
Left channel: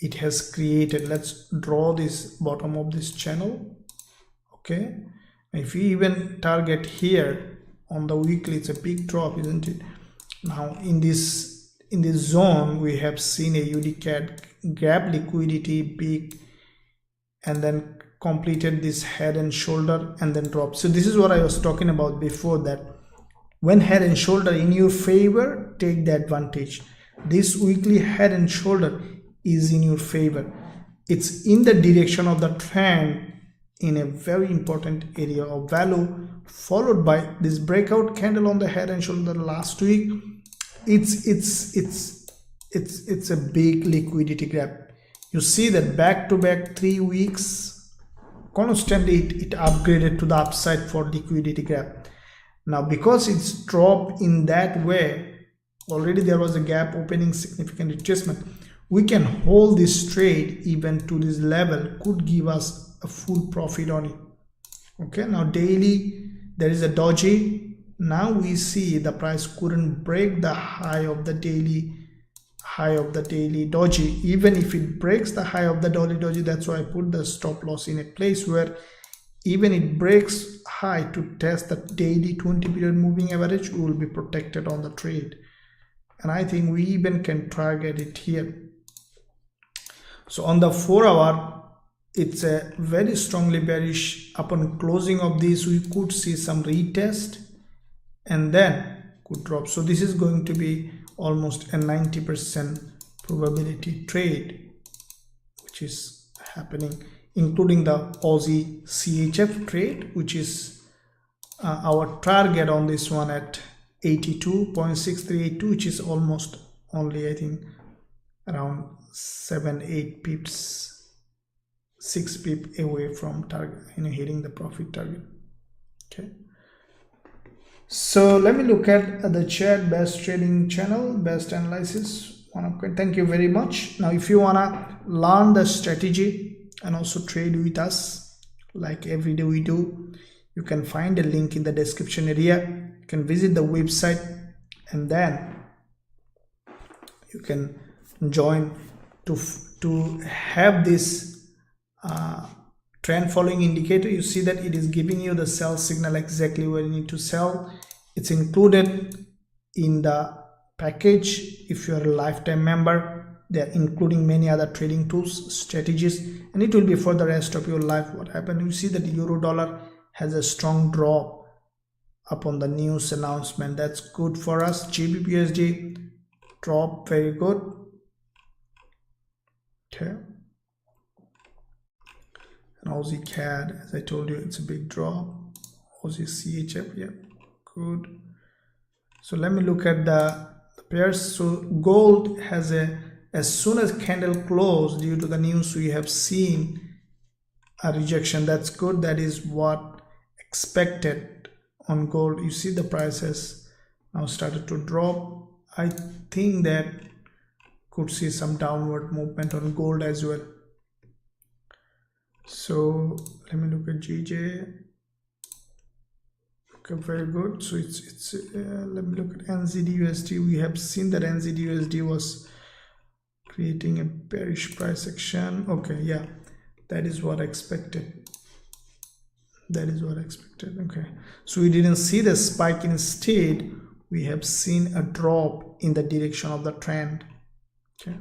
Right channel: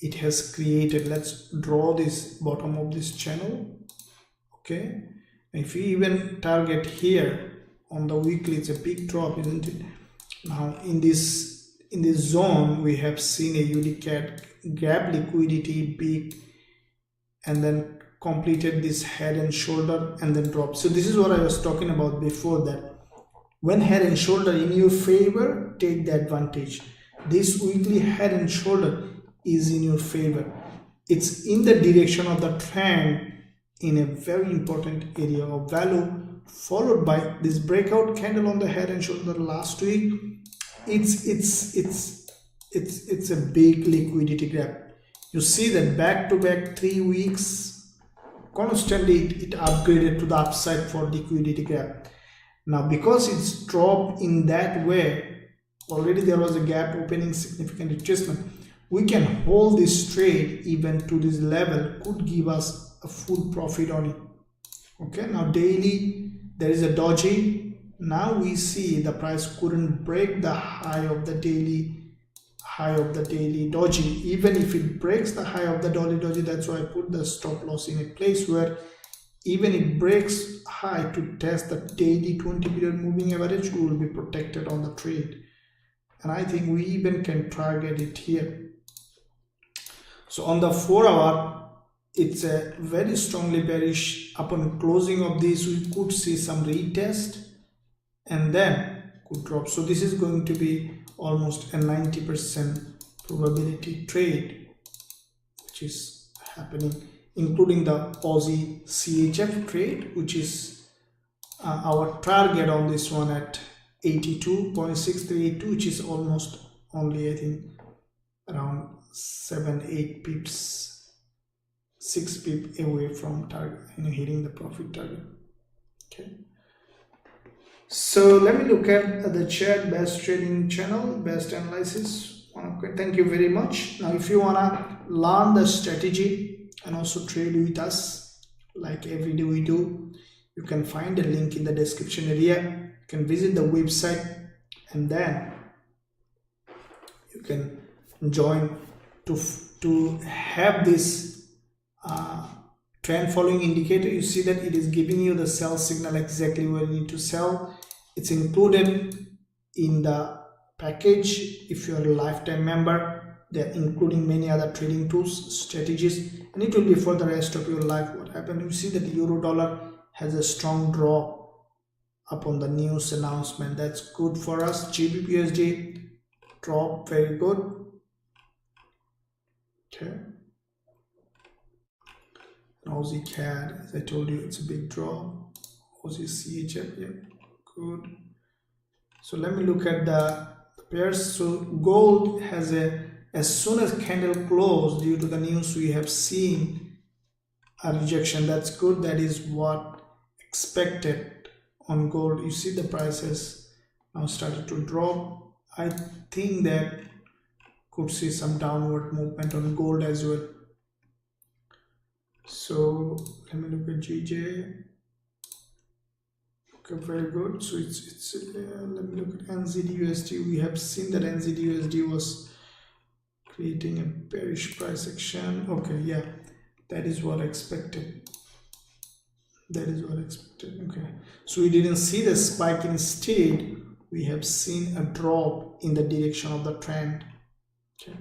it has created. Let's draw this bottom of this channel. Okay, if we even target here on the weekly, it's a big drop, isn't it? Now in this zone we have seen a UDCAD gap liquidity peak and then completed this head and shoulder and then drop. So this is what I was talking about before, that when head and shoulder in your favor, take the advantage. This weekly head and shoulder is in your favor. It's in the direction of the trend in a very important area of value, followed by this breakout candle on the head and shoulder last week. It's a big liquidity gap. You see that back to back 3 weeks constantly it upgraded to the upside for liquidity gap. Now because it's dropped in that way, already there was a gap opening, significant adjustment. We can hold this trade even to this level, could give us a full profit on it. Okay, now daily there is a doji. Now we see the price couldn't break the high of the daily doji. Even if it breaks the high of the doji, that's why I put the stop loss in a place where even it breaks high to test the daily 20-period moving average, we will be protected on the trade. And I think we even can target it here. So on the 4 hour, it's a very strongly bearish. Upon closing of this, we could see some retest and then could drop. So this is going to be almost a 90% probability trade which is happening, including the Aussie CHF trade, which is our target on this one at 82.6382, which is almost only, I think, around 7-8 pips, 6 pips away from target, hitting the profit target. Okay, so let me look at the chart, best trading channel, best analysis. Thank you very much. Now if you wanna learn the strategy and also trade with us like every day we do, you can find a link in the description area. You can visit the website and then you can join to have this trend following indicator. You see that it is giving you the sell signal exactly where you need to sell. It's included in the package. If you are a lifetime member, they are including many other trading tools, strategies, and it will be for the rest of your life. What happened, you see that euro dollar has a strong drop upon the news announcement. That's good for us. Gbpusd drop, very good. Okay, and Aussie CAD, as I told you, it's a big drop. Aussie CHF, yeah, good. So let me look at the pairs. So gold has as soon as candle closed, due to the news, we have seen a rejection. That's good. That is what expected on gold. You see the price has now started to drop. I think that could see some downward movement on gold as well. So let me look at GJ. Okay, very good. So it's let me look at NZD/USD. We have seen that NZD/USD was creating a bearish price action. Okay, yeah, that is what I expected. That is what I expected. Okay, so we didn't see the spike. Instead, we have seen a drop in the direction of the trend. Okay.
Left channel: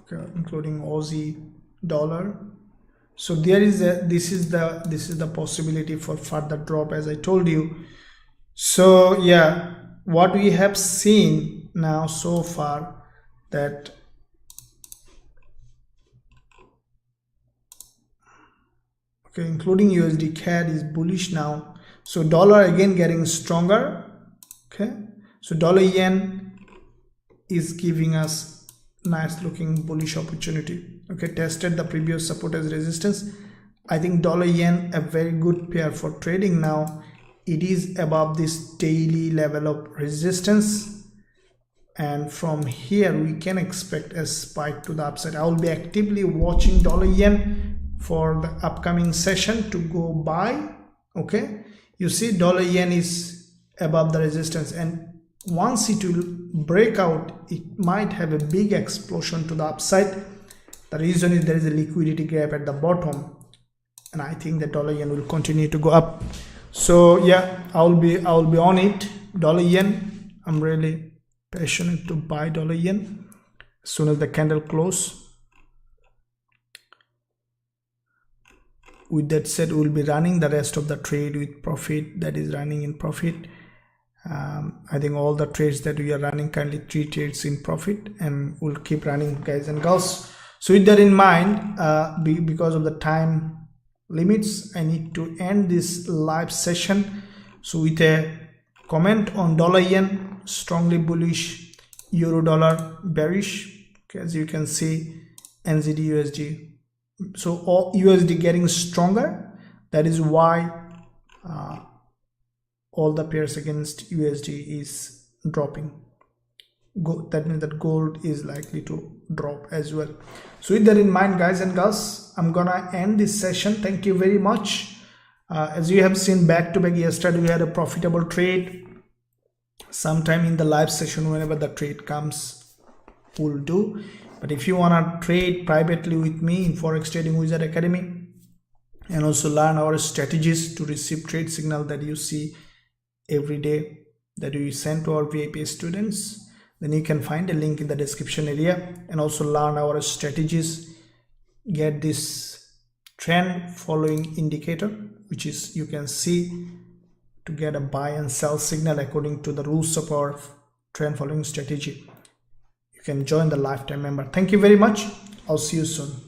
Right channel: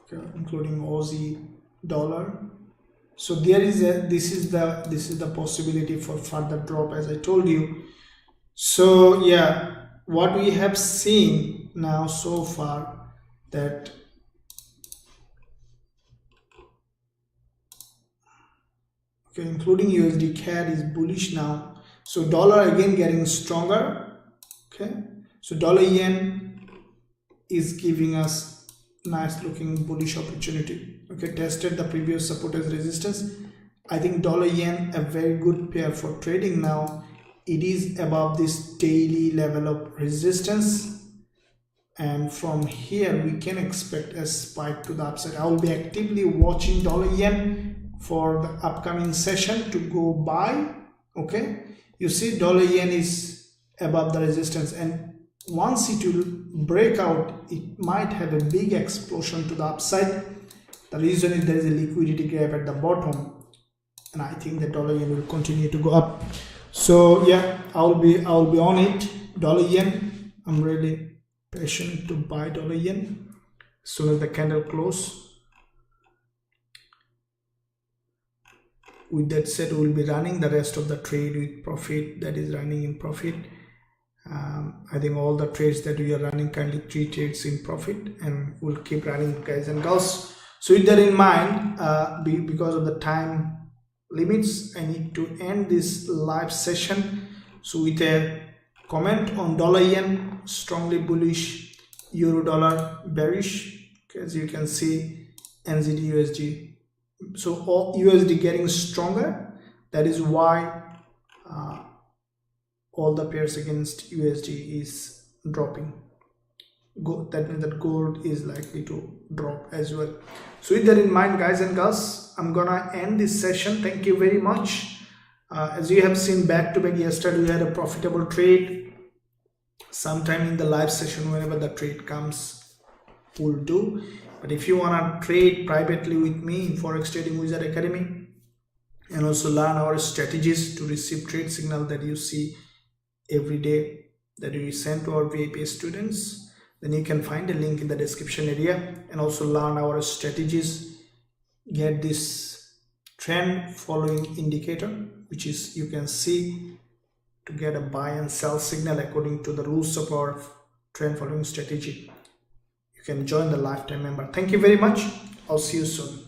Okay, including Aussie dollar. So there is this is the possibility for further drop, as I told you. So yeah, what we have seen now so far, that okay, including USD CAD is bullish now. So dollar again getting stronger. Okay, so dollar yen is giving us nice looking bullish opportunity. Okay, tested the previous support as resistance. I think dollar yen a very good pair for trading now. It is above this daily level of resistance, and from here we can expect a spike to the upside. I will be actively watching dollar yen for the upcoming session to go buy. Okay, you see dollar yen is above the resistance, and once it will break out, it might have a big explosion to the upside. The reason is there is a liquidity gap at the bottom, and I think the dollar yen will continue to go up. So yeah, I'll be on it. Dollar yen, I'm really passionate to buy dollar yen as soon as the candle close. With that said, we'll be running the rest of the trade with profit, that is running in profit. I think all the trades that we are running, currently 3 trades in profit, and we'll keep running, guys and girls. So with that in mind, because of the time limits, I need to end this live session. So with a comment on dollar yen, strongly bullish, euro dollar bearish, as you can see, NZD USD. So all USD getting stronger, that is why all the pairs against USD is dropping. That means that gold is likely to drop as well. So with that in mind, guys and girls, I'm gonna end this session. Thank you very much. As you have seen, back to back yesterday we had a profitable trade. Sometime in the live session, whenever the trade comes, we'll do. But if you want to trade privately with me in Forex Trading Wizard Academy and also learn our strategies to receive trade signal that you see every day that we send to our VIP students, then you can find a link in the description area and also learn our strategies, get this trend following indicator, which is you can see to get a buy and sell signal according to the rules of our trend following strategy. You can join the lifetime member. Thank you very much. I'll see you soon.